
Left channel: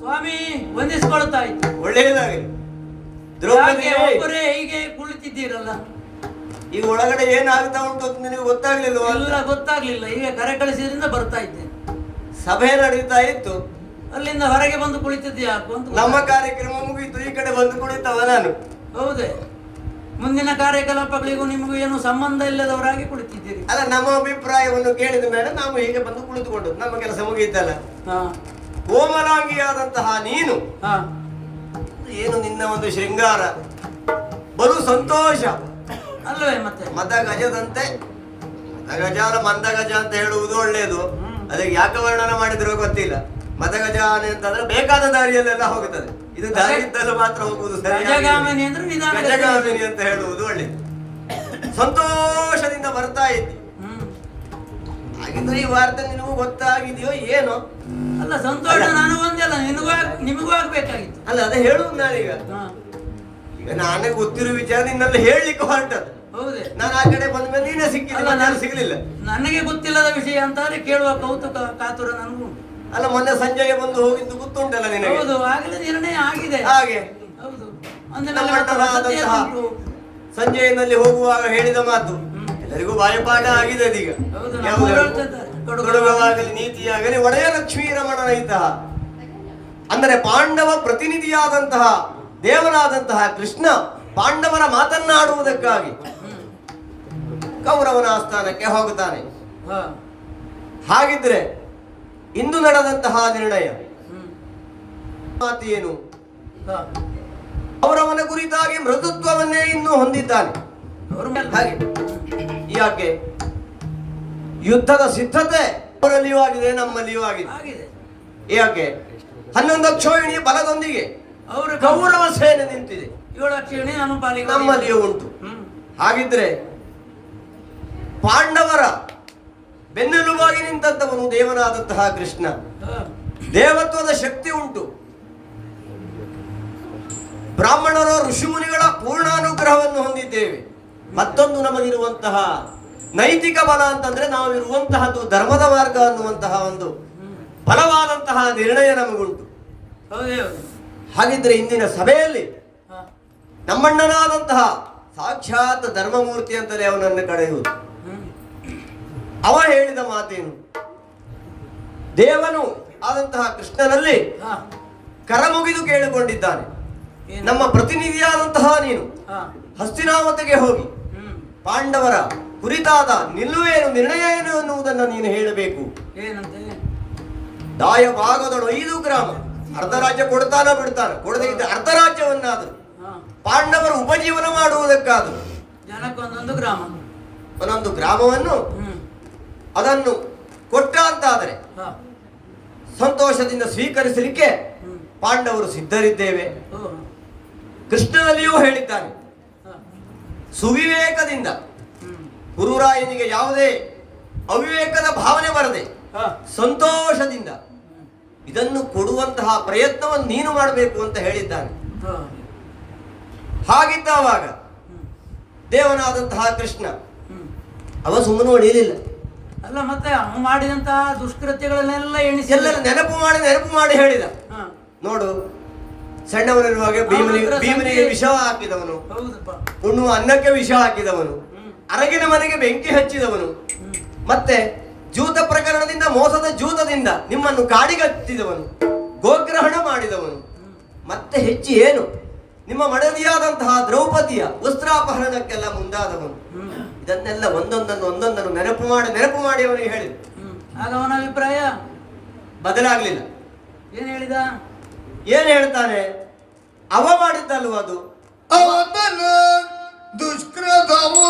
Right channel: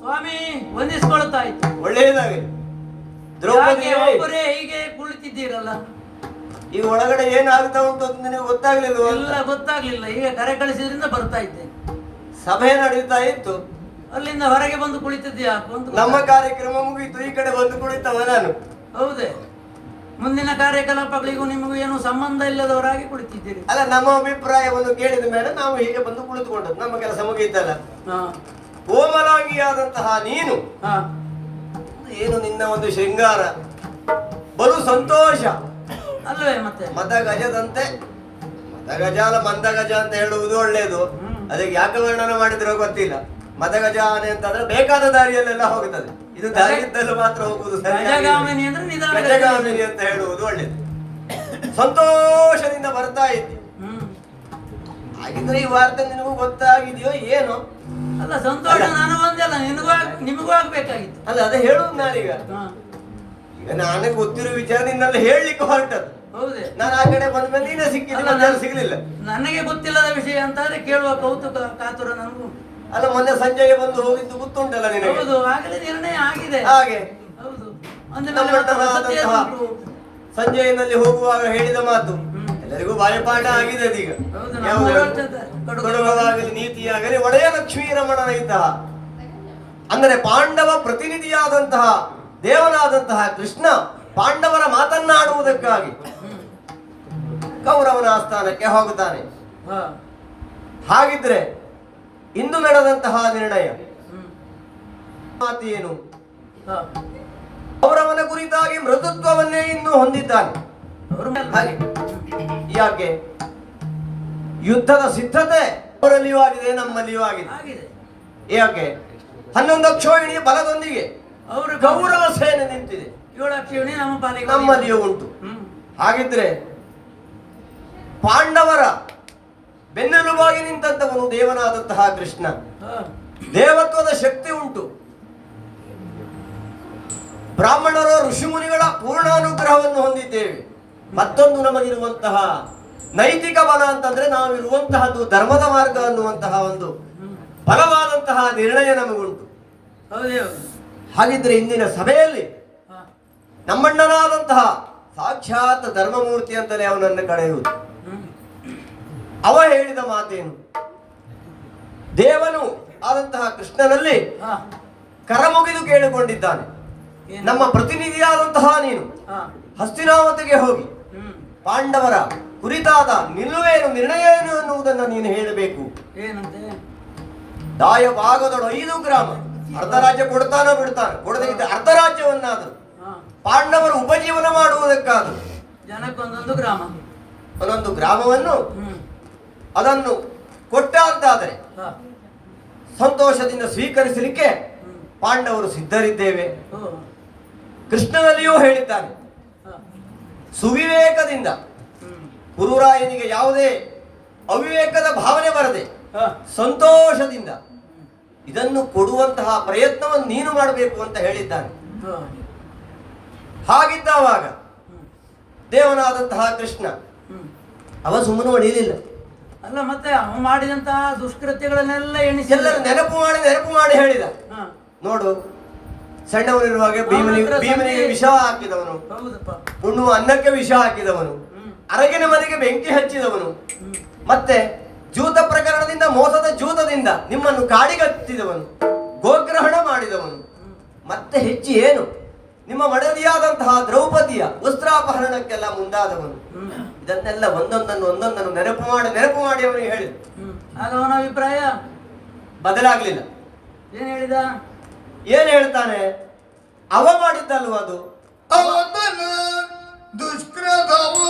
ಸ್ವಾಮಿ ವಂದಿಸಿಕೊಳ್ಳುತ್ತಾ ಇತ್ತು. ಒಳ್ಳೆಯದಾಗಲಿ. ಯಾಕೆ ದ್ರೌಪದಿ, ಒಬ್ಬರೇ ಹೀಗೆ ಕುಳಿತಿದ್ದೀರಲ್ಲ? ಈಗ ಒಳಗಡೆ ಏನಾಗ್ತಾ ಉಂಟು ಅಂತ ನಿನಗೆ ಗೊತ್ತಾಗ್ಲಿಲ್ವ? ಎಲ್ಲ ಗೊತ್ತಾಗ್ಲಿಲ್ಲ. ಈಗ ಕರೆ ಕಳಿಸಿದ್ರಿಂದ ಬರ್ತಾ ಇದ್ದೆ. ಸಭೆ ನಡೀತಾ ಇತ್ತು, ಅಲ್ಲಿಂದ ಹೊರಗೆ ಬಂದು ಕುಳಿತಿದ್ದೆ ಯಾಕು ಅಂತ ನಮ್ಮ ಕಾರ್ಯಕ್ರಮ ಮುಗಿಯಿತು, ಈ ಕಡೆ ಬಂದು ಕುಳಿತವ ನಾನು. ಹೌದೇ? ಮುಂದಿನ ಕಾರ್ಯಕಲಾಪಗಳಿಗೂ ನಿಮಗೂ ಏನು ಸಂಬಂಧ ಇಲ್ಲದವರಾಗಿ ಕುಳಿತಿದ್ದೀರಿ. ಅಲ್ಲ, ನಮ್ಮ ಅಭಿಪ್ರಾಯವನ್ನು ಕೇಳಿದ ಮೇಲೆ ನಾವು ಹೀಗೆ ಬಂದು ಕುಳಿತುಕೊಂಡು ನಮ್ಮ ಕೆಲಸ ಮುಗಿಯಿತಲ್ಲ. ಹಾ ಕೋಮಲಾಂಗಿಯಾದಂತಹ ನೀನು ಹಾ ಏನು ನಿನ್ನ ಒಂದು ಶೃಂಗಾರ, ಬಲು ಸಂತೋಷ ಅಲ್ವೇ? ಮತ್ತೆ ಮದ ಗಜದಂತೆ, ಮದ ಗಜ ಅಲ್ಲ ಮಂದ ಗಜ ಅಂತ ಹೇಳುವುದು ಒಳ್ಳೆಯದು. ಅದಕ್ಕೆ ಯಾಕೆ ವರ್ಣನ ಮಾಡಿದ್ರೋ ಗೊತ್ತಿಲ್ಲ. ಮದ ಗಜ ಆನೆ ಅಂತಂದ್ರೆ ಬೇಕಾದ ದಾರಿಯಲ್ಲೆಲ್ಲ ಹೋಗುತ್ತದೆ, ಇದು ದಾರಿ ಇದ್ದಲು ಮಾತ್ರ ಹೋಗುವುದು ಸರಿ. ಗಜಗಾಮಿನಿ ಅಂದ್ರೆ ನಿಧಾನ. ಗಜಗಾಮಿನಿ ಅಂತ ಹೇಳುವುದು ಒಳ್ಳೆಯದು. ಸಂತೋಷದಿಂದ ಬರ್ತಾ ಇದ್ದಿ. ಹಾಗಿದ್ರೆ ಈ ವಾರ್ತೆ ನಿನಗೂ ಗೊತ್ತಾಗಿದೆಯೋ ಏನೋ? ಅಲ್ಲ, ಸಂತೋಷ ನಾನು ಒಂದಲ್ಲ, ನಿಮಗೂ ಆಗ್ಬೇಕಾಗಿತ್ತು. ಅಲ್ಲ, ಅದೇ ಹೇಳುವುದು ನಾನೀಗ. ಹಾ ಈಗ ನನಗೆ ಗೊತ್ತಿರೋ ವಿಚಾರ ನಿನ್ನಲ್ಲಿ ಹೇಳಲಿಕ್ಕೆ ಹೊರಟದ್ದು. ಹೌದೇ? ನಾನು ಆ ಕಡೆ ಬಂದ ಮೇಲೆ ನೀನೇ ಸಿಕ್ಕಿಲ್ಲ, ಅಲ್ಲ, ನಾನು ಸಿಗ್ಲಿಲ್ಲ. ನನಗೆ ಗೊತ್ತಿಲ್ಲದ ವಿಷಯ ಅಂತಾದ್ರೆ ಕೇಳುವ ಕೌತುಕ ಕಾತುರ ನನಗೂ. ಅಲ್ಲ, ಮೊನ್ನೆ ಸಂಜೆಗೆ ಬಂದು ಹೋಗಿದ್ದು ಗೊತ್ತುಂಟಲ್ಲ ನಿನಗೆ? ಹೌದು, ಆಗಲೇ ನಿರ್ಣಯ ಆಗಿದೆ. ಹಾಗೆ ಹೌದು. ಅಂದ್ರೆ ನಮ್ಮ ನನ್ನ ವಸತಿ ಅಣ್ಣನಾದಂತಹ ಎದುರು. ಸಂಜೆಯಲ್ಲಿ ಹೋಗುವಾಗ ಹೇಳಿದ ಮಾತು ಎಲ್ಲರಿಗೂ ಬಾಯಪಾಠ ಆಗಿದೆ ಅದೀಗ. ಹೌದು, ನಮ್ಮ ಯಾವುದು? ಹೊರಡ್ತಿದ್ದಾರೆ. ಕೊಡುಗವಾಗಲಿ ನೀತಿಯಾಗಲಿ ಒಡೆಯ ಲಕ್ಷ್ಮೀ ರಮಣನ ಇದ್ದ, ಅಂದರೆ ಪಾಂಡವ ಪ್ರತಿನಿಧಿಯಾದಂತಹ ದೇವನಾದಂತಹ ಕೃಷ್ಣ ಪಾಂಡವರ ಮಾತನ್ನಾಡುವುದಕ್ಕಾಗಿ ಕೌರವನ ಆಸ್ಥಾನಕ್ಕೆ ಹೋಗುತ್ತಾನೆ. ಹಾ. ಹಾಗಿದ್ರೆ ಇಂದು ನಡೆದಂತಹ ನಿರ್ಣಯ ಹ್ಮ್. ಮಾತು ಏನು? ಹಾ. ಕೌರವನ ಕುರಿತಾಗಿ ಮೃದುತ್ವವನ್ನೇ ಇನ್ನೂ ಹೊಂದಿದ್ದಾನೆ. ಅವ್ರ ಮೇಲೆ ಹಾಗೆ ಯಾಕೆ ಯುದ್ಧದ ಸಿದ್ಧತೆ ಅವರಲ್ಲಿಯೂ ಆಗಿದೆ, ನಮ್ಮಲ್ಲಿಯೂ ಆಗಿದೆ. ಆಗಿದೆ. ಯಾಕೆ 11 ಅಕ್ಷೋಹಿಣಿ ಬಲದೊಂದಿಗೆ ಅವರು ಕೌರವ ಸೇನೆ ನಿಂತಿದೆ, 7 ಅಕ್ಷೋಹಿಣಿ ನಮ್ಮ ಪಾಲಿಗೆ ನಮ್ಮಲ್ಲಿಯೂ ಉಂಟು. ಹಾಗಿದ್ರೆ ಪಾಂಡವರ ಬೆನ್ನೆಲುಬಾಗಿ ನಿಂತಂತವನು ದೇವನಾದಂತಹ ಕೃಷ್ಣ. ಹಾ. ದೇವತ್ವದ ಶಕ್ತಿ ಉಂಟು. ಬ್ರಾಹ್ಮಣರ ಋಷಿಮುನಿಗಳ ಪೂರ್ಣಾನುಗ್ರಹವನ್ನು ಹೊಂದಿದ್ದೇವೆ. ಮತ್ತೊಂದು ನಮಗಿರುವಂತಹ ನೈತಿಕ ಬಲ ಅಂತಂದ್ರೆ ನಾವಿರುವಂತಹದ್ದು ಧರ್ಮದ ಮಾರ್ಗ ಅನ್ನುವಂತಹ ಒಂದು ಬಲವಾದಂತಹ ನಿರ್ಣಯ ನಮಗುಂಟು. ಹೌದು. ಹಾಗಿದ್ರೆ ಇಂದಿನ ಸಭೆಯಲ್ಲಿ ಹಾ. ನಮ್ಮಣ್ಣನಾದಂತಹ ಸಾಕ್ಷಾತ್ ಧರ್ಮಮೂರ್ತಿ ಅಂತಲೇ ಅವನನ್ನು ಕರೆಯುವುದು. ಹ್ಮ್. ಅವ ಹೇಳಿದ ಮಾತೇನು? ದೇವನು ಆದಂತಹ ಕೃಷ್ಣನಲ್ಲಿ ಹಾ. ಕರಮುಗಿದು ಕೇಳಿಕೊಂಡಿದ್ದಾನೆ, ನಮ್ಮ ಪ್ರತಿನಿಧಿಯಾದಂತಹ ನೀನು ಹಾ. ಹಸ್ತಿನಾವತಿಗೆ ಹೋಗಿ ಹ್ಮ್. ಪಾಂಡವರ ಕುರಿತಾದ ನಿಲುವೇನು ನಿರ್ಣಯ ಏನು ಅನ್ನುವುದನ್ನು ನೀನು ಹೇಳಬೇಕು. ಏನಂತೆ? ದಾಯ ಭಾಗದೊಳು 5 ಗ್ರಾಮ ಅರ್ಧ ರಾಜ್ಯ ಕೊಡ್ತಾನ ಬಿಡ್ತಾನೆ, ಕೊಡದೆ ಇದ್ದ ಅರ್ಧ ರಾಜ್ಯವನ್ನಾದರೂ ಹಾ. ಪಾಂಡವರು ಉಪಜೀವನ ಮಾಡುವುದಕ್ಕಾದರೂ ಜನಕ್ಕೊಂದೊಂದು ಗ್ರಾಮ, ಒಂದೊಂದು ಗ್ರಾಮವನ್ನು ಅದನ್ನು ಕೊಟ್ಟ ಅಂತಾದರೆ ಹಾ. ಸಂತೋಷದಿಂದ ಸ್ವೀಕರಿಸಲಿಕ್ಕೆ ಪಾಂಡವರು ಸಿದ್ಧರಿದ್ದೇವೆ. ಓ. ಕೃಷ್ಣನಲ್ಲಿಯೂ ಹೇಳಿದ್ದಾನೆ, ಹಾ. ಸುವಿವೇಕದಿಂದ ಗುರುರಾಯನಿಗೆ ಯಾವುದೇ ಅವಿವೇಕದ ಭಾವನೆ ಬರದೆ ಹಾ. ಸಂತೋಷದಿಂದ ಇದನ್ನು ಕೊಡುವಂತಹ ಪ್ರಯತ್ನವನ್ನು ನೀನು ಮಾಡಬೇಕು ಅಂತ ಹೇಳಿದ್ದಾನೆ. ಹಾ. ಹಾಗಿದ್ದಾವಾಗ ದೇವನಾದಂತಹ ಕೃಷ್ಣ ಹ್ಮ್. ಅವ ಸುಮ್ಮನೆ ಹೊಡೆಯಲಿಲ್ಲ. ಅಲ್ಲ, ಮತ್ತೆ ಅವ ಮಾಡಿದಂತಹ ದುಷ್ಕೃತ್ಯಗಳನ್ನೆಲ್ಲ ಎಣಿಸಿ ಎಲ್ಲರೂ ನೆನಪು ಮಾಡಿ ಹೇಳಿದ. ಹಾ. ನೋಡು, ಸಣ್ಣವನಿರುವಾಗ ಭೀಮನಿಗೆ ವಿಷ ಹಾಕಿದವನು, ಹೌದಪ್ಪ. ಉಣ್ಣುವ ಅನ್ನಕ್ಕೆ ವಿಷ ಹಾಕಿದವನು, ಅರಗಿನ ಮನೆಗೆ ಬೆಂಕಿ ಹಚ್ಚಿದವನು, ಮತ್ತೆ ಜೂತ ಪ್ರಕರಣದಿಂದ ಮೋಸದ ಜೂತದಿಂದ ನಿಮ್ಮನ್ನು ಕಾಡಿಗತ್ತಿದವನು, ಗೋಗ್ರಹಣ ಮಾಡಿದವನು, ಮತ್ತೆ ಹೆಚ್ಚು ಏನು ನಿಮ್ಮ ಮಡದಿಯಾದಂತಹ ದ್ರೌಪದಿಯ ವಸ್ತ್ರಾಪಹರಣಕ್ಕೆಲ್ಲ ಮುಂದಾದವನು. ಇದನ್ನೆಲ್ಲ ಒಂದೊಂದನ್ನು ನೆನಪು ಮಾಡಿ ಅವನಿಗೆ ಹೇಳಿದ. ಆಗ ಅವನ ಅಭಿಪ್ರಾಯ ಬದಲಾಗ್ಲಿಲ್ಲ. ಏನ್ ಹೇಳಿದ? ಏನ್ ಹೇಳ್ತಾನೆ? ಅವ ಮಾಡಿದ್ದಲ್ವ ಅದು? ಅವತನ ದುಷ್ಕೃತವೋ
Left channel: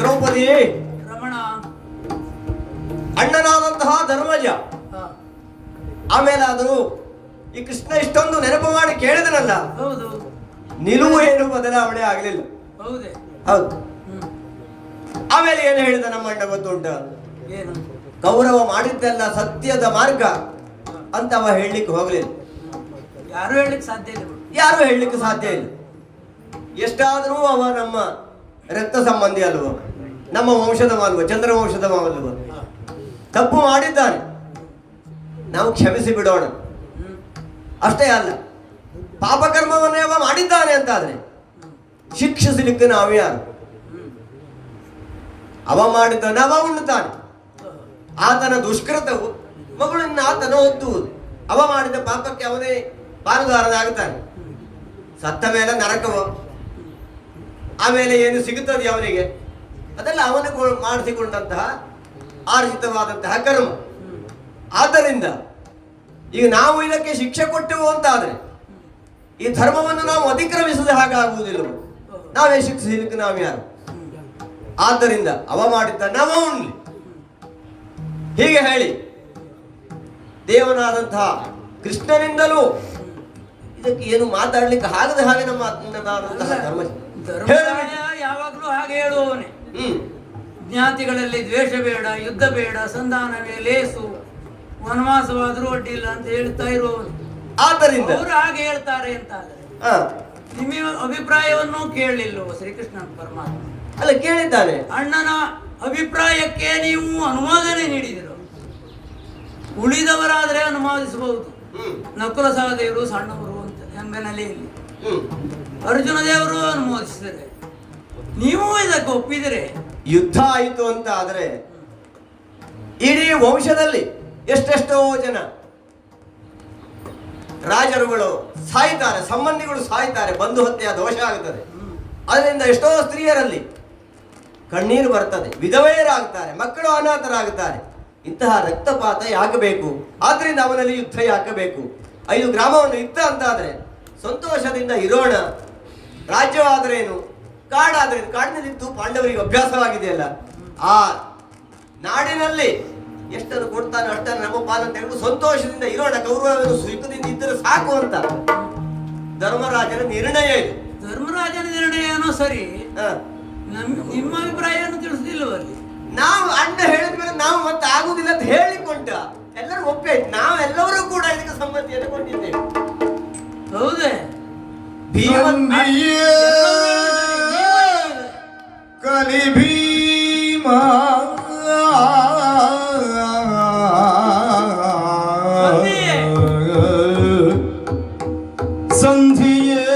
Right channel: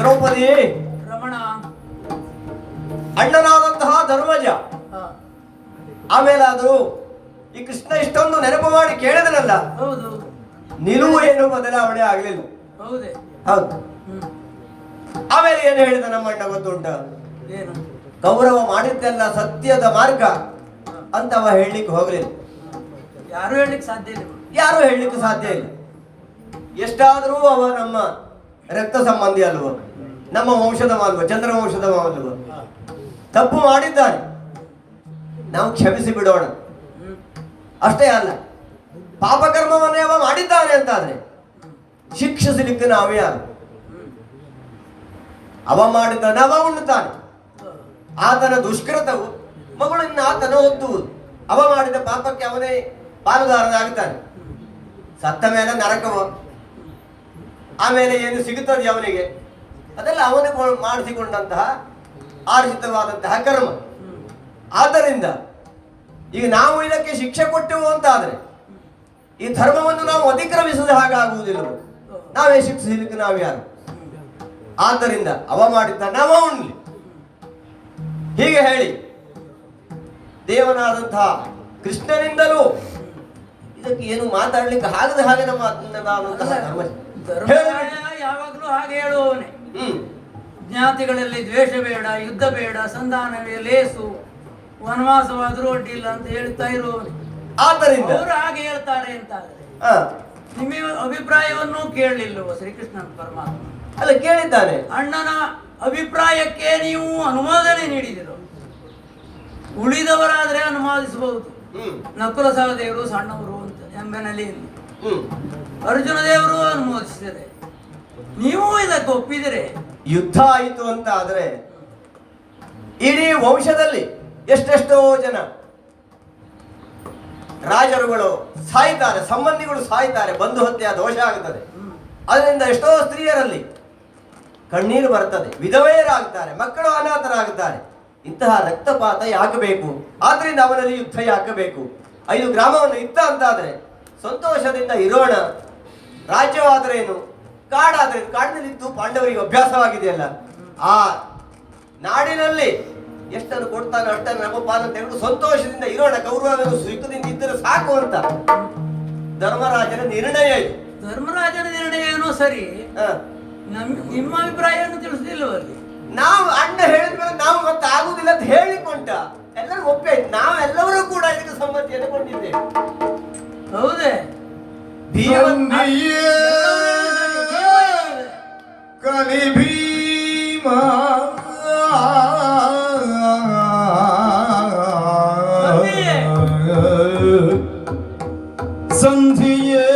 ದ್ರೌಪದಿ ರಮಣ. ಅಣ್ಣನಾದಂತಹ ಧರ್ಮಜ ಹಾ. ಆಮೇಲಾದರೂ ಈ ಕೃಷ್ಣ ಇಷ್ಟೊಂದು ನೆನಪು ಮಾಡಿ ಕೇಳಿದನಲ್ಲ, ಹೌದು. ನಿಲುವು ಏನು ಬದಲಾವಣೆ ಆಗಲಿಲ್ಲ. ಹೌದೇ? ಹೌದು. ಆಮೇಲೆ ಏನು ಹೇಳಿದ ನಮ್ಮ ಅಣ್ಣ ಗೊತ್ತುಂಟ? ಏನು? ಗೌರವ ಮಾಡಿದ್ದೆಲ್ಲ ಸತ್ಯದ ಮಾರ್ಗ ಅಂತ ಅವ ಹೇಳಲಿಕ್ಕೆ ಹೋಗಲಿಲ್ಲ. ಯಾರು ಹೇಳಲಿಕ್ಕೆ ಸಾಧ್ಯ ಇಲ್ಲ. ಯಾರು ಹೇಳಲಿಕ್ಕೆ ಸಾಧ್ಯ ಇಲ್ಲ. ಎಷ್ಟಾದರೂ ಅವ ನಮ್ಮ ರಕ್ತ ಸಂಬಂಧಿ ಅಲ್ವ, ನಮ್ಮ ವಂಶದವ ಅಲ್ವ, ಚಂದ್ರ ವಂಶದವ ಅಲ್ವ. ತಪ್ಪು ಮಾಡಿದ್ದಾನೆ, ನಾವು ಕ್ಷಮಿಸಿ ಬಿಡೋಣ. ಅಷ್ಟೇ ಅಲ್ಲ, ಪಾಪಕರ್ಮವನ್ನೇ ಅವ ಮಾಡಿದ್ದಾನೆ ಅಂತಾದ್ರೆ ಶಿಕ್ಷಿಸಲಿಕ್ಕೆ ನಾವು ಯಾರು? ಅವ ಮಾಡಿದ್ದಾನೆ, ಅವ ಉಣ್ಣುತ್ತಾನೆ. ಆತನ ದುಷ್ಕೃತವು ಮಗಳನ್ನು ಆತನ ಒದ್ದುವುದು. ಅವ ಮಾಡಿದ ಪಾಪಕ್ಕೆ ಅವನೇ ಪಾಲುದಾರನಾಗುತ್ತಾನೆ. ಸತ್ತ ಮೇಲೆ ನರಕವು, ಆಮೇಲೆ ಏನು ಸಿಗುತ್ತದೆ ಅವನಿಗೆ, ಅದೆಲ್ಲ ಅವನು ಮಾಡಿಸಿಕೊಂಡಂತಹ ಆರ್ಜಿತವಾದಂತಹ ಕರ್ಮ. ಆದ್ದರಿಂದ ಈಗ ನಾವು ಇದಕ್ಕೆ ಶಿಕ್ಷೆ ಕೊಟ್ಟೆವು ಅಂತ ಆದ್ರೆ ಈ ಧರ್ಮವನ್ನು ನಾವು ಅತಿಕ್ರಮಿಸದೆ ಹಾಗಾಗುವುದಿಲ್ಲ. ನಾವೇ ಶಿಕ್ಷಿಸಲಿಕ್ಕೆ ನಾವು ಯಾರು? ಆದ್ದರಿಂದ ಅವ ಮಾಡಿದ್ದ ನಾವ ಉಣ್ಲಿ ಹೀಗೆ ಹೇಳಿ ದೇವನಾದಂತಹ ಕೃಷ್ಣನಿಂದಲೂ ಇದಕ್ಕೆ ಏನು ಮಾತಾಡ್ಲಿಕ್ಕೆ ಆಗದೆ ಹಾಗೆ ನಮ್ಮ ಧರ್ಮರಾಯ ಯಾವಾಗಲೂ ಹಾಗೆ ಹೇಳುವವನೇ. ಜ್ಞಾತಿಗಳಲ್ಲಿ ದ್ವೇಷ ಬೇಡ, ಯುದ್ಧ ಬೇಡ, ಸಂಧಾನವೇ ಲೇಸು, ವನವಾಸವಾದರೂ ಅಡ್ಡಿಲ್ಲ ಅಂತ ಹೇಳ್ತಾ ಇರುವವನೇ. ಆದ್ದರಿಂದ ಅವರು ಹಾಗೆ ಹೇಳ್ತಾರೆ ಅಂತ ನಿಮ್ಮ ಅಭಿಪ್ರಾಯವನ್ನು ಕೇಳಲಿಲ್ಲವ ಶ್ರೀಕೃಷ್ಣನ ಪರಮಾತ್ಮ? ಅಲ್ಲ, ಕೇಳಿದ್ದಾನೆ. ಅಣ್ಣನ ಅಭಿಪ್ರಾಯಕ್ಕೆ ನೀವು ಅನುಮೋದನೆ ನೀಡಿದಿರು. ಉಳಿದವರಾದ್ರೆ ಅನುಮೋದಿಸಬಹುದು. ನಕುಲ ಸಹದೇವರು ಸಣ್ಣವರು ಅಂತ ಎಂಬ ನೆಲೆಯಲ್ಲಿ ಅರ್ಜುನ ದೇವರು ಅನುಮೋದಿಸಿದರೆ, ನೀವು ಇದಕ್ಕೆ ಒಪ್ಪಿದರೆ ಯುದ್ಧ ಆಯಿತು ಅಂತ ಆದ್ರೆ ಇಡೀ ವಂಶದಲ್ಲಿ ಎಷ್ಟೆಷ್ಟೋ ಜನ ರಾಜರುಗಳು ಸಾಯ್ತಾರೆ, ಸಂಬಂಧಿಗಳು ಸಾಯ್ತಾರೆ, ಬಂಧು ಹತ್ಯೆ ದೋಷ ಆಗುತ್ತದೆ. ಅದರಿಂದ ಎಷ್ಟೋ ಸ್ತ್ರೀಯರಲ್ಲಿ ಕಣ್ಣೀರು ಬರ್ತದೆ, ವಿಧವೆಯರಾಗ್ತಾರೆ, ಮಕ್ಕಳು ಅನಾಥರಾಗುತ್ತಾರೆ. ಇಂತಹ ರಕ್ತಪಾತ ಯಾಕೆ ಬೇಕು? ಆದ್ರಿಂದ ಅವನಲ್ಲಿ ಯುದ್ಧ ಯಾಕೆ ಬೇಕು? 5 ಗ್ರಾಮವನ್ನು ಇತ್ತ ಅಂತಾದ್ರೆ ಸಂತೋಷದಿಂದ ಇರೋಣ. ರಾಜ್ಯವಾದ್ರೇನು, ಕಾಡಾದ್ರೇನು, ಕಾಡಿನಲ್ಲಿದ್ದು ಪಾಂಡವರಿಗೆ ಅಭ್ಯಾಸವಾಗಿದೆಯಲ್ಲ, ಆ ನಾಡಿನಲ್ಲಿ ಎಷ್ಟನ್ನು ಕೊಡ್ತಾನೆ ಅಷ್ಟನ್ನು ನಮ್ಮ ಪಾಲನೆ ತೆಗೆದು ಸಂತೋಷದಿಂದ ಇರೋಣ, ಕೌರವನು ಸುಖದಿಂದ ಇದ್ದರೆ ಸಾಕು ಅಂತ ಧರ್ಮರಾಜನ ನಿರ್ಣಯ ಇದು. ಧರ್ಮರಾಜನ ನಿರ್ಣಯ ಏನೋ ಸರಿ, ನಿಮ್ಮ ಅಭಿಪ್ರಾಯವನ್ನು ತಿಳಿಸುದಿಲ್ಲವಲ್ಲಿ. ನಾವು ಅಣ್ಣ ಹೇಳಿದ್ಮೇಲೆ ನಾವು ಮತ್ತೆ ಆಗುದಿಲ್ಲ ಅಂತ ಹೇಳಿಕೊಂಡ ಎಲ್ಲರೂ ಒಪ್ಪಾಯ್ತು. ನಾವೆಲ್ಲರೂ ಕೂಡ ಇದಕ್ಕೆ ಸಮ್ಮತಿಯನ್ನು ಕೊಟ್ಟಿದ್ದೇವೆ. ಹೌದೇ? ಕಲಿ ಭೀಮ ಸಂಧಿಯೇ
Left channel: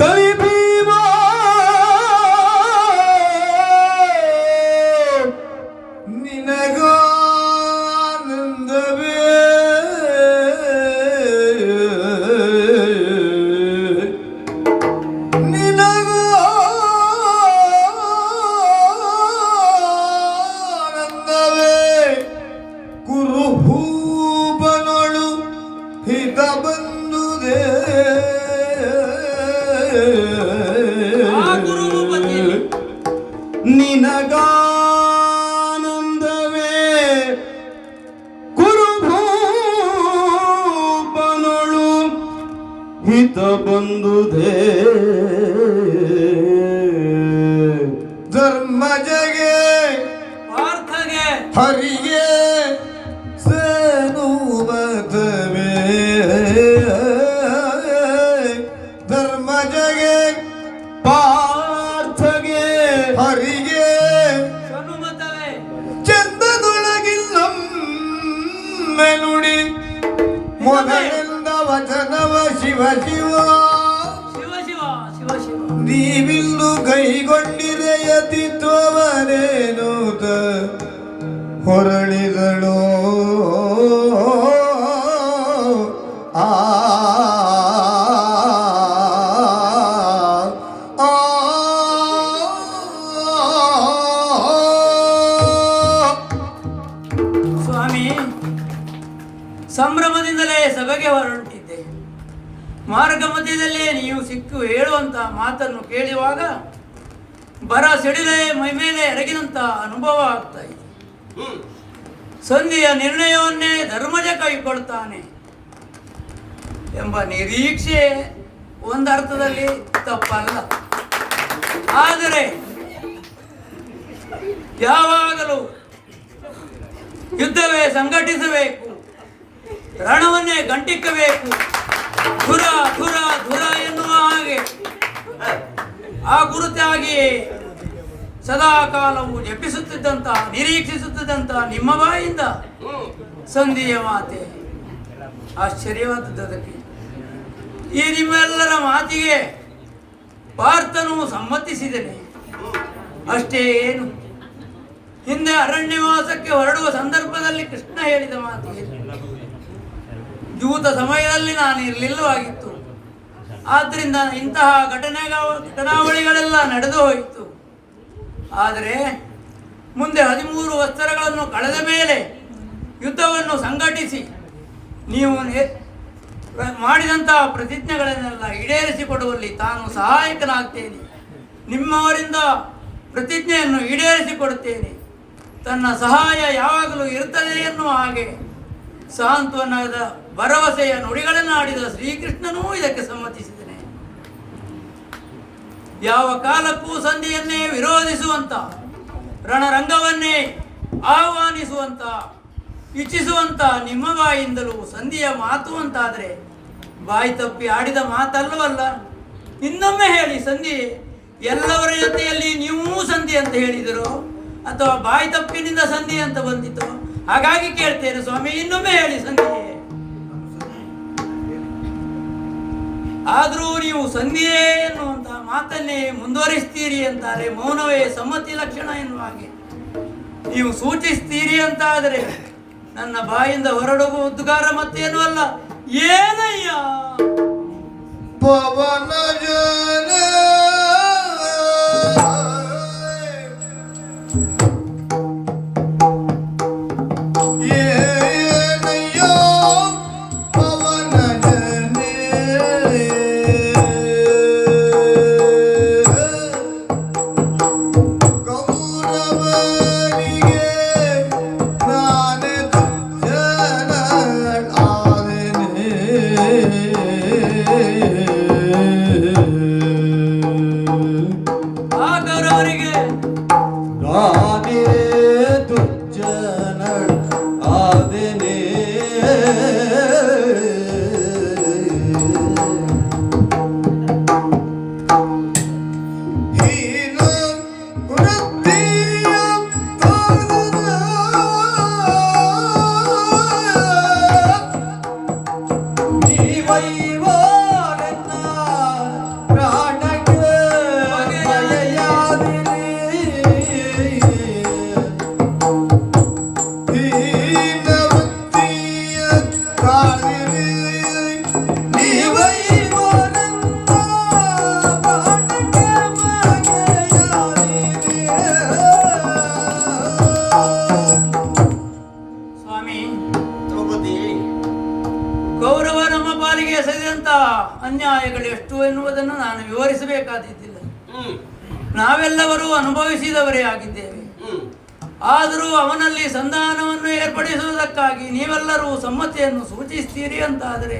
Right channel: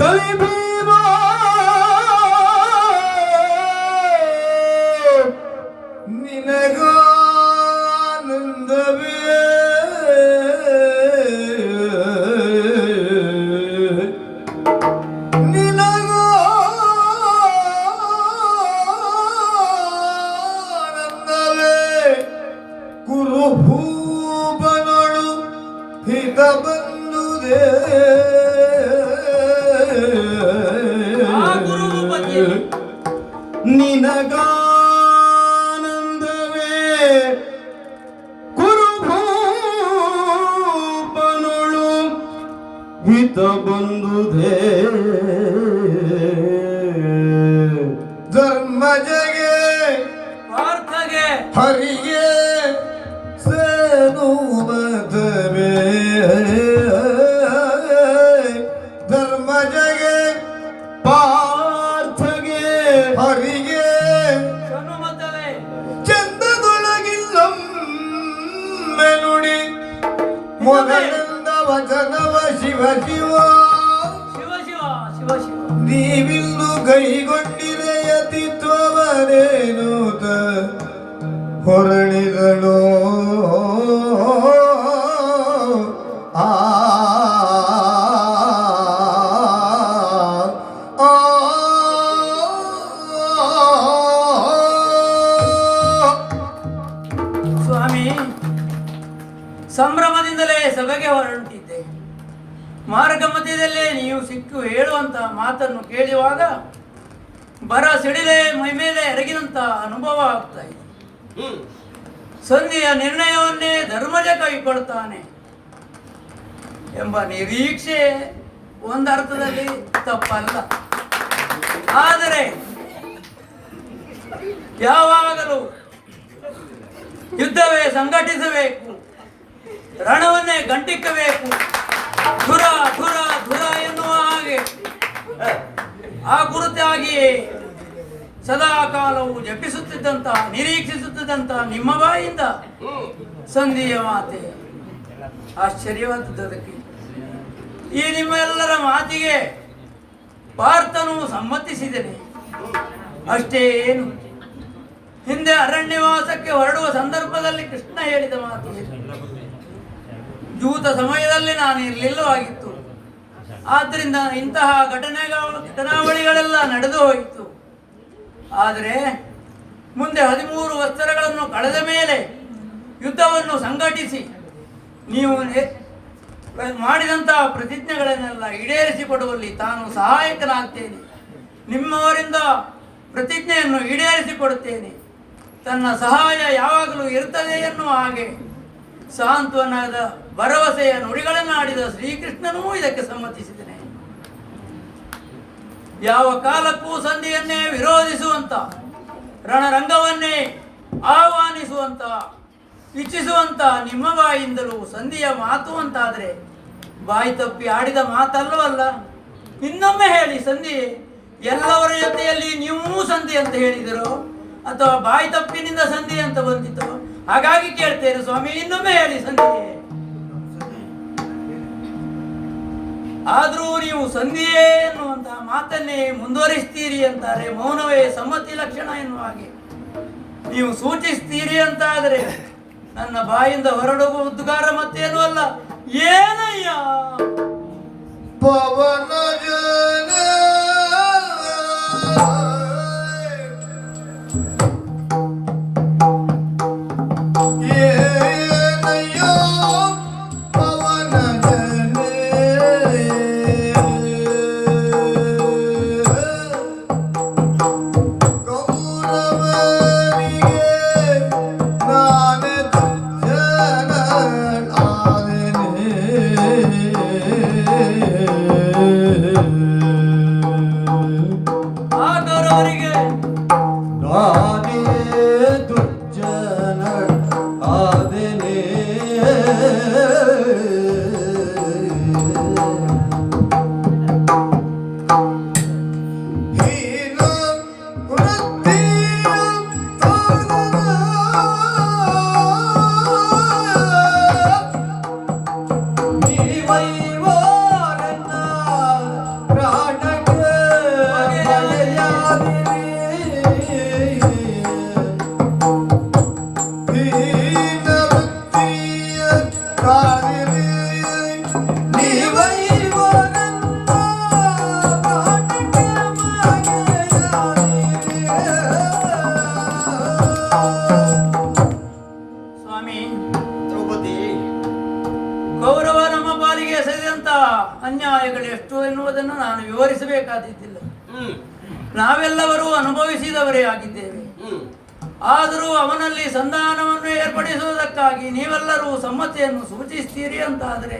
ಕಲಿ ಭೀಮ ನಿನಗಾನಂದವೇ ಕುರುಭೂಪನಳು ಹಿತ ಬಂದುದೇ ನಿನಗಾನಂದವೇ ಕುರುಭೂಪನಳು ಹಿತ ಬಂದುದೇ ಧರ್ಮಜಗೆ ಪಾರ್ಥಗೆ ಹರಿಗೆ ಸೇನುವತವೇ ಧರ್ಮಜಗೆ ಪಾರ್ಥಗೆ ಹರಿಗೆ ಹನುಮತವೇ ಚಂದದೊಳಗಿಲ್ಲಂ ಮೆಲುಡಿ ಮೊದಲಿಂದ ವಚನವ ಶಿವ ಶಿವ ಶಿವ ಶಿವ ಶಿವ ಶಿವ ನೀವಿಂದು ಕೈಗೊಂಡಿರೆ ಯತಿತ್ವವನೇನೂತ ಹೊರಳಿಗಳು ಆ ಸ್ವಾಮಿ, ಸಂಭ್ರಮದಿಂದಲೇ ಸಭೆಗೆ ಹೊರಟಿದ್ದೆ. ಮಾರ್ಗ ಮಧ್ಯದಲ್ಲೇ ನೀವು ಸಿಕ್ಕು ಹೇಳುವಂತ ಮಾತನ್ನು ಕೇಳುವಾಗ ಬರ ಸಿಡಿಲೆ ಮೈಮೇಲೆ ಎರಗಿದಂತ ಅನುಭವ ಆಗ್ತಾ ಇದೆ. ಸಂಧಿಯ ನಿರ್ಣಯವನ್ನೇ ಧರ್ಮಜ ಕೈಗೊಳ್ತಾನೆ ಎಂಬ ನಿರೀಕ್ಷೆ ಒಂದರ್ಥದಲ್ಲಿ ತಪ್ಪಲ್ಲ. ಆದರೆ ಯಾವಾಗಲೂ ಯುದ್ಧವೇ ಸಂಘಟಿಸಬೇಕು, ರಣವನ್ನೇ ಗಂಟಿಕ್ಕಬೇಕು, ಧುರ ಧುರ ಧುರ ಎನ್ನುವ ಹಾಗೆ ಆ ಗುರುತಾಗಿಯೇ ಸದಾ ಕಾಲವು ಜಪಿಸುತ್ತಿದ್ದಂತಹ ನಿರೀಕ್ಷಿಸುತ್ತಿದ್ದಂತಹ ನಿಮ್ಮ ಬಾಯಿಂದ ಸಂಧಿಯ ಮಾತೆ ಆಶ್ಚರ್ಯವಾದದ್ದಕ್ಕೆ ಈ ನಿಮ್ಮೆಲ್ಲರ ಮಾತಿಗೆ ಪಾರ್ಥನು ಸಮ್ಮತಿಸಿದನೆ. ಅಷ್ಟೇ ಏನು, ಹಿಂದೆ ಅರಣ್ಯವಾಸಕ್ಕೆ ಹೊರಡುವ ಸಂದರ್ಭದಲ್ಲಿ ಕೃಷ್ಣ ಹೇಳಿದ ಮಾತು ದೂತ ಸಮಯದಲ್ಲಿ ನಾನು ಇರಲಿಲ್ಲವಾಗಿತ್ತು. ಆದ್ದರಿಂದ ಇಂತಹ ಘಟನಾವಳಿಗಳೆಲ್ಲ ನಡೆದು ಹೋಯಿತು. ಆದರೆ ಮುಂದೆ 13 ವತ್ಸರಗಳನ್ನು ಕಳೆದ ಮೇಲೆ ಯುದ್ಧವನ್ನು ಸಂಘಟಿಸಿ ನೀವು ಮಾಡಿದಂತಹ ಪ್ರತಿಜ್ಞೆಗಳನ್ನೆಲ್ಲ ಈಡೇರಿಸಿಕೊಡುವಲ್ಲಿ ತಾನು ಸಹಾಯಕನಾಗ್ತೇನೆ. ನಿಮ್ಮವರಿಂದ ಪ್ರತಿಜ್ಞೆಯನ್ನು ಈಡೇರಿಸಿಕೊಡುತ್ತೇನೆ. ತನ್ನ ಸಹಾಯ ಯಾವಾಗಲೂ ಇರುತ್ತದೆ ಎನ್ನುವ ಹಾಗೆ ಸಾಂತ್ವನದ ಭರವಸೆಯ ನುಡಿಗಳನ್ನಾಡಿದ ಶ್ರೀಕೃಷ್ಣನೂ ಇದಕ್ಕೆ ಸಮ್ಮತಿಸಿದನೆ. ಯಾವ ಕಾಲಕ್ಕೂ ಸಂಧಿಯನ್ನೇ ವಿರೋಧಿಸುವಂತ, ರಣರಂಗವನ್ನೇ ಆಹ್ವಾನಿಸುವಂತ, ಇಚ್ಛಿಸುವಂತ ನಿಮ್ಮ ಬಾಯಿಂದಲೂ ಸಂಧಿಯ ಮಾತು ಅಂತಾದರೆ ಬಾಯಿ ತಪ್ಪಿ ಆಡಿದ ಮಾತಲ್ಲವಲ್ಲ. ಇನ್ನೊಮ್ಮೆ ಹೇಳಿ, ಸಂಧಿ ಎಲ್ಲವರ ಜೊತೆಯಲ್ಲಿ ನೀವು ಸಂಧಿ ಅಂತ ಹೇಳಿದರು ಅಥವಾ ಬಾಯಿ ತಪ್ಪಿನಿಂದ ಸಂಧಿ ಅಂತ ಬಂದಿತ್ತು? ಹಾಗಾಗಿ ಕೇಳ್ತೇನೆ ಸ್ವಾಮಿ, ಇನ್ನೊಮ್ಮೆ ಹೇಳಿ ಸಂಧಿ. ಆದರೂ ನೀವು ಸಂಧಿಯೇ ಎನ್ನುವಂತ ಮಾತನ್ನೇ ಮುಂದುವರಿಸ್ತೀರಿ ಅಂತಾರೆ. ಮೌನವೇ ಸಮ್ಮತಿ ಲಕ್ಷಣ ಎನ್ನುವ ಹಾಗೆ ನೀವು ಸೂಚಿಸ್ತೀರಿ ಅಂತಾದರೆ ನನ್ನ ಬಾಯಿಂದ ಹೊರಡುವ ಉದ್ಗಾರ ಮತ್ತೇನೂ ಅಲ್ಲ. ಏನಯ್ಯ ಪವನ ಅನ್ಯಾಯಗಳು ಎಷ್ಟು ಎನ್ನುವುದನ್ನು ನಾನು ವಿವರಿಸಬೇಕಾದಿದ್ದಿಲ್ಲ. ನಾವೆಲ್ಲರೂ ಅನುಭವಿಸಿದವರೇ ಆಗಿದ್ದೇವೆ. ಆದರೂ ಅವನಲ್ಲಿ ಸಂಧಾನವನ್ನು ಏರ್ಪಡಿಸುವುದಕ್ಕಾಗಿ ನೀವೆಲ್ಲರೂ ಸಮ್ಮತಿಯನ್ನು ಸೂಚಿಸ್ತೀರಿ ಅಂತಾದರೆ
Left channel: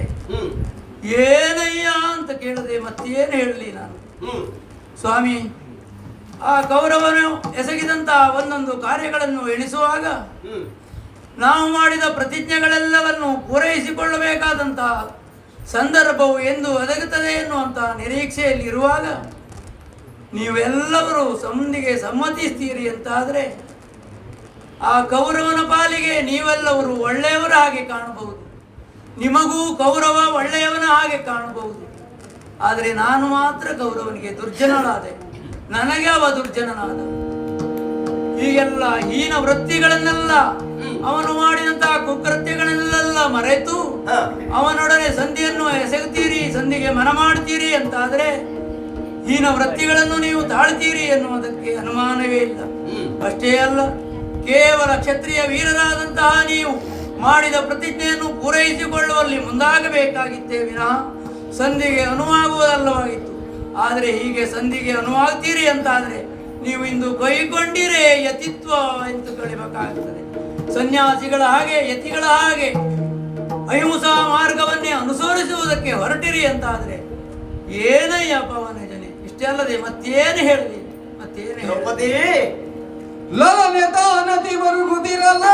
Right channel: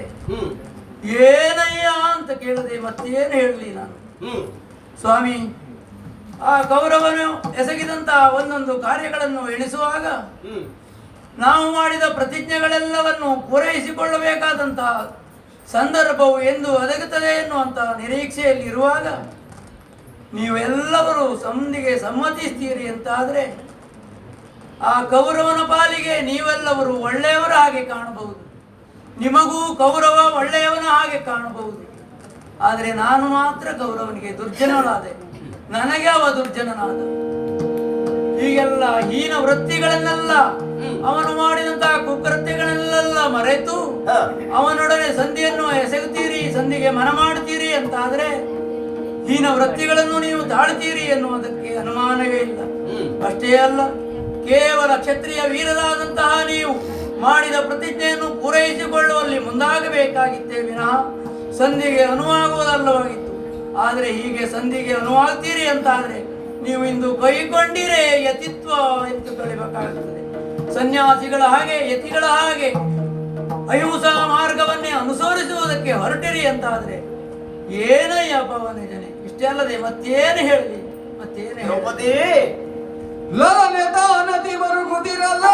ಏನಯ್ಯ ಅಂತ ಕೇಳದೆ ಮತ್ತೇನು ಹೇಳಲಿ ನಾನು. ಸ್ವಾಮಿ, ಆ ಕೌರವನು ಎಸಗಿದಂತಹ ಒಂದೊಂದು ಕಾರ್ಯಗಳನ್ನು ಎಣಿಸುವಾಗ ನಾವು ಮಾಡಿದ ಪ್ರತಿಜ್ಞೆಗಳೆಲ್ಲವನ್ನು ಪೂರೈಸಿಕೊಳ್ಳಬೇಕಾದಂತಹ ಸಂದರ್ಭವು ಎಂದು ಒದಗುತ್ತದೆ ಎನ್ನುವಂತಹ ನಿರೀಕ್ಷೆಯಲ್ಲಿರುವಾಗ ನೀವೆಲ್ಲರೂ ಸಂಧಿಗೆ ಸಮ್ಮತಿಸ್ತೀರಿ ಅಂತಾದರೆ ಆ ಕೌರವನ ಪಾಲಿಗೆ ನೀವೆಲ್ಲವರು ಒಳ್ಳೆಯವರ ಹಾಗೆ ಕಾಣಬಹುದು. ನಿಮಗೂ ಕೌರವ ಒಳ್ಳೆಯವನ ಹಾಗೆ ಕಾಣಬಹುದು. ಆದರೆ ನಾನು ಮಾತ್ರ ಕೌರವನಿಗೆ ದುರ್ಜನನಾದೆ, ನನಗೆ ಅವ ದುರ್ಜನನಾದ. ಹೀಗೆಲ್ಲ ಹೀನ ವೃತ್ತಿಗಳನ್ನೆಲ್ಲ, ಅವನು ಮಾಡಿದಂತಹ ಕುಕೃತ್ಯಗಳನ್ನೆಲ್ಲ ಮರೆತು ಅವನೊಡನೆ ಸಂಧಿಯನ್ನು ಎಸಗುತ್ತೀರಿ, ಸಂಧಿಗೆ ಮನ ಮಾಡ್ತೀರಿ ಅಂತಾದ್ರೆ ಹೀನ ವೃತ್ತಿಗಳನ್ನು ನೀವು ತಾಳ್ತೀರಿ ಎನ್ನುವುದಕ್ಕೆ ಅನುಮಾನವೇ ಇಲ್ಲ. ಅಷ್ಟೇ ಅಲ್ಲ, ಕೇವಲ ಕ್ಷತ್ರಿಯ ವೀರರಾದಂತಹ ನೀವು ಮಾಡಿದ ಪ್ರತಿಜ್ಞೆಯನ್ನು ಪೂರೈಸಿಕೊಳ್ಳುವಲ್ಲಿ ಮುಂದಾಗಬೇಕಾಗಿತ್ತೇ ವಿನಃ ಸಂಧಿಗೆ ಅನುವಾಗುವುದಲ್ಲವಾಗಿತ್ತು. ಆದರೆ ಹೀಗೆ ಸಂಧಿಗೆ ಅನುವಾಗ್ತೀರಿ ಅಂತಾದ್ರೆ ನೀವು ಇಂದು ಬೈಕೊಂಡಿರೇ ಯತಿತ್ವ ಎಂದು ಕಳಿಬೇಕಾಗುತ್ತದೆ. ಸನ್ಯಾಸಿಗಳ ಹಾಗೆ, ಯತಿಗಳ ಹಾಗೆ ಅಹಿಂಸಾ ಮಾರ್ಗವನ್ನೇ ಅನುಸರಿಸುವುದಕ್ಕೆ ಹೊರಟಿರಿ ಅಂತಾದ್ರೆ ಏನಯ್ಯ ಪವನ ಜನೆ, ಇಷ್ಟೇ ಅಲ್ಲದೆ ಮತ್ತೇನು ಹೇಳಿ, ಮತ್ತೇನು ಹೇಳಿ. ನದಿ ಮರುಗುದಿರಲ್ಲ,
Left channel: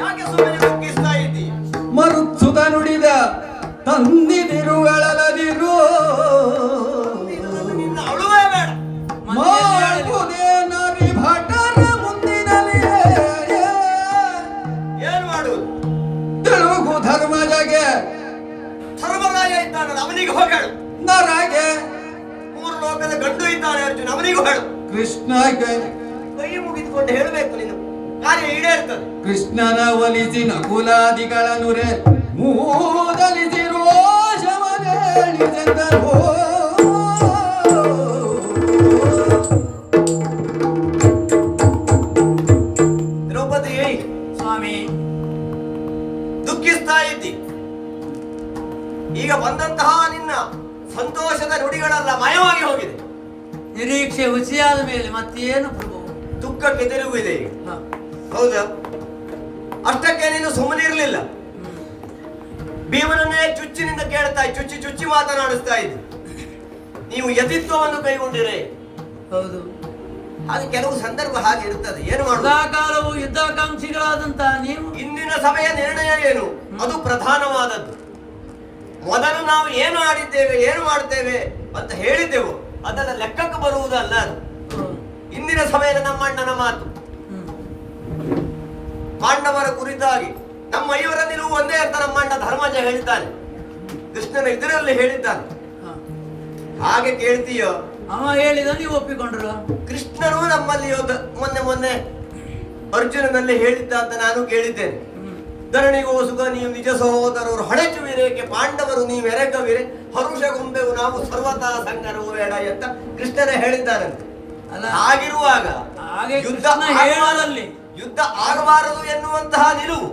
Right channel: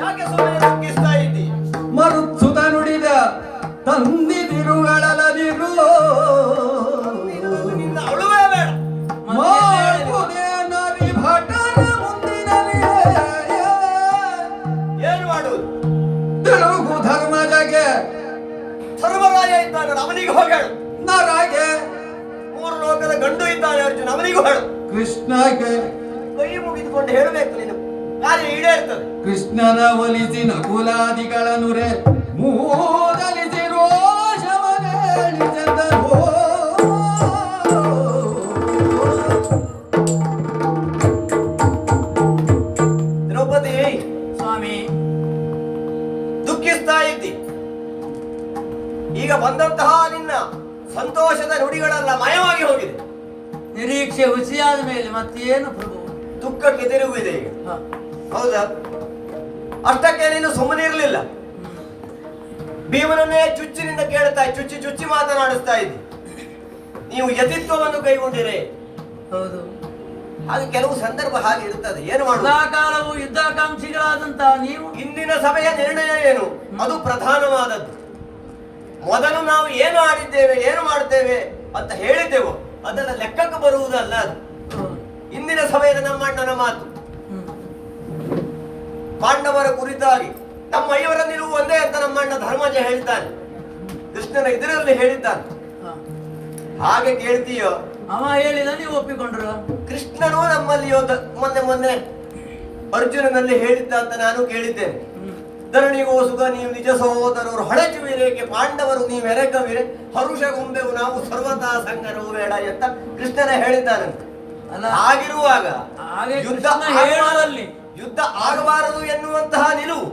ಯಾಕೆ ಸುಮ್ಮನೆ ಬಗ್ಗಿಸ್ತಾ ಇದ್ದಿ? ಮರುತ್ಸುತ ನುಡಿದ ತಂದಿದಿರುಗಳದಿರು ನಿನ್ನ ಅಳುವೇ ಬೇಡ. ನರಿ ಭಟರ ಮುಂದಿನಲ್ಲಿ ಏನು ಮಾಡುವುದು? ತಿಳುಗು ಧರ್ಮಜಗೆ ಅವನಿಗೆ ಹೋಗಿ ಹೇಳು. ನರಗೆ ಮೂರು ಲೋಕದ ಗಂಡು ಇದ್ದಾನೆ ಅರ್ಜುನ, ಅವನಿಗೂ ಹೇಳು. ಕೃಷ್ಣಗೆ ಕೈ ಮುಗಿದುಕೊಂಡು ಹೇಳಬೇಕು, ನೀನು ಕಾರ್ಯ ಈಡೇರ್ತದೆ. ಕೃಷ್ಣನ ಒಲಿಸಿ ನಕುಲಾದಿಗಳ ನುರೆ ಮೂದಲಿಸಿ ರೋಷವನೇಳಿದರು. ದ್ರೌಪದಿ, ಸ್ವಾಮಿ, ದುಃಖಿಸ್ತಾ ಇದ್ದಿ. ಈಗ ಬಂದಂತಹ ನಿನ್ನ ಸಂತೋಷದ ನುಡಿಗಳೆಲ್ಲ ಮಾಯವಾಗಿ ಹೋಗಿದೆ. ನಿರೀಕ್ಷೆ ಹುಸಿಯಾದ ಮೇಲೆ ಮತ್ತೇನು ಪ್ರಭು? ದುಃಖಕ್ಕೆ ತಿರುಗಿದೆ ಈಗ. ಹ. ಹೌದಾ? ಅಷ್ಟಕ್ಕೆ ನೀನು ಸುಮ್ಮನೆ ಇರಲಿಲ್ಲ. ಭೀಮನನ್ನೇ ಚುಚ್ಚಿನಿಂದ ಕೇಳ್ತಾ ಚುಚ್ಚಿ ಚುಚ್ಚಿ ಮಾತನಾಡಿಸ್ತಾ ಇದ್ದಿ. ನೀವು ಯತಿತ್ವವನ್ನು ಕೈಗೊಂಡಿರೆ. ಹೌದು, ಅದು ಕೆಲವು ಸಂದರ್ಭ ಹಾಗೆ ಇರ್ತದೆ. ಏನು ಮಾಡುದು? ಸದಾಕಾಲವು ಯುದ್ಧಾಕಾಂಕ್ಷಿಗಳಾದಂತಹ ನೀವು ಇಂದಿನ ಸಭೆಯ ನಿರ್ಣಯ ಏನು? ಅದು ಪ್ರಧಾನವಾದದ್ದು. ಮೊದಲು ನಾವು ಏನು ಆಡಿದ್ದೇವೆ, ಏನು ಮಾಡ್ತೇವೆ ಅಂತ ಹೇಳಿದ್ದೆವು, ಅದೆಲ್ಲ ಲೆಕ್ಕಕ್ಕೆ ಬರುವುದಲ್ಲ. ಅದು ಇಂದಿನ ಸಭೆಯ ನಮ್ಮ ಅಣ್ಣನ ಮಾತು. ಪಾಂಡವರ ಕುರಿತಾಗಿ ನಮ್ಮ ಐವರ ನಿಲುವು ಒಂದೇ ಅಂತ ನಮ್ಮ ಅಣ್ಣ ಧರ್ಮಜ ಹೇಳಿದ್ದಾನೆ, ಕೃಷ್ಣನ ಇದರಲ್ಲಿ ಹೇಳಿದ್ದಾನೆ. ಹಾಗೆ ಕೇಳ್ತೀಯೋ? ಅವ ಹೇಳಿದ ನೀವು ಒಪ್ಪಿಕೊಂಡ್ರು. ಕೃಷ್ಣನು ನಮ್ಮಲ್ಲಿ ಮೊನ್ನೆ ಅರ್ಜುನನಲ್ಲಿ ಹೇಳಿದ್ದ ಅಂತ ನಾನು ಕೇಳಿದ್ದೇನೆ. ಧರಣಿಗೋ ಸುಖ ನೀವು ನಿಜ ಸಹೋದರರು ಹಳಚುವಿರೇಕೆ ಪಾಂಡವರು ನೀವು ಎರೆಕವಿರೆ ಹರುಷ ಗೊಂಬೆವು ನಾವು ಸರ್ವತಾ ಸಂಗರವು ಬೇಡ ಅಂತ ಕೃಷ್ಣನ ಹೇಳಿದ್ದಾನಂತೆ. ಅಲ್ಲ, ಹಾಗಿರುವಾಗ ಹಾಗೆ ಯುದ್ಧ ಕೃಷ್ಣ ಹೇಳದಲ್ಲಿ ಯುದ್ಧ ಆಗಬಾರದು ಎನ್ನುವಂತಹ ನಿಲುವು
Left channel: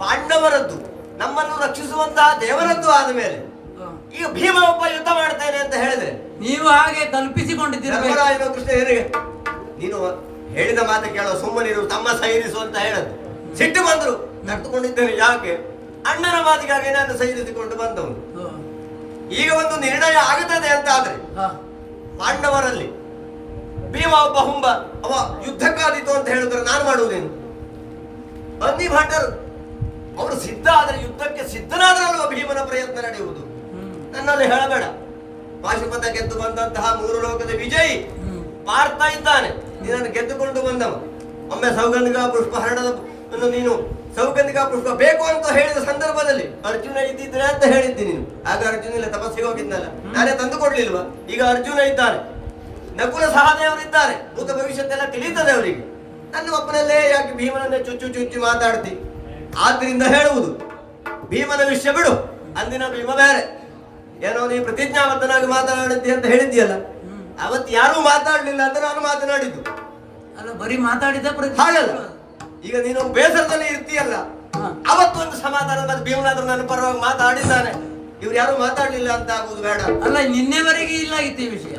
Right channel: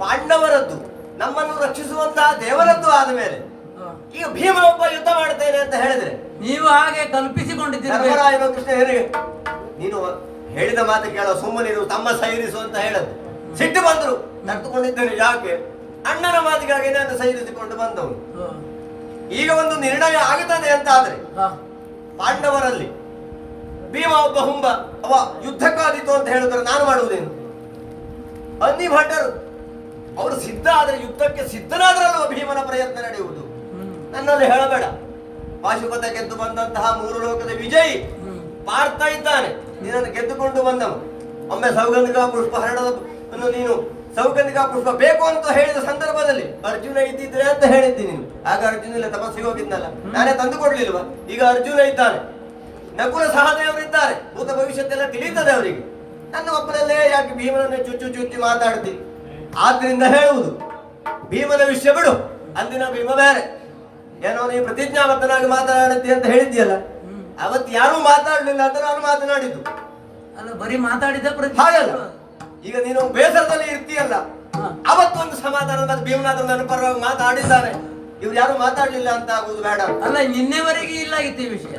ಪಾಂಡವರದ್ದು, ನಮ್ಮನ್ನು ರಕ್ಷಿಸುವಂತಹ ದೇವರದ್ದು ಆದ ಮೇಲೆ ಈಗ ಭೀಮ ಒಬ್ಬ ಯುದ್ಧ ಮಾಡ್ತೇನೆ ಅಂತ ಹೇಳಿದ್ರೆ ನೀವು ಹಾಗೆ ಕಲ್ಪಿಸಿಕೊಂಡಿದ್ದೀರಿ. ಧರ್ಮರಾಯನು ಕೃಷ್ಣ ಏನಿಗೆ ನೀನು ಹೇಳಿದ ಮಾತು ಕೇಳೋ, ಸುಮ್ಮನಿರು, ತಮ್ಮ ಸೈರಿಸು ಅಂತ ಹೇಳದು. ಸಿಟ್ಟು ಬಂದ್ರು, ನಡ್ದುಕೊಂಡಿದ್ದೇನೆ ಯಾಕೆ? ಅಣ್ಣನ ಮಾತಿಗಾಗಿ ನಾನು ಸೈರಿಸಿಕೊಂಡು ಬಂದವನು. ಈಗ ಒಂದು ನಿರ್ಣಯ ಆಗುತ್ತದೆ ಅಂತ ಆದ್ರೆ ಪಾಂಡವರಲ್ಲಿ ಭೀಮ ಒಬ್ಬ ಹುಂಬ, ಅವ ಯುದ್ಧಕ್ಕಾದೀತು ಅಂತ ಹೇಳಿದ್ರೆ ನಾನು ಮಾಡುವುದೇನು? ಅನ್ನಿ ಭಟ್ಟರು ಅವರು ಸಿದ್ಧ ಆದ್ರೆ ಯುದ್ಧಕ್ಕೆ ಸಿದ್ಧನಾದ್ರಲ್ವ ಭೀಮನ ಪ್ರಯತ್ನ ನಡೆಯುವುದು. ನನ್ನಲ್ಲಿ ಹೇಳಬೇಡ. ಪಾಶುಪತ ಗೆದ್ದು ಬಂದಂತಹ ಮೂರು ಲೋಕದ ವಿಜಯಿ ಪಾರ್ಥ ಇದ್ದಾನೆ, ನೀನನ್ನು ಗೆದ್ದುಕೊಂಡು ಬಂದವ. ಒಮ್ಮೆ ಸೌಗಂಧಿಕ ಪುಷ್ಪ ಹರಣದ ನೀನು ಸೌಗಂಧಿಕ ಪುಷ್ಪ ಬೇಕು ಅಂತ ಹೇಳಿದ ಸಂದರ್ಭದಲ್ಲಿ ಅರ್ಜುನ ಇದ್ದಿದ್ರೆ ಅಂತ ಹೇಳಿದ್ದಿ ನೀನು. ಆಗ ಅರ್ಜುನ ಇಲ್ಲ, ತಪಸ್ಸಿಗೆ ಹೋಗಿದ್ನಲ್ಲ, ನಾನೇ ತಂದು ಕೊಡ್ಲಿಲ್ವ? ಈಗ ಅರ್ಜುನ ಇದ್ದಾನೆ, ನಕುಲ ಸಹದೇವರಿದ್ದಾರೆ, ಭೂತ ಭವಿಷ್ಯತ್ತೆಲ್ಲ ತಿಳಿತದೆ ಅವರಿಗೆ. ನನ್ನ ಒಬ್ಬನಲ್ಲೇ ಯಾಕೆ ಭೀಮನನ್ನೇ ಚುಚ್ಚು ಚುಚ್ಚಿ ಮಾತಾಡ್ತಿ? ಆದ್ರಿಂದ ಹೇಳುವುದು, ಭೀಮನ ವಿಷಯ ಬಿಡು. ಅಂದಿನ ಭೀಮ ಬೇರೆ, ಏನೋ ನೀ ಪ್ರತಿಜ್ಞಾಬದ್ಧನಾಗಿ ಮಾತನಾಡಿದ್ದಿ ಅಂತ ಹೇಳಿದ್ಯಲ್ಲ, ಅವತ್ತು ಯಾರು ಮಾತಾಡ್ಲಿಲ್ಲ ಅಂತ ನಾನು ಮಾತನಾಡಿದ್ದು. ಅಲ್ಲ, ಬರೀ ಮಾತಾಡಿದ ಹಾಗಲ್ಲ, ಈಗ ನೀನು ಬೇಸರದಲ್ಲಿ ಇರ್ತೀಯಲ್ಲ, ಅವತ್ತೊಂದು ಸಮಾಧಾನ ಮತ್ತೆ ಭೀಮನಾದ್ರು ನನ್ನ ಪರವಾಗಿ ಮಾತಾಡಿದ್ದಾನೆ, ಇವ್ರು ಯಾರು ಮಾತಾಡ್ಲಿಲ್ಲ ಅಂತ ಆಗುದು ಬೇಡ. ಅಲ್ಲ, ನಿನ್ನೆವರೆಗೆ ಇಲ್ಲ ಆಗಿತ್ತು ಈ ವಿಷಯ.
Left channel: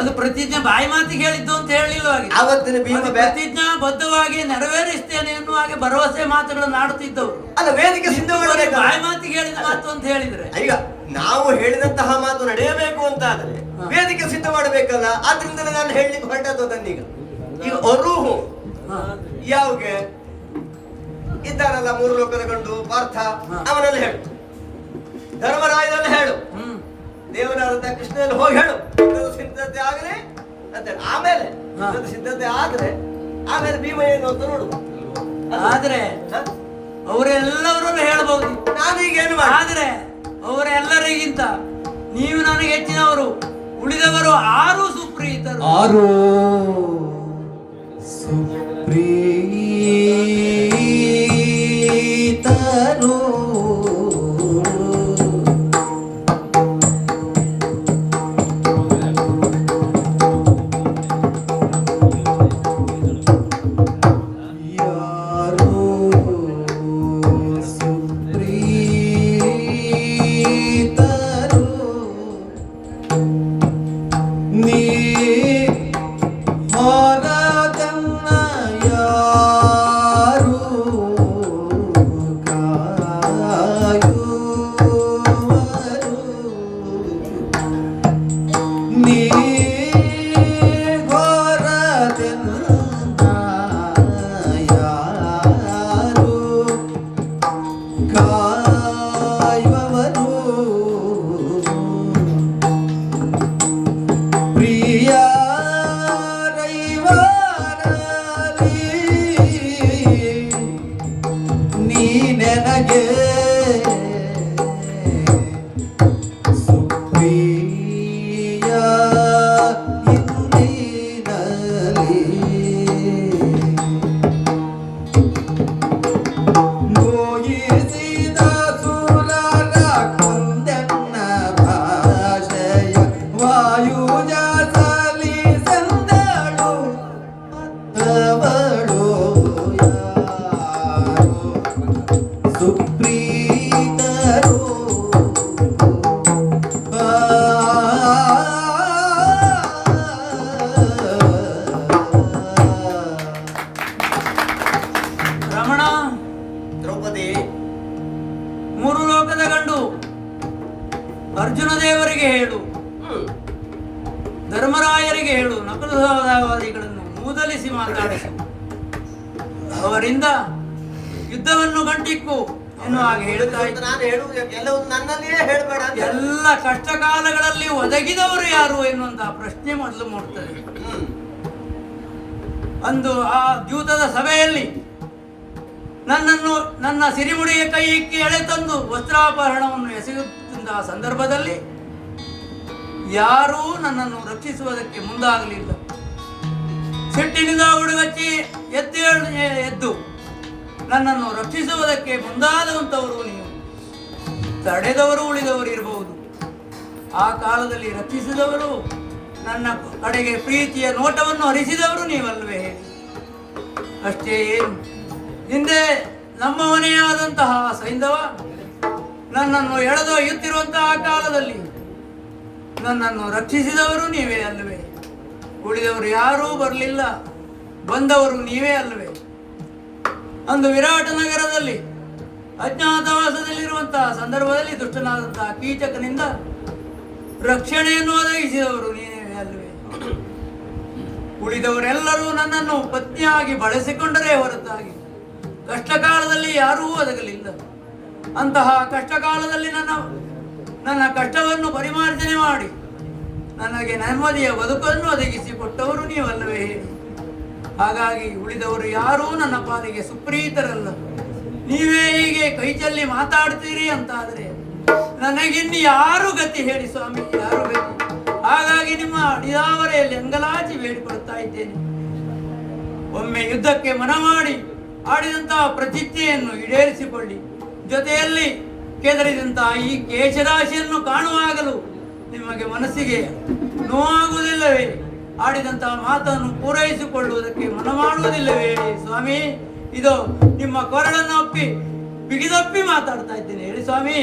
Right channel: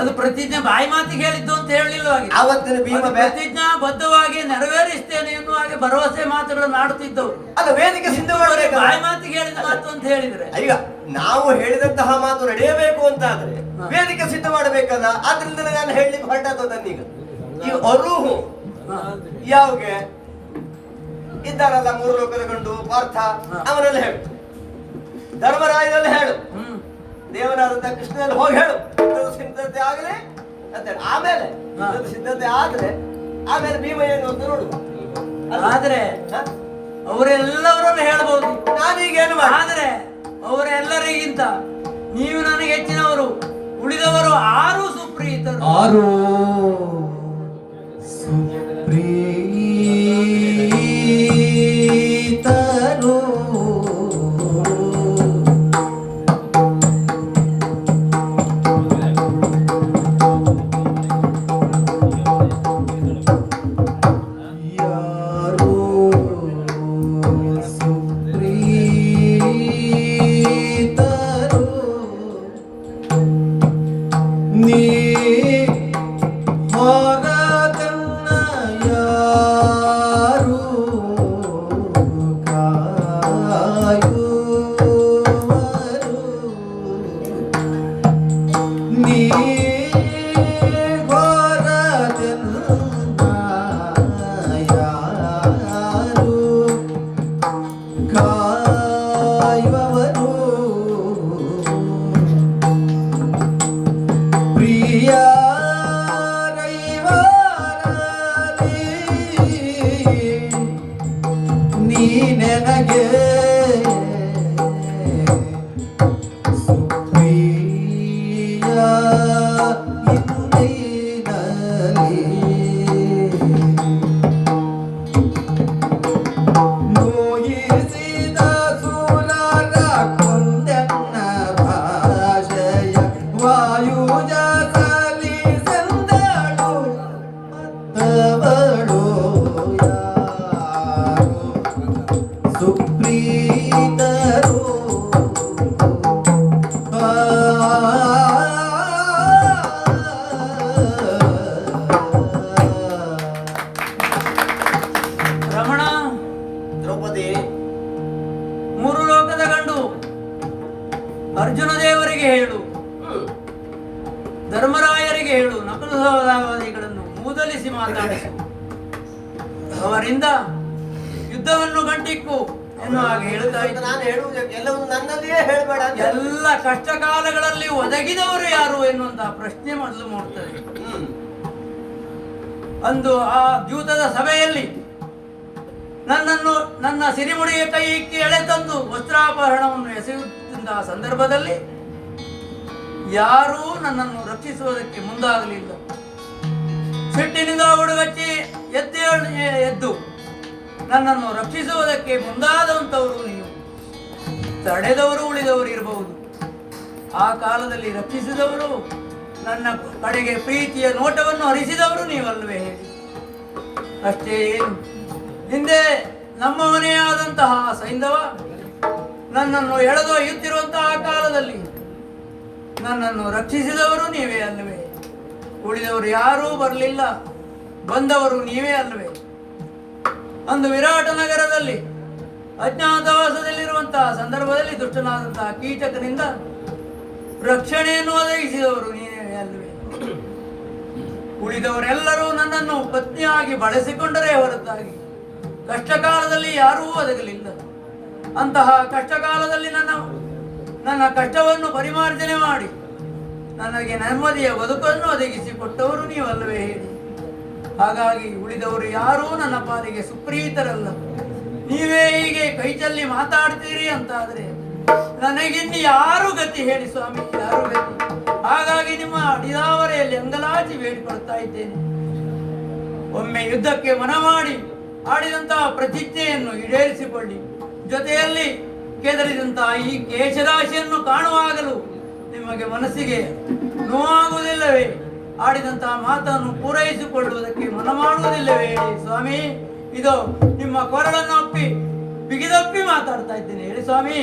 ಅದು ಪ್ರತಿಜ್ಞೆ ಬಾಯಿ ಮಾತಿಗೆ ಹೇಳಿದ್ದು ಅಂತ ಹೇಳಿಲ್ವಾಗಿ. ಅವತ್ತಿನ ಭೀಮ ಪ್ರತಿಜ್ಞಾ ಬದ್ಧವಾಗಿ ನೆರವೇರಿಸ್ತೇನೆ ಎನ್ನುವ ಹಾಗೆ ಭರವಸೆ ಮಾತುಗಳನ್ನು ಆಡುತ್ತಿದ್ದವು. ಅಲ್ಲ, ವೇದಿಕೆ ಸಿದ್ಧ ಮಾಡಬೇಕು. ಬಾಯಿ ಮಾತಿಗೆ ಹೇಳಿದ ಮಾತು ಅಂತ ಹೇಳಿದ್ರೆ ಈಗ ನಾವು ಹೇಳಿದಂತಹ ಮಾತು ನಡೆಯಬೇಕು ಅಂತ ಆದ್ರೆ ವೇದಿಕೆ ಸಿದ್ಧ ಮಾಡಬೇಕಲ್ಲ. ಆದ್ರಿಂದ ನಾನು ಹೇಳಲಿಕ್ಕೆ ಹೊರಟದ್ದು ನನ್ನೀಗ. ಈಗ ಅರುಹು ಯಾವ್ಗೆ ಇದ್ದಾರಲ್ಲ ಮೂರು ಲೋಕದ ಗಂಡು ಪಾರ್ಥ, ಅವನೆಲ್ಲ ಹೇಳು. ಧರ್ಮರಾಯನಲ್ಲಿ ಹೇಳು, ದೇವರಾದ ಕೃಷ್ಣನಲ್ಲಿ ಹೋಗಿ ಹೇಳು. ಸಿದ್ಧತೆ ಆಗಲಿ ಅಂತ ಆಮೇಲೆ ಸಿದ್ಧತೆ ಆದ್ರೆ ಆಮೇಲೆ ಭೀಮ ಏನು ಅಂತ ನೋಡುವ. ಆದ್ರೆ ಅವರೆಲ್ಲವರನ್ನು ಹೇಳಬಹುದು. ನಾನೀಗ ಏನು ಮಾಡಿ? ಆದ್ರೆ ಅವರೆಲ್ಲರಿಗಿಂತ ನೀವು ನನಗೆ ಹೆಚ್ಚಿನವರು, ಉಳಿದವರು 6 ಸುಪ್ರೀತರು. 6 ಸುಪ್ರೀತರು. ನೀ ಹೊರದನ್ನಯ ಅವರಿಂದ ಯುದ್ಧವನ್ನು ಗಂಟಿಕ್ಕು ಎನ್ನುವ ಹಾಗೆ ಹೇಳ್ತಾ ಇದ್ದ. ನಾನು ಹೇಳುವುದು ಎಲ್ಲವೂ ನನ್ನದೇ ಹೇಳಬೇಡ. ಎಲ್ಲ ಕಷ್ಟ ಕಾಲಗಳಲ್ಲಿ ಒದಗಿದವರು ಯಾರು ಎನ್ನುವಂತಹ ಪ್ರಶ್ನೆ ಮೊದಲು ಮೂಡ್ತದೆ. ಅಂದು ಆ ದ್ಯೂತದ ಸಭೆಯಲ್ಲಿ ನನ್ನನ್ನು ನನ್ನ ಸಿರಿಮುಡಿಯ ಕೈಗೆ ಎಳೆತಂದು ವಸ್ತ್ರಾಪಹರಣವನ್ನು ಎಸೆಯುತ್ತಿದ್ದ ಸಂದರ್ಭದಲ್ಲಿ ಯಾರೂ ನನ್ನನ್ನು ರಕ್ಷಿಸುವುದಕ್ಕೆ ಮುಂದಾಗಲಿಲ್ಲ. ಸಿಟ್ಟಿನಿಂದ ಹುಡುಗಚ್ಚಿ ಎದ್ದು ನನ್ನನ್ನು ರಕ್ಷಿಸುವುದಕ್ಕೆ ಮುಂದಾದಂಥವರು ನೀವು. ತಡೆದವರು ಉಳಿದವರು ಇರಬಹುದು. ಆ ಕಾಲದಲ್ಲಿ ರಕ್ಷಿಸಿದವರು, ನನ್ನ ಕಡೆಗೆ ಪ್ರೀತಿಯ ನೋಟವನ್ನು ಹರಿಸಿದವರು ನೀವಲ್ವೇ ಹೇಳಿ. ಅಷ್ಟೇ ಏನು, ಹಿಂದೆ ನಮ್ಮವನೇ ಆದಂತಹ ಸೈಂಧವ ನನ್ನನ್ನು ಎಳೆದೊಯ್ಯುತ್ತಿರುವಂತಹ ಕಾಲದಲ್ಲಿ ನನ್ನನ್ನು ರಕ್ಷಿಸಿದವರು ನೀವೇ ಅಲ್ಲವೇ. ಉಳಿದವರು ಯಾರೂ ಬರಲಿಲ್ಲ, ಬಂದವರು ನೀವೇ ಅಲ್ಲವೇ. ಅಂದು ವಿರಾಟ ನಗರದಲ್ಲಿ ಅಜ್ಞಾತವಾಸದಲ್ಲಿರುವಂತಹ ಸಂದರ್ಭದಲ್ಲಿ ದುಷ್ಟನಾದಂತಹ ಕೀಚಕನಿಂದ ರಕ್ಷಣೆಯನ್ನು ಒದಗಿಸಿದವರು ನೀವೇ ಅಲ್ಲವೇ. ಉಳಿದವರೆಲ್ಲರೂ ನನ್ನನ್ನು ಪತ್ನಿಯಾಗಿ ಬಳಸಿಕೊಂಡರೇ ಹೊರತಾಗಿ ಕಷ್ಟಕಾಲದಲ್ಲಿ ಯಾರೂ ಒದಗಲಿಲ್ಲ. ಅಂತಹ ಕಷ್ಟಕಾಲದಲ್ಲಿ ನನ್ನ ಕಷ್ಟವನ್ನು ಪರಿಮಾರ್ಜನೆ ಮಾಡಿ ನನಗೆ ನೆಮ್ಮದಿಯ ಬದುಕನ್ನು ಒದಗಿಸಿಕೊಟ್ಟವರು ನೀವಲ್ಲವೇ ಹೇಳಿ. ಹಾಗಾಗಿ ಉಳಿದವರು ಯಾರೂ ನನ್ನ ಪಾಲಿಗೆ ಸುಪ್ರೀತರಲ್ಲ. ನೀವೇ ಹೀಗೆ ಕೈಚಲ್ಲಿ ಮಾತಾಡ್ತೀರಿ ಅಂತಾದರೆ ನನಗಿನ್ನು ಯಾರು ಗತಿ ಹೇಳಿ ಸ್ವಾಮಿ, ಯಾರು ಗತಿ. ಹಾಗಾಗಿ ನಿಮ್ಮ ಅಡಿದಾವರೆಯಲ್ಲಿ ಅಂಗಲಾಚಿ ಬೇಡಿಕೊಳ್ತಾ ಇದ್ದೇನೆ. ಒಮ್ಮೆ ಯುದ್ಧಕ್ಕೆ ಮನ ಮಾಡಿ ಆಡಿದಂತಹ ಪ್ರತಿಜ್ಞೆಯನ್ನು ಈಡೇರಿಸಿಕೊಳ್ಳಿ. ಜೊತೆಯಲ್ಲಿ ಕೆದರಿದಂತಹ ಈ ಕೇಶರಾಶಿಯನ್ನು ಕಾಣುವಾಗಲೂ ನಿಮಗೆ ಮನಸ್ಸಿಗೆ ನೋವಾಗುವುದಿಲ್ಲವೇ? ಆಡಿದಂತಹ ಮಾತನ್ನು ಪೂರೈಸಿಕೊಳ್ಳುವುದಕ್ಕೆ ಮನ ಮಾಡುವುದಿಲ್ಲವೇ ಹೇಳಿ ಸ್ವಾಮಿ. ಇದು ನಿಮ್ಮ ಕೊರಳನ್ನು ಒಪ್ಪಿ ಬಿಗಿದಪ್ಪಿ ಮಾತಾಡ್ತಾ ಇದ್ದೇನೆ, ಹೇಳಿ ಸ್ವಾಮಿ.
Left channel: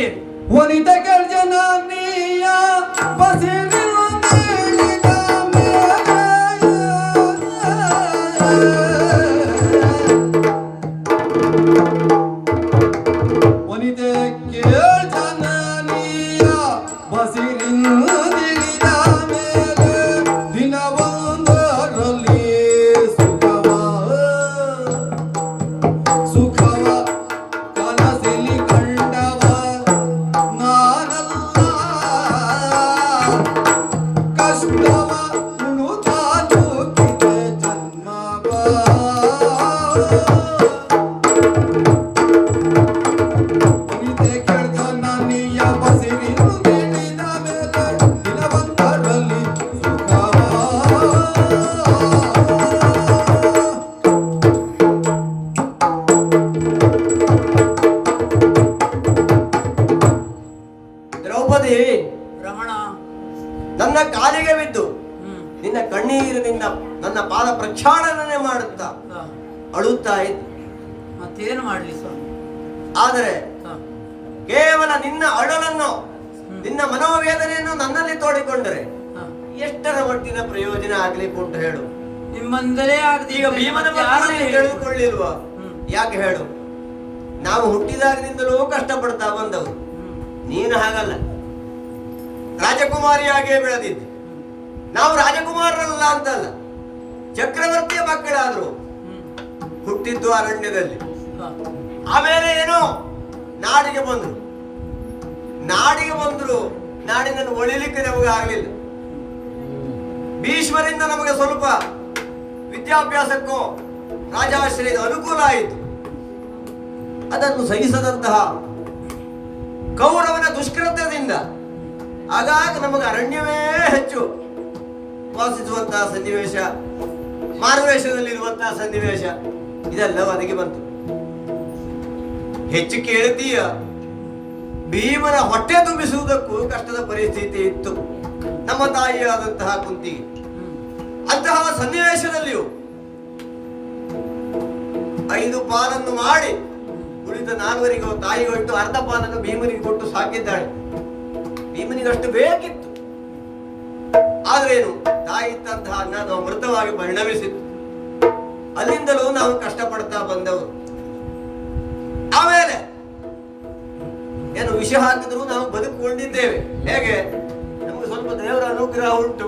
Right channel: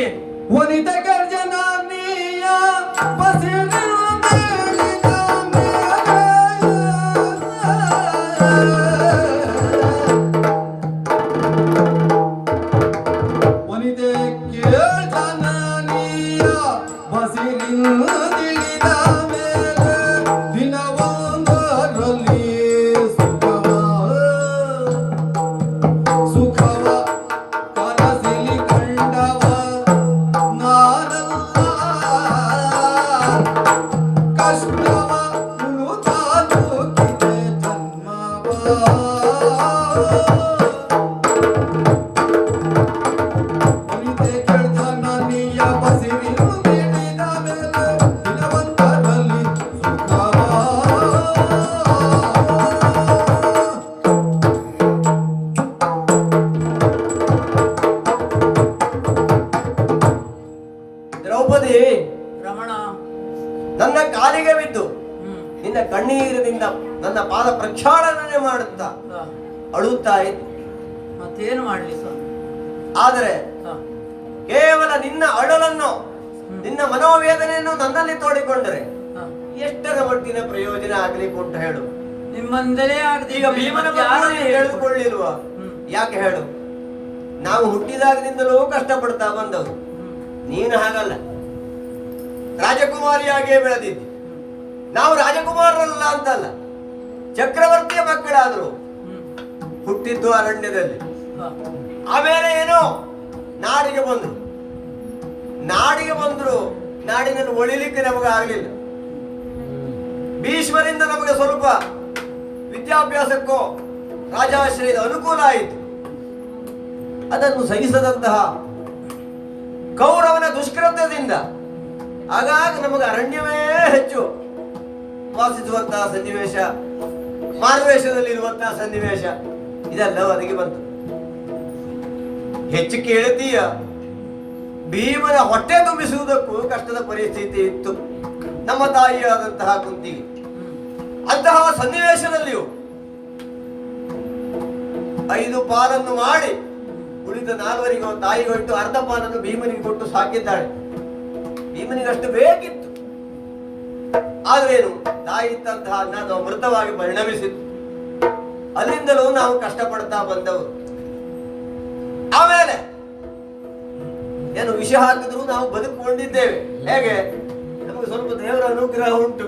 ವನಿತ ಗರ್ಜನೀಯ ನನ್ನ ಕಾಲಿಗೆ ಬಿದ್ದು ನಿನ್ನ ಕಣ್ಣೀರಿನಿಂದ ನನ್ನ ಪಾದ ಪ್ರಕ್ಷಾಳನೆ ಮಾಡುತ್ತಾ ಅಳುತ್ತಾ ಇತ್ತು. ಮತ್ತೇನು ಮಾಡಲಿ ಸ್ವಾಮಿ? ಆದರೆ ಕೇವಲ ನಿನ್ನ ಅಳಲನ್ನು, ನಿನ್ನ ಮನೋವೇದನೆಯನ್ನು ನನ್ನಲ್ಲಿ ತೋಡಿಕೊಂಡರೆ ಎಷ್ಟರ ಮಟ್ಟಿನ ಪ್ರಯೋಜನ ಆಗ್ಲಿಕ್ಕೆ ಉಂಟು ಹೇಳು? ನಿಮ್ಮಂದಲೇ ಈಗ ಭೀಮನ ತಿಳಿದುಕೊಳ್ಳಿರುವ ಯಾಕೆ ಹೇಳು? ನಾವು ಹುಟ್ಟಿದಾಗದಿಂದಲೂ ಕಷ್ಟಪಡ್ತಾ ಬಂದವರು. ನೀನು ಹಾಗಲ್ಲ, ರಾಜಕುಮಾರಿಯಾಗಿಯೇ ಬೆಳೆದಿದ್ದೆ. ನಾವು ರಾಜಕುಮಾರರಲ್ಲ ಅಂತಲ್ಲ, ಚಕ್ರವರ್ತಿಯ ಮಕ್ಕಳಾದ್ರು. ಹುಟ್ಟಿದ್ದು ಅರಣ್ಯದಲ್ಲಿ, ಆಮೇಲೆ ಏನೋ ನಾಡಿಗೆ ಬಂದ್ರು. ನಾಡಿನಲ್ಲಿ ಒಳಿಲಿಕ್ಕೆ ನಮಗೆ ಆಗಲಿಲ್ಲ. ಭೀಷ್ಮರಿಂದ ನಮಗೆ ಸ್ವಲ್ಪ ವಿದ್ಯಾಭ್ಯಾಸಕ್ಕೂ ರಾಜಾಶ್ರಯದ ಅನುಕೂಲ ಆಯಿತು. ಅದನ್ನು ಸಹಿಸದಂತಹ ಕೌರವನ ದುಷ್ಕೃತ್ಯದಿಂದ ಆಗಾಗ ನಮಗೆ ಅರಣ್ಯವೇ ಹೆಚ್ಚು ವಾಸಿಸುವಂತಹ ಸನ್ನಿವೇಶ, ಮಾರುವೇಷದಲ್ಲಿರುವಂತಹ ಸನ್ನಿವೇಶ ಇದೆಲ್ಲ ಒದಗಿ ಬಂತು. ಹೆಚ್ಚು ಕೇಳ್ತೀಯ, ಭೀಮನ ಹೊಟ್ಟೆ ತುಂಬಿಸುವುದಕ್ಕೂ ಕಷ್ಟದ ಪರಿಸ್ಥಿತಿ ಇತ್ತು ನಮ್ಮ ತಾಯಿಯಾದಂತಹ ಕುಂತಿಗೆ. ಅಂತಹ ಸನ್ನಿವೇಶದಲ್ಲಿಯೂ 5 ಪಾಲನ್ನು ಮಾಡಿ ಉಳಿದ 4 ತಾಯಿಗೊಟ್ಟು ಅರ್ಧ ಪಾಲನ್ನು ಭೀಮನಿಗೆ ಕೊಟ್ಟು ಸಾಕಿದ್ದಾಳೆ. ಭೀಮನಿಗಷ್ಟು ಬೇಕಿತ್ತು. ಆದ್ರೇನು, ತಾಯಿ ಇದ್ದಂತಹ ಅನ್ನ ನಾವು ಮೃತವಾಗಿ ಪರಿಣಮಿಸಿತ್ತು. ಅಲ್ಲಿಂದಲೂ ನಾವು ಕಷ್ಟಪಡ್ತಾ ಬಂದವರು. ಆಮೇಲೆ ಏನು ವಿಷ ಹಾಕಿದ್ರು ನಾವು ಬದುಕೊಂಡಿದ್ದೇವೆ. ಹೇಗೆ? ನಮಗೆ ಸ್ವಲ್ಪ ದೇವರ ಅನುಗ್ರಹ ಉಂಟು,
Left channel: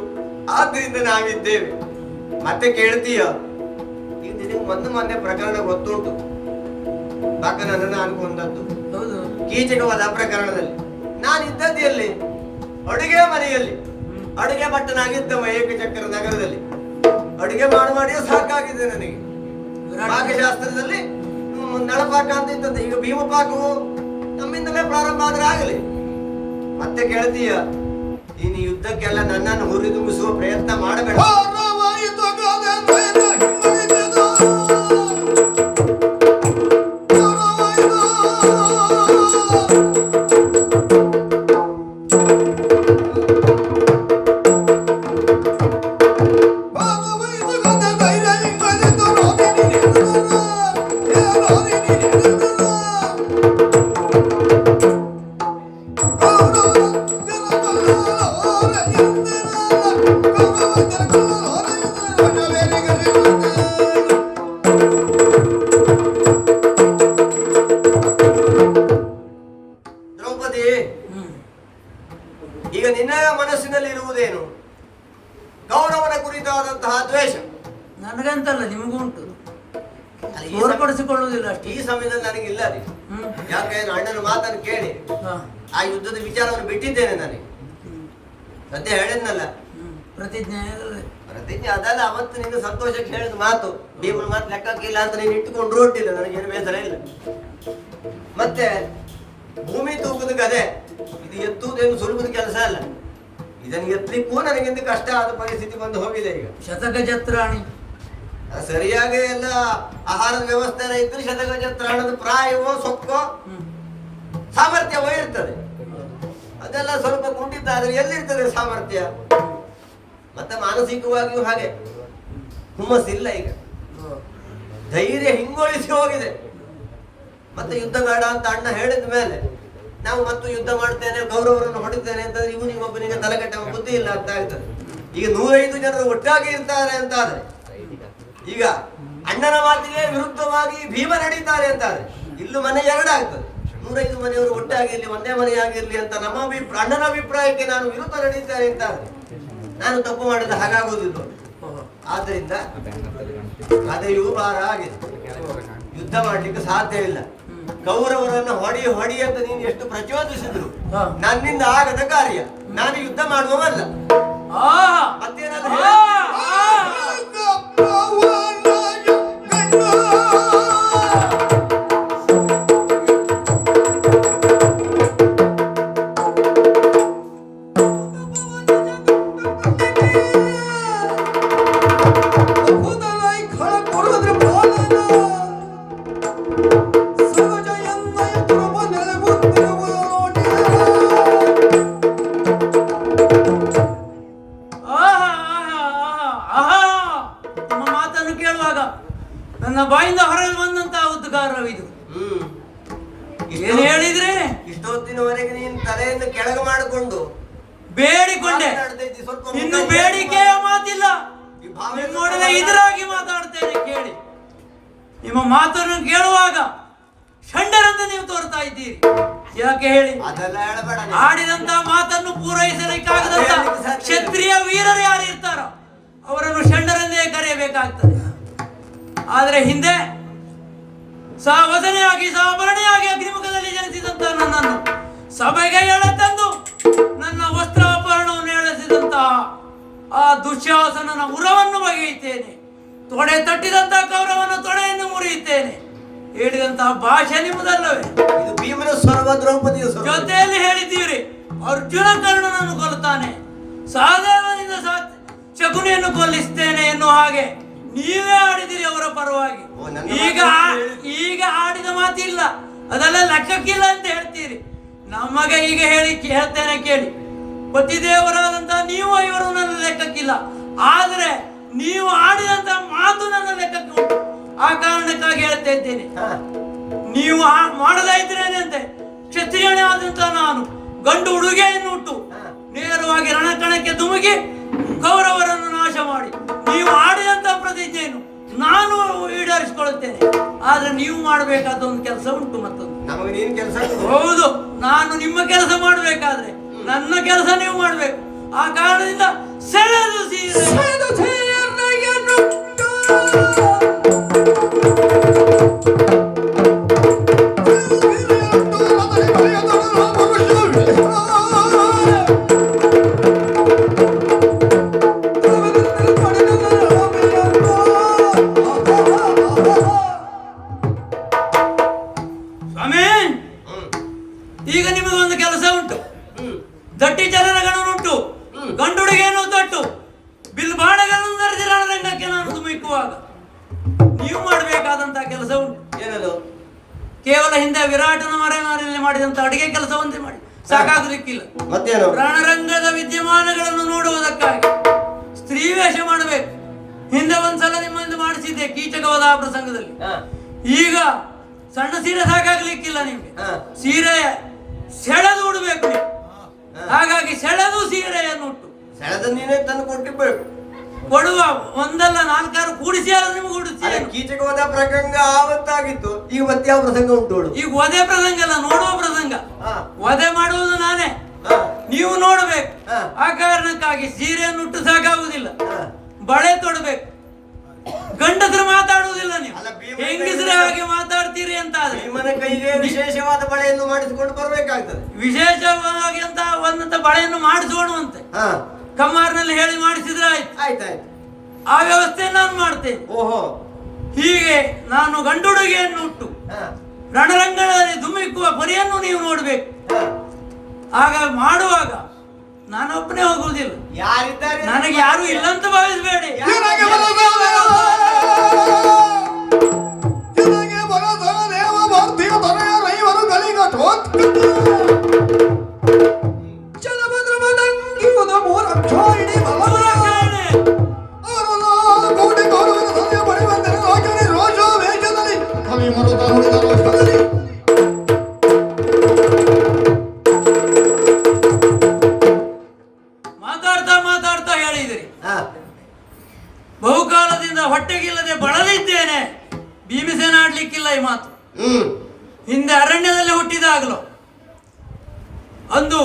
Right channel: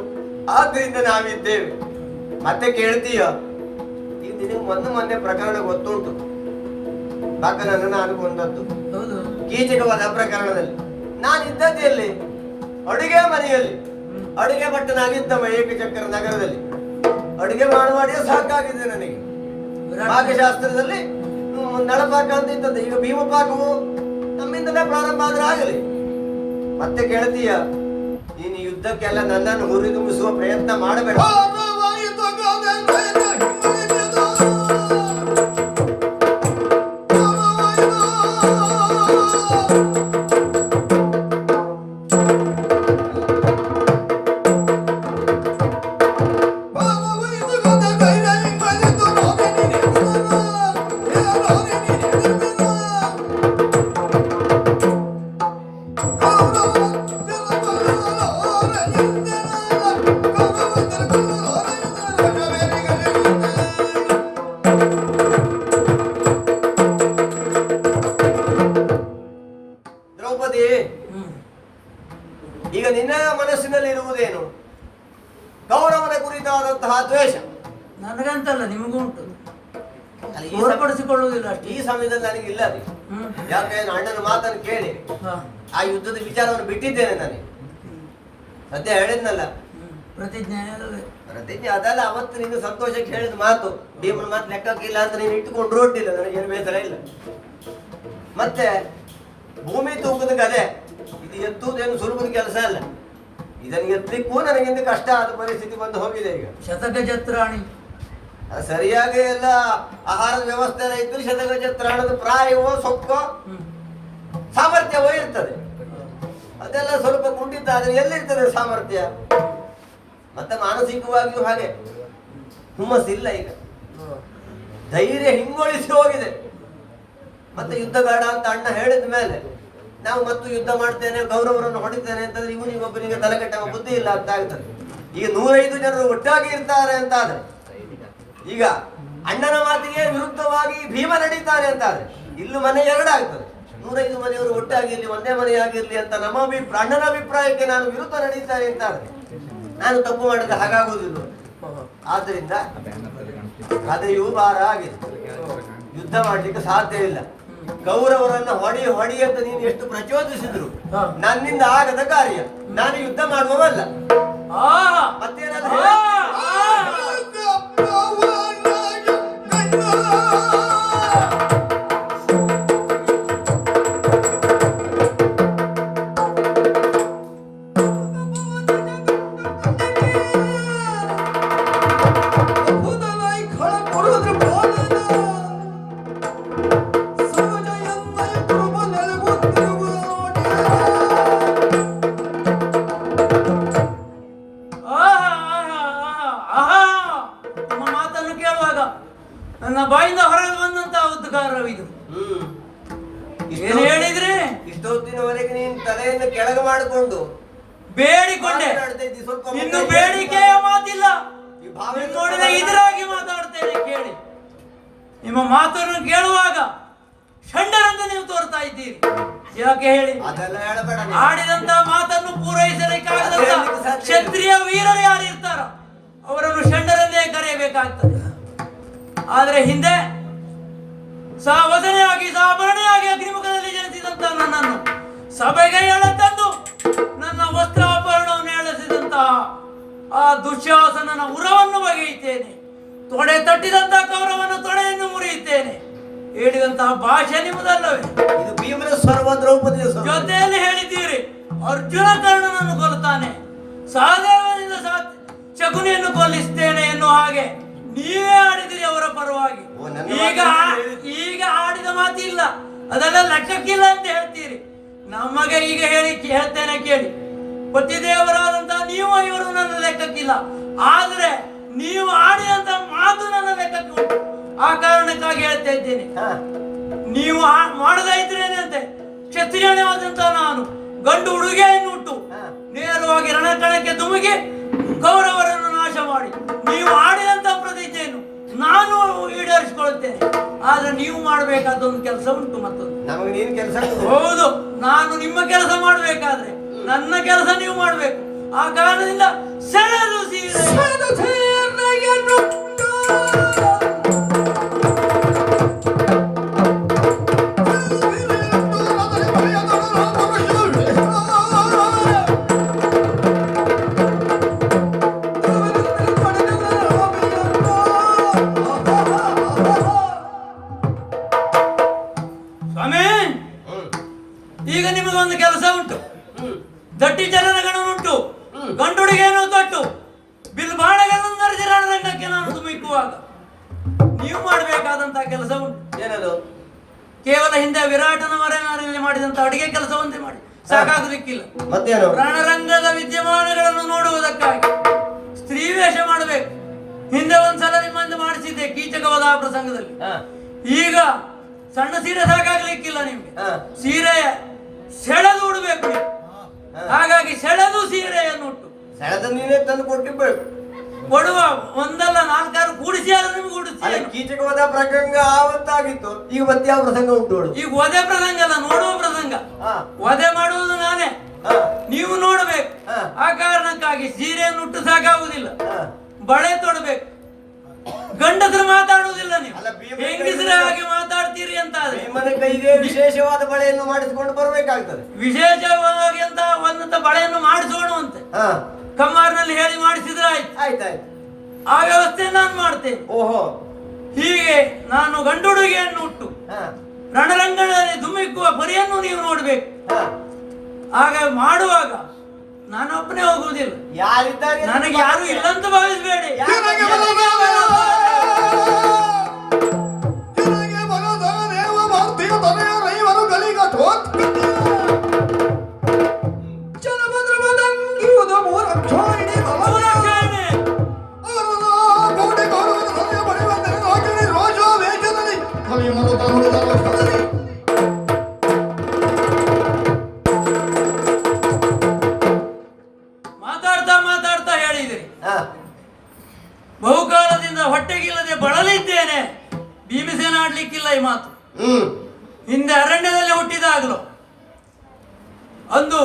ಆದ್ದರಿಂದ ನಾವಿದ್ದೇವೆ. ಮತ್ತೆ ಕೇಳ್ತೀಯ, ಈಗ ನಿನಗೆ ಮೊನ್ನೆ ಪ್ರಕರಣ ಗೊತ್ತುಂಟು. ಬಾಕನನ್ನು ನಾನು ಕೊಂದದ್ದು ಕೀಚಕವಾದ ಪ್ರಕರಣದಲ್ಲಿ. ನಾನು ಇದ್ದದ್ದು ಎಲ್ಲಿ? ಅಡುಗೆ ಮನೆಯಲ್ಲಿ ಅಡುಗೆ ಭಟ್ಟನಾಗಿದ್ದವ ಏಕಚಕ್ರ ನಗರದಲ್ಲಿ. ಅಡುಗೆ ಮಾಡಿಯೇ ಸಾಕಾಗಿದೆ ನನಗೆ. ಪಾಕಶಾಸ್ತ್ರದಲ್ಲಿ ನಳಪಾಕ ಅಂತ ಇದ್ದದ್ದು, ಈಗ ಭೀಮ ಪಾಕವು ನಮ್ಮಿಂದಲೇ ಪ್ರಾರಂಭ ಆದ್ರೆ ಆಗಲಿ. ಮತ್ತೆ ಕೇಳ್ತೀಯ, ನೀನು ಯುದ್ಧಕ್ಕೆಲ್ಲ ನನ್ನನ್ನು ಹುರಿದುಂಬಿಸುವ ಪ್ರಯತ್ನ ಮಾಡಬೇಡ. ದ್ರೌಪದಿ, ಈಗ ನಿನ್ನ ಮನಸ್ಸಿನಲ್ಲಿ ಇರುವುದೇನು? ಕೌರವನ ಕುರಿತಾದಂತಹ ದ್ವೇಷ. ನನಗಂತಲ್ಲ, ನಿಮಗೂ ಉಂಟು. ಹೊರಪಡಿಸಿಕೊಳ್ಳುವುದಿಲ್ಲ ಈ ಸಮಯದಲ್ಲಿ ನನಗಿಲ್ಲ ರೀ. ಯಾಕೆ ಅಣ್ಣನ ಮಾತನ್ನು ಕೇಳಿ ಆ ಯುದ್ಧದ ವಿಚಾರವನ್ನು ಬಿಟ್ಟಿದ್ದೇನೆ ನನಗೆ. ಸದ್ಯ ಹೇಳಿದ್ನಲ್ಲ ಪ್ರತಿಜ್ಞೆ. ಅದಲ್ಲ, ಅವತ್ತು ನಿನ್ನ ಸಂತೋಷಕ್ಕೆ ಹೇಳಿದ ಮಾತು, ಭೀಮನ ಮಾತು ಲೆಕ್ಕಕ್ಕಿಲ್ಲ ಅಂತ ನೀನು ಇಟ್ಟುಕೊಂಡು ಹೊರಟಿಲ್ಲ. ನನಗೇನು ಬೇಸರ ಇಲ್ಲ. ಮತ್ತೆ ಭೂಮಿ ತೂಕದ ಕದೆ, ಇದು ಎತ್ತುವುದೇನು ಸುಲಭದ ಕೆಲಸ ಅಲ್ಲ. ಇದನ್ನು ಎತ್ತಲಿಕ್ಕೂ ನನಗಿಂತ ಕಷ್ಟ ಆದ ಪರಿಸ್ಥಿತಿ ಬಂದು ಹೋಗಿದೆ. ಈಗ ಶತಗಜತ್ರಾಣಿ ಸರಿಯಾಗಿ ಎಲ್ಲ ಆಹಾರದ ವ್ಯವಸ್ಥೆ ಇತ್ತು. ಶತಗಜತ್ರಾಣದ ಪ್ರಾಯವೋ ಸೊಕ್ಕೋ ಸಾಮರ್ಥ್ಯವೋ ಇರ್ತದೆ. ಅದೆಲ್ಲ ಸ್ವಲ್ಪ ಕುಂಠಿತ, ಆದ್ರೆ ಎಲ್ಲಿರ್ತದೆ ಸಾಮರ್ಥ್ಯ? ಮತ್ತೆ ಮಾನಸಿಕವಾಗಿಯೂ ಹಾಗೆ ಹುಮ್ಮಸ್ಸಿಲ್ಲ. ಈಗ ಧೈರ್ಯ ಹಿಂಗೊಳಿಸಿ ಹೋಗಿದೆ. ಮತ್ತೆ ಯುದ್ಧಗಾಡ ಅಂತ ಅಣ್ಣ ಹೇಳಿದ ಮೇಲೆ ನಾವು ಮತ್ತು ಯುದ್ಧ ಮಾಡ್ತೇನೆ, ಗೌರವರನ್ನು ಹೊಡಿತೇನೆ ಅಂತಂದ್ರೆ ಇವನಿಗೊಬ್ಬನಿಗೆ ತಲೆಕಟ್ಟುವ ಬುದ್ಧಿ ಇಲ್ಲ ಅಂತ ಆಗ್ತದೆ. ಈಗ 105 ಜನರು ಒಟ್ಟಾಗಿ ಇರ್ತಾರೆ ಅಂತಾದ್ರೆ, ಈಗ ಅಣ್ಣನ ಮಾತಿಗೆ ವಿರುದ್ಧವಾಗಿ ಭೀಮ ನಡೀತಾರೆ ಅಂತಾದ್ರೆ ಇಲ್ಲೂ ಮನೆ ಎರಡಾಗ್ತದೆ. 105 ಮನೆಯವರು ಒಟ್ಟಾಗಿರ್ಲಿ, ಒಂದೇ ಮನೆಯಾಗಿರ್ಲಿ ಅಂತ ನಮ್ಮ ಅಣ್ಣನ ಅಭಿಪ್ರಾಯಕ್ಕೆ ನಾನು ವಿರುದ್ಧ ನಡೀತಾರೆ ಅಂತಾದ್ರೆ ನಾನು ತಪ್ಪು ಮಾಡಿದ ಹಾಗಾಗುವುದಿಲ್ಲ. ಆದ್ರಿಂದ ಕಥೆಯೂ ಭಾರ ಆಗಿದೆ. ಯುದ್ಧ ಮಾಡ್ಲಿಕ್ಕೆ ಸಾಧ್ಯ ಇಲ್ಲ. ಕೌರವರನ್ನು ಹೊಡಿ ಅಂತ ನೀನು ಎಷ್ಟು ಪ್ರಚೋದಿಸಿದ್ರು ನನ್ನಿಂದ ಆಗದ ಕಾರ್ಯ. ನಾನು ಯುದ್ಧ ಮಾಡುವವಲ್ಲ. ಮತ್ತೇನಲ್ಲ ನನ್ನ ಬಾಯಿಂದ ಹೊರಗೆ ಬಂದಂತಹ ಉದ್ಗಾರವಿದು. ಏನು ಹೇಳಿದ್ರೆ ಇಷ್ಟೊತ್ತಿನವರೆಗೆ ನೀನು ತಲೆಯನ್ನು ಕೆಳಗೆ ಮಾಡಿಕೊಂಡು ಬೇಡಿಕೊಂಡೆ. ಇನ್ನು ಬೇಡಿಕೆಯ ಮಾತಿಲ್ಲ. ನೋಡಿದ ಇದರಾಗಿ ಮಾತಾಡ್ತೇನೆ ಕೇಳಿ. ನಿಮ್ಮ ಮಾತನ್ನು ಕೇಳುವಾಗ ಷಂಡರಂತೆ ನೀವು ತೋರ್ತಾ ಇದ್ದೀರಿ. ಯಾಕೆ ಹೇಳಿ? ಆಡಿದಂತ ಮಾತನ್ನು ಪೂರೈಸಲಿಕ್ಕಾಗದಂತ ಕ್ಷತ್ರಿಯ ವೀರರು ಯಾರು ಇರ್ತಾರೋ ಅವರನ್ನು ಷಂಡರಂದೇ ಕರೆಯಬೇಕಾಗ್ತದೆ. ಆದರೆ ಹಿಂದೆ ಸಾವಧನೆಯಾಗಿ ಸಾಭರಣೆಯಾಗಿ ಅಗ್ನಿಮುಖದಲ್ಲಿ ಜನಿಸಿದಂತ ನನ್ನನ್ನು ಸಭೆಗೆ ಎಳೆತಂದು ನನ್ನ ವಸ್ತ್ರಾಭರಣವನ್ನು ಎಳೆಸಿದಂತಹ ಆ ದುಶ್ಯಾಸನನ ಉರವನ್ನು ಬಗೆಯುತ್ತೇನೆ. ತೊಡೆ ತಟ್ಟಿದಂತ ಕೌರವನ ತೊಡೆಯನ್ನು ಮುರಿಯುತ್ತೇನೆ. ಹೇಳಿದಂತಹ ಭಾಷೆ ನಿಮ್ಮದಲ್ಲವೇ? ಇದು ಭೀಮನ ಸ್ವರ್ವ, ದ್ರೌಪದಿಯ ಜೊತೆಯಲ್ಲಿ ಹೇಳಿದ್ದೀರಿ ಅರ್ಜುನ ಕರ್ಣನನ್ನು ಕೊಲ್ತಾನೆ, ಸಹದೇವನಿಂದ ಶಕುನಿಯನ್ನು ಕೊಲ್ಲಿಸ್ತೇನೆ ಎನ್ನುವ ಹಾಗೆ ನೀವೇ ಆಡಿದಿರಿ ಅವರ ಪರವಾಗಿ. ಈಗ ಆಡಿದ ಮಾತಿಲ್ಲ, ಅದೆಲ್ಲ ಲೆಕ್ಕಕ್ಕಿಲ್ಲ ಅಂತ ಹೇಳ್ತೀರಿ. ನಮಗೆ ಈಗ ಹೇಳ್ತೇನೆ ಕೇಳಿ. ಪತಿದೇವರಾದಂತಹ ನೀವು ಇವರು ನನ್ನ ಲೆಕ್ಕಕ್ಕಿಲ್ಲ, ಆದ್ರೆ ನೀವು ಆಡಿದಂತ ಮಾತು ನನ್ನ ಲೆಕ್ಕಕ್ಕೆ ಉಂಟು. ಆ ಕಾರಣಕ್ಕಾಗಿ ಹೇಳ್ತಾ ಇದ್ದೇನೆ, ನೀವು ಮಾಡದೇ ಇದ್ರೇನಂತೆ ಕ್ಷತ್ರಿಯನೇ ಆದಂತ ನಾನು ಗಂಡು ಉಡುಗೆಯನ್ನು ಉಟ್ಟು ನೇರವಾಗಿ ರಣಕಣಕ್ಕೆ ಧುಮುಕಿ ಕೌರವರನ್ನು ನಾಶ ಮಾಡಿ ನೀವು ಆಡಿದಂತ ಪ್ರತಿಜ್ಞೆಯನ್ನು ನಾನು ಈಡೇರಿಸಿಕೊಳ್ಳುತ್ತೇನೆ. ಆದ್ರೆ ನೀವು ಮಾಡಬೇಕಾದ ಒಂದು ಕೆಲಸ ಉಂಟು. ಮತ್ತೊಂದು ಹೌದು, ನಾನು ನಿಮ್ಮ ಕೆಲಸ ಮಾಡಬೇಕಾದ್ರೆ ನನ್ನ ಕೆಲಸ ನೀವು ಮಾಡಬೇಕು. ಆ ಕಾರಣದಿಂದ ಸೆಳೆದು ಸೀರೆ ದಟ್ಟಿ ಚಲನಗಣನುಂಟು, ಗಂಡುಡಿಗೇನು ತಟ್ಟು, ಬಿಲ್ ಬಾಣಗಳನ್ನು ಧರಿಸಿ ರಣರಂಗಕ್ಕೆ ನಾನು ಧುಮಿಕ್ಕುವಾಗ ನೀವು ಮಾಡಬೇಕಾದಂತಹ ಕೆಲಸ ಉಂಟು. ಏನದು? ಕೇವಲ ಹಿಂದೆ ವಿರಾಟನ ಮರೆಮಾರಿನಲ್ಲಿ ಮಾಡಿದಂತ ಅಡಿಗೆ ಕೆಲಸವಂತೆ ಮಾಡಿ ಸಾಕಾಗಲಿಕ್ಕಿಲ್ಲ. ಮತ್ತೇನು? ರಣರಂಗದ ವಿದ್ಯಮಾನಗಳನ್ನು ನೋಡುವುದಕ್ಕಾಗಿ ಸ್ತ್ರೀ ವೇಷ ಮಾಡಬೇಕು. ಹಿಂದೆ ಒಂದ್ಸಲ ನಿಮ್ಮಂದು ಮಾಡಿಸಿದ್ದೆ ಕೀಚಕವಾದ ಆ ಪ್ರಸಂಗದಲ್ಲಿ. ಈಗ ಸಣ್ಣ ಸೀರೆ ಸಾಕಾಗ್ಲಿಕ್ಕಿಲ್ಲ ನಿಮ್ಗೆ, ಸೀರೆ ಸೆಳೆದು ಉಡಬೇಕು ನೀವು. ಹಾಗಾಗಿ ಸೆಳೆದು ಸೀರೆಯನ್ನು ಉಟ್ಟು ಸೆಳೆದ ನೀನೇ ತಂದು ಕೊಟ್ಟಿರ್ಬೇಕು. ಕೊಡುವ ಒಂದಲ್ಲ ನಾಲ್ಕಾರು ಕೂಡಿಸಿ ಆದ್ರೂ ನಿಮ್ಗೆ ಉಡುತ್ತೀವಿ. ಕೀಚಕವಾದ ಪ್ರಸಂಗ ಆವತ್ತಾಗಿತ್ತು, ಈಗ ಮತ್ತೆ ಯಾವ ಪ್ರಸಂಗ ಉಂಟು? ಈಗ ವಧೆ ಪ್ರಸಂಗ ಅಲ್ಲ, ನೋಡುವ ಪ್ರಸಂಗ. ವಧೆ ಮಾಡುವುದು ನಾನೇ, ನೀವು ನೋಡ್ಬೇಕು. ಆ ಕಾರಣಕ್ಕಾಗಿ ಸೀರೆಯನ್ನು ಉಟ್ಟು ಸಾಕಾಗುವುದಿಲ್ಲ, ಬಳೆ ತೊಡಬೇಕು. ಗಂಡಸರು ಮಾತಾಡುವುದಿಲ್ಲ, ನೀವು ಹೆಂಗಸರ ಹಾಗೆ ಮಾತಾಡ್ತೀರಿ ಅಂತ ಆದ್ರೆ ನಿಮ್ಮನೆ ಕೈಗೆ ವಿಶೇಷವಾದ ಬಳೆಯನ್ನು ಮಾಡಿಸಿಕೊಂಡು ಬರಬೇಕಾಗ್ತದೆ. ವಿಶೇಷವಾಗಿ ಅಂತ ಒಂದಂತ ಬಳೆಯನ್ನು ಮಾಡಿಸೋಣವಂತೆ ಕಮ್ಮಾರ್ನಲ್ಲಿ ಹೇಳಿ ಮಾಡಿಸಿದ್ರೆ ಆಯ್ತು. ಆಯ್ತಾಯ್ತು, ಆ ವ್ಯವಸ್ಥೆ ನಾನು ಮಾಡ್ತೇನೆ. ಓಹೋ, ಹೀಗೆ ನಾನು ಗಂಡುಡುಗೆಯನ್ನು ಉಟ್ಟು ರಣರಂಗದಲ್ಲಿ ಧುಮಿಕ್ಕುವ ಪರಿಯನ್ನು ನೀವು ನೋಡ್ಬೇಕು. ಆಗ ಮಾಡುವಾಗ ನಾನೊಬ್ಬನೇ ಹೋಗುವುದಿಲ್ಲ, ಯಾರಿದ್ದಾರೆ? ನನಗೆ ಯಾರು ಇಲ್ಲ ಅಂತ ಭಾವಿಸಬೇಡಿ. ಮಾತಾಡ್ತಾ ಹೇಳಿದ್ರಿ, ಬಹುಕಾಲದಿಂದ ಹೊಟ್ಟೆಗಿಲ್ಲದೆ ಬಳಲಿದ್ದೇನೆ. ಭೀಮಸೇನ ಆಡ್ಲಿಕ್ಕಿಲ್ಲ ಈ ಮಾತು. ಹಿಂದೆ ಅರಣ್ಯದಲ್ಲಿ ಹುಟ್ಟಿದಾಗಲೂ ಅಂದು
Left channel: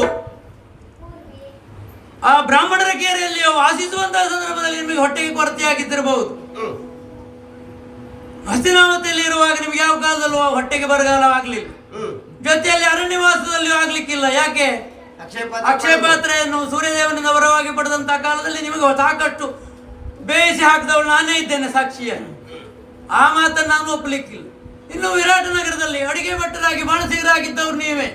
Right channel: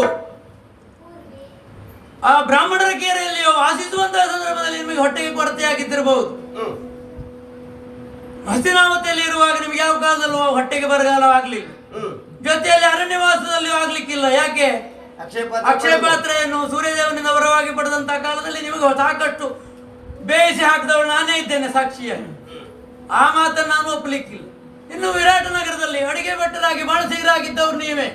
ಆ ಬ್ರಾಹ್ಮಣರ ಕೇರೆಯಲ್ಲಿ ವಾಸಿಸುವಂತಹ ಸಂದರ್ಭದಲ್ಲಿ ನಿಮಗೆ ಹೊಟ್ಟೆಗೆ ಕೊರತೆ ಆಗಿದ್ದಿರಬಹುದು. ಹಸ್ತಿನಾವತಿಯಲ್ಲಿ ಇರುವಾಗ ನಿಮ್ಗೆ ಯಾವ ಕಾಲದಲ್ಲೂ ಹೊಟ್ಟೆಗೆ ಬರಗಾಲವಾಗ್ಲಿಲ್ಲ. ಜೊತೆಯಲ್ಲಿ ಅರಣ್ಯವಾಸದಲ್ಲಿಯೂ ಆಗ್ಲಿಕ್ಕಿಲ್ಲ. ಯಾಕೆ? ಅಕ್ಷಯ ಪಾತ್ರೆಯನ್ನು ಸೂರ್ಯದೇವನಿಂದ ವರವಾಗಿ ಪಡೆದಂತಹ ಕಾಲದಲ್ಲಿ ನಿಮಗೆ ಸಾಕಷ್ಟು ಬೇಯಿಸಿ ಹಾಕಿದವಳು ನಾನೇ ಇದ್ದೇನೆ ಸಾಕ್ಷಿಯನ್ನು. ಆ ಮಾತನ್ನು ನಾನು ಒಪ್ಪಲಿಕ್ಕಿಲ್ಲ. ಇನ್ನು ವಿರಾಟ ನಗರದಲ್ಲಿ ಅಡಿಗೆ ಭಟ್ಟರಾಗಿ ಬಾಣಸಿಗರಾಗಿದ್ದವ್ರು ನೀವೇ.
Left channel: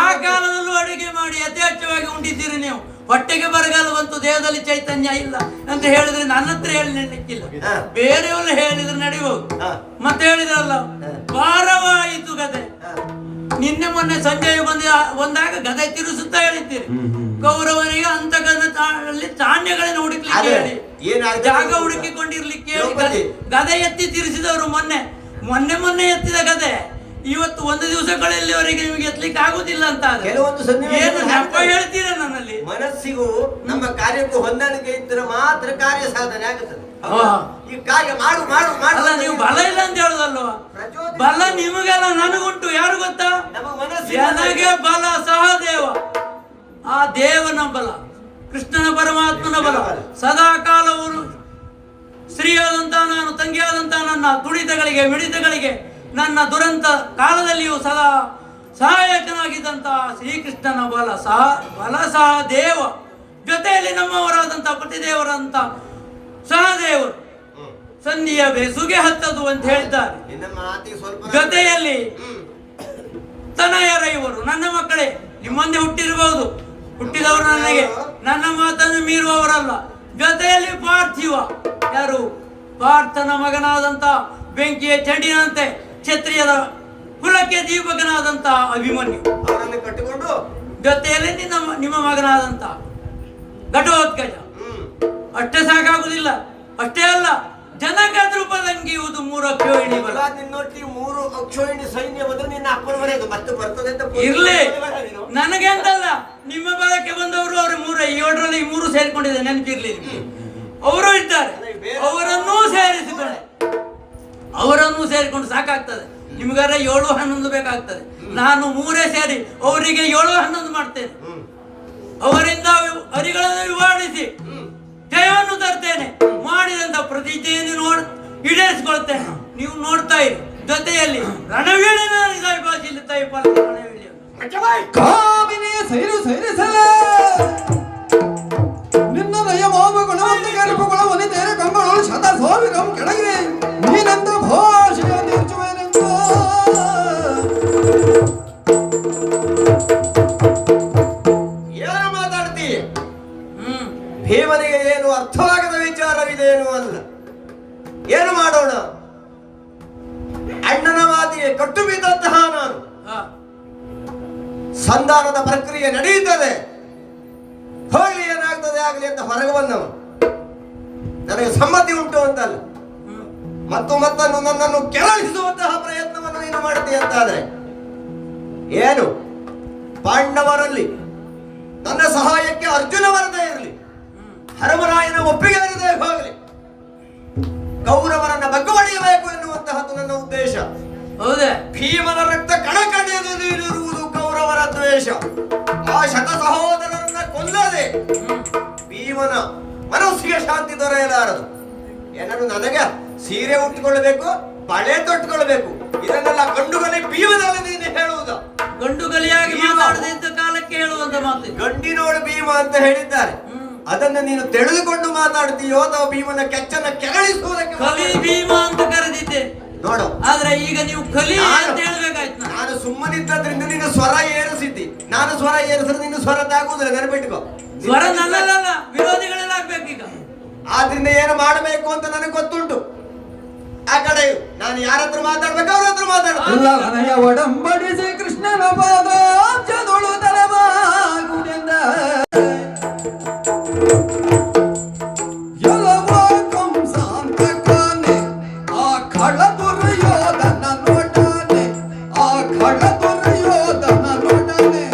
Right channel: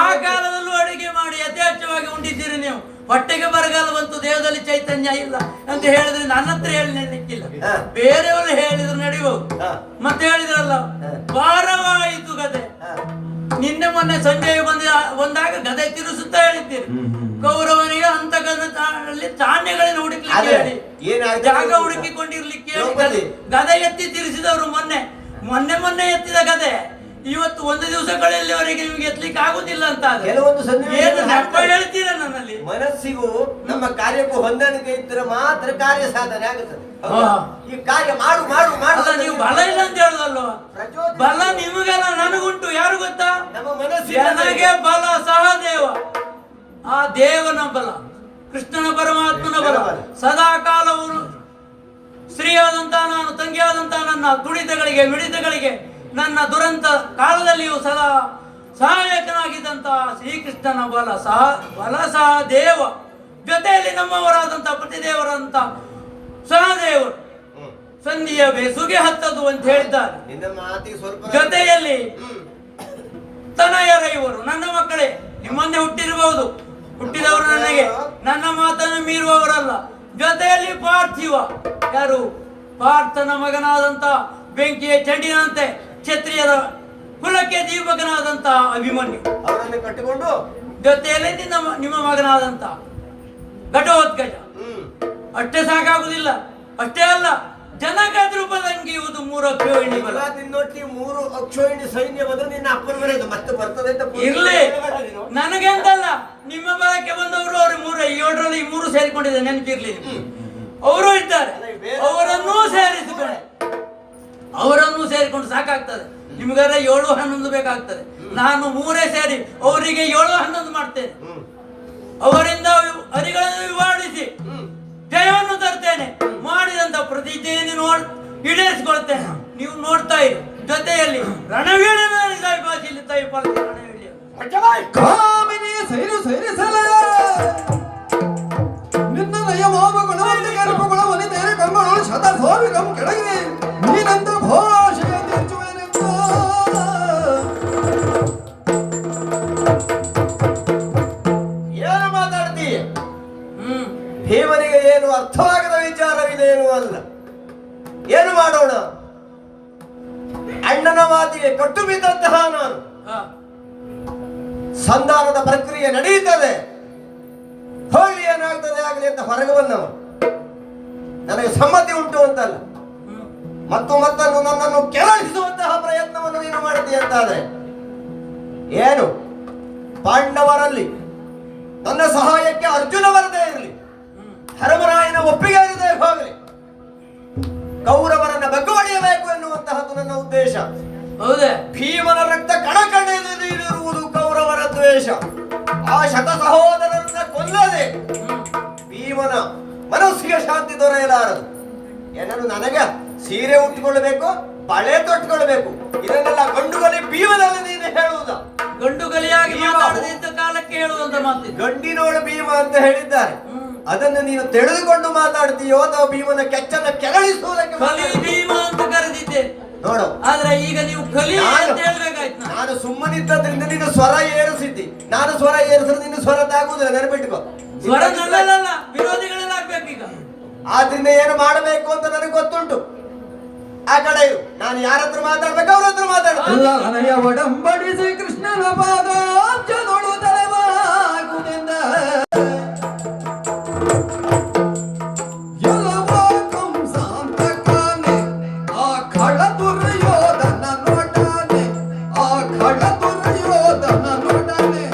ಆ ಕಾಲದಲ್ಲೂ ಅಡಿಗೆ ಮಾಡಿ ಯಥೇಚ್ಛವಾಗಿ ಉಂಡಿದ್ದೀರಿ ನೀವು. ಹೊಟ್ಟೆಗೆ ಬರಗಾಲ ಬಂತು, ದೇಹದಲ್ಲಿ ಚೈತನ್ಯ ಇಲ್ಲ ಅಂತ ಹೇಳಿದ್ರೆ ನನ್ನ ಹತ್ರ ಹೇಳಲಿಕ್ಕಿಲ್ಲ, ಬೇರೆಯವರು ಹೇಳಿದ್ರೆ ನಡೆಯುವುದು. ಮತ್ತೆ ಹೇಳಿದ್ರಲ್ಲ, ಭಾರವಾಯಿತು ಗದೆ. ನಿನ್ನೆ ಮೊನ್ನೆ ಸಂಜೆ ಬಂದಾಗ ಗದೆ ತಿರುಸುತ್ತಾ ಹೇಳಿದ್ದೀರಿ. ಕೌರವನಿಗೆ ಅಂತಕದಲ್ಲಿ ಧಾನ್ಯಗಳನ್ನು ಹುಡುಕ್ಲಿಕ್ಕೆ ಹೇಳಿ, ಜಾಗ ಹುಡುಕಿಕೊಂಡಿರ್ಲಿಕ್ಕೆ ಹೇಳಿ ಗದೆ ಎತ್ತಿ ತಿರುಸಿದವರು. ಮೊನ್ನೆ ಎತ್ತಿದ ಗದೆ ಇವತ್ತು ಒಂದು ದಿವಸಗಳಲ್ಲಿವರೆಗೆ ನಿಮಗೆ ಎತ್ತಲಿಕ್ಕೆ ಆಗುದಿಲ್ಲ ಅಂತ ಹೇಳ್ತೀರ. ನನ್ನಲ್ಲಿ ಮನಸ್ಸಿಗೂ ನಮ್ಮ ಕಾರ್ಯಕ್ಕೂ ಹೊಂದಾಣಿಕೆ ಇದ್ದರೆ ಮಾತ್ರ ಕಾರ್ಯ ಸಾಧನೆ ಆಗುತ್ತದೆ. ಈ ಕಾರ್ಯ ಮಾಡು ಮಾಡು ಮಾಡು. ನೀವು ಬಲ ಇಲ್ಲ ಅಂತ ಹೇಳುದಲ್ವ? ಬಲ ನಿಮಗೆಲ್ಲ ನನಗುಂಟು. ಯಾರು ಗೊತ್ತಾ? ನಮ್ಮ ಮನಸ್ಸು ನನಗೆ ಬಲ ಸಹದೇವ, ಆ ದೇವನ ಬಲ, ಕೃಷ್ಣನ ಪರಮಾತ್ಮನ ಬಲ. ಸದಾ ಕಾಲವನ್ನು ಸ್ತ್ರೀಯಾದಂತಹ ನಾನು, ತಂಗಿಯಾದಂತಹ ನನ್ನ ತುಡಿತಗಳಿಗೆ ಮಿಡಿತಗಳಿಗೆ ನನ್ನ ದುರಂತ ಕಾಲದಲ್ಲಿಯೂ ಸದಾ ಸಹಾಯಕನಾಗಿದ್ದಂತಹ ಶ್ರೀಕೃಷ್ಣನ ಬಲ ಸಹ ದೇವ. ಜೊತೆಯಲ್ಲಿ ನಮ್ಮವರಾದಂತಹ ಪತಿದೇವರಂತ ಸಹದೇವರು ಸಂಧಿಯ ಬೆಸುಗೆ ಹತ್ತದು ಅಂತ ಹೇಳಿದ್ದಾರೆ. ಜೊತೆಯಲ್ಲಿ ತನಯರ ಇವರು ನನ್ನ ಮಕ್ಕಳೇ, ನಿಮ್ಮಂದೆ ಹುಟ್ಟಿರಬಹುದು, ಹುಟ್ಟಿದವರು ನನಗೆ ನನ್ನ ಮಾತನ್ನು ಮೀರುವವರಲ್ಲ. ಜೊತೆಯಲ್ಲಿ ಪಾರ್ಥಿವ, ಯಾರು? ಪಾರ್ಥನ ಮಗನಾದಂತ ಬೆಂಕಿಯ ಚಂಡಿನಂತೆ ಕ್ಷತ್ರಿಯರ ಕುಲಕ್ಕೆ ದೀಪಕನಾದಂತ ಅಭಿಮನ್ಯು ಅವರನ್ನು ಕಟ್ಟಿಕೊಂಡು, ಜೊತೆಯಲ್ಲಿ ನಿಮ್ಮ ಮಗನಾದಂತ ಘಟೋತ್ಕಚ. ಅಷ್ಟೇ ಸಾಕಾಗುದಿಲ್ಲ. ಅಷ್ಟೇ ಅಲ್ಲ, ಜನಕ ದ್ರುಪದಂಗಿಯುವುದು 3 ಅಕ್ಷೋಹಿಣಿ ಬಲ. ನಿನ್ನೊಟ್ಟಿಗೆ 3 ಅಕ್ಷೋಹಿಣಿ ಸೈನ್ಯ ಬಂದು ನಿನ್ನ ಅಪ್ಪನ ಮನೆಯದು ಮತ್ತೆ ಬರ್ತದೆ ಅಂತ ಇರ್ಲಿ. ನನಗೆ ಅಂತಲ್ಲ, ನಿಮ್ಮ ಬಲಕ್ಕೆ ಬಂದವರು ಅವರು 3, 7ರಲ್ಲಿ 3 ಸೇರಿಕೊಂಡಿದೆ, ನೆನಪಿರ್ಲಿ. ಅವರು ಇದ್ದಾರೆ, ಅವರನ್ನು ಸೇರಿಕೊಂಡು ಸಾಕಾಗ್ತದೆ. ನಿಮ್ಗಾರ 7-11 ಬೇಕಾಗ್ತದೆ. ನಾನು 3 ಸೇರಿ ಅವರಿಗೆ 7-11 ಮಾಡ್ತೇನೆ. ಅವರಿಂದ ಹರಿಗಳನ್ನು ವಿವಾಡಿಸಿ ಜಯವನ್ನು ತರ್ತೇನೆ. ಮಾಡಿದಂತ ಪ್ರತಿಜ್ಞೆಯನ್ನು ಈಡೇರಿಸಿಕೊಳ್ತೇನೆ. ನೀವು ನೋಡ್ತಾ ಇರಿ. ಜೊತೆಯಲ್ಲಿ ರಣವೀಳ್ಯನ ಭಾಷೆಯಲ್ಲಿ ನಿನ್ನ ನಯವಾಮಗಳು ವನಿತೆಯರ ಕಂಬಗಳು ಸದಾ ಸ್ವಾಮಿಗಂ ಕೆಳಗೆ ನೀನಂತ ಭಾಷೆಯ ತೀರ್ಚುವನೆಂತ ಏನು ಮಾತಿಗೆ ಕಟ್ಟು ಬಿದ್ದಂತಹ ನಾನು ಹ. ಸಂಧಾನದ ಪ್ರಕ್ರಿಯೆ ನಡೆಯುತ್ತದೆ, ಹೋಗ್ಲಿ ಏನಾಗ್ತದೆ ಆಗಲಿ ಅಂತ ಹೊರಗೆ ಬಂದವ. ನನಗೆ ಸಮ್ಮತಿ ಉಂಟು ಅಂತಲ್ಲ, ಮತ್ತೊಮ್ಮತ್ತನ್ನು ನನ್ನನ್ನು ಕೆರಳಿಸುವಂತಹ ಪ್ರಯತ್ನವನ್ನು ನೀನು ಮಾಡ್ತೀಯ ಅಂತಾದ್ರೆ ಏನು, ಪಾಂಡವರಲ್ಲಿ ನನ್ನ ಸಹಾಯಕ್ಕೆ ಅರ್ಜುನ ಬರದೇ ಇರಲಿ, ಧರ್ಮರಾಯನ ಒಪ್ಪಿಗೆ ಇರದೆ ಹೋಗಲಿ, ಕೌರವರನ್ನ ಬಗ್ಗವಡಿಯಬೇಕು ಎನ್ನುವಂತಹದ್ದು ನನ್ನ ಉದ್ದೇಶ. ಹೌದೇ? ಭೀಮನ ರಕ್ತ ಕಣಕಣಿದಿರುವುದು ಕೌರವರ ದ್ವೇಷ. ಆ ಶತ ಸಹೋದರರನ್ನ ಕೊಲ್ಲದೆ ಭೀಮನ ಮನಸ್ಸಿಗೆ ಶಾಂತಿ ದೊರೆಯಲಾರದು. ಏನನ್ನು ನನಗೆ ಸೀರೆ ಉಟ್ಟುಕೊಳ್ಳಬೇಕು, ಬಳೆ ತೊಟ್ಟುಕೊಳ್ಬೇಕು, ಇದನ್ನೆಲ್ಲ ಗಂಡುಗಲಿ ಭೀಮನಲ್ಲಿ ನೀನು ಹೇಳುವುದ? ಗಂಡುಗಲಿಯಾಗಿ ಮಾತಾಡದಿದ್ದ ಕಾಲಕ್ಕೆ ಹೇಳುವಂತ ಮಾತು. ಗಂಡಿನೋಡು ಭೀಮ ಅಂತ ಹೇಳಿದ್ದಾರೆ, ಅದನ್ನು ನೀನು ತಿಳಿದುಕೊಂಡು ಮಾತಾಡ್ತೀಯೋ ಅಥವಾ ಭೀಮನ ಕೆಚ್ಚನ್ನ ಕೆರಳಿಸುವುದಕ್ಕೆ? ಕಲಿ ಭೀಮ ಅಂತ ಕರೆದಿದ್ದೆ ನೋಡು, ಆದ್ರೆ ಈಗ ನೀವು ಕಲಿ ಅಂತ ಹೇಳ್ಬೇಕಾಯ್ತು. ನಾನು ಸುಮ್ಮನಿದ್ದರಿಂದ ನೀನು ಸ್ವರ ಏರಿಸಿದ್ದಿ, ನಾನು ಸ್ವರ ಏರಿಸಿದ್ರೆ ನೀನು ಸ್ವರ ತಾಗುವುದಿಲ್ಲ, ನೆನಪಿಟ್ಟುಕೋ. ಸ್ವರ ನನ್ನಲ್ಲ, ವಿರೋಧಿಗಳೆಲ್ಲ ಆಗ್ಬೇಕೀಗ. ಆದ್ರಿಂದ ಏನು ಮಾಡಬೇಕು ಅಂತ ನನಗೆ ಗೊತ್ತುಂಟು. ಆ ಕಡೆ ಇರು, ನಾನು ಯಾರ ಹತ್ರ ಮಾತಾಡ್ಬೇಕು ಅವ್ರ ಹತ್ರ ಮಾತಾಡ್ತೀನಿ. ಒಡಂಬಡಿಸಿ ಕೃಷ್ಣನ ಪಾದಾಬ್ಜದೊಳು ತಲೆಬಾಗುವುದೆಂದ ಎಲ್ಲವೋ ಕಂಸಾಂತಕನೇ, ಆ ಖಳ ದುರ್ಯೋಧನ ನೋಡನೆ, ಆ ಖಳ ದುರ್ಯೋಧನ ನೋಡನೆ,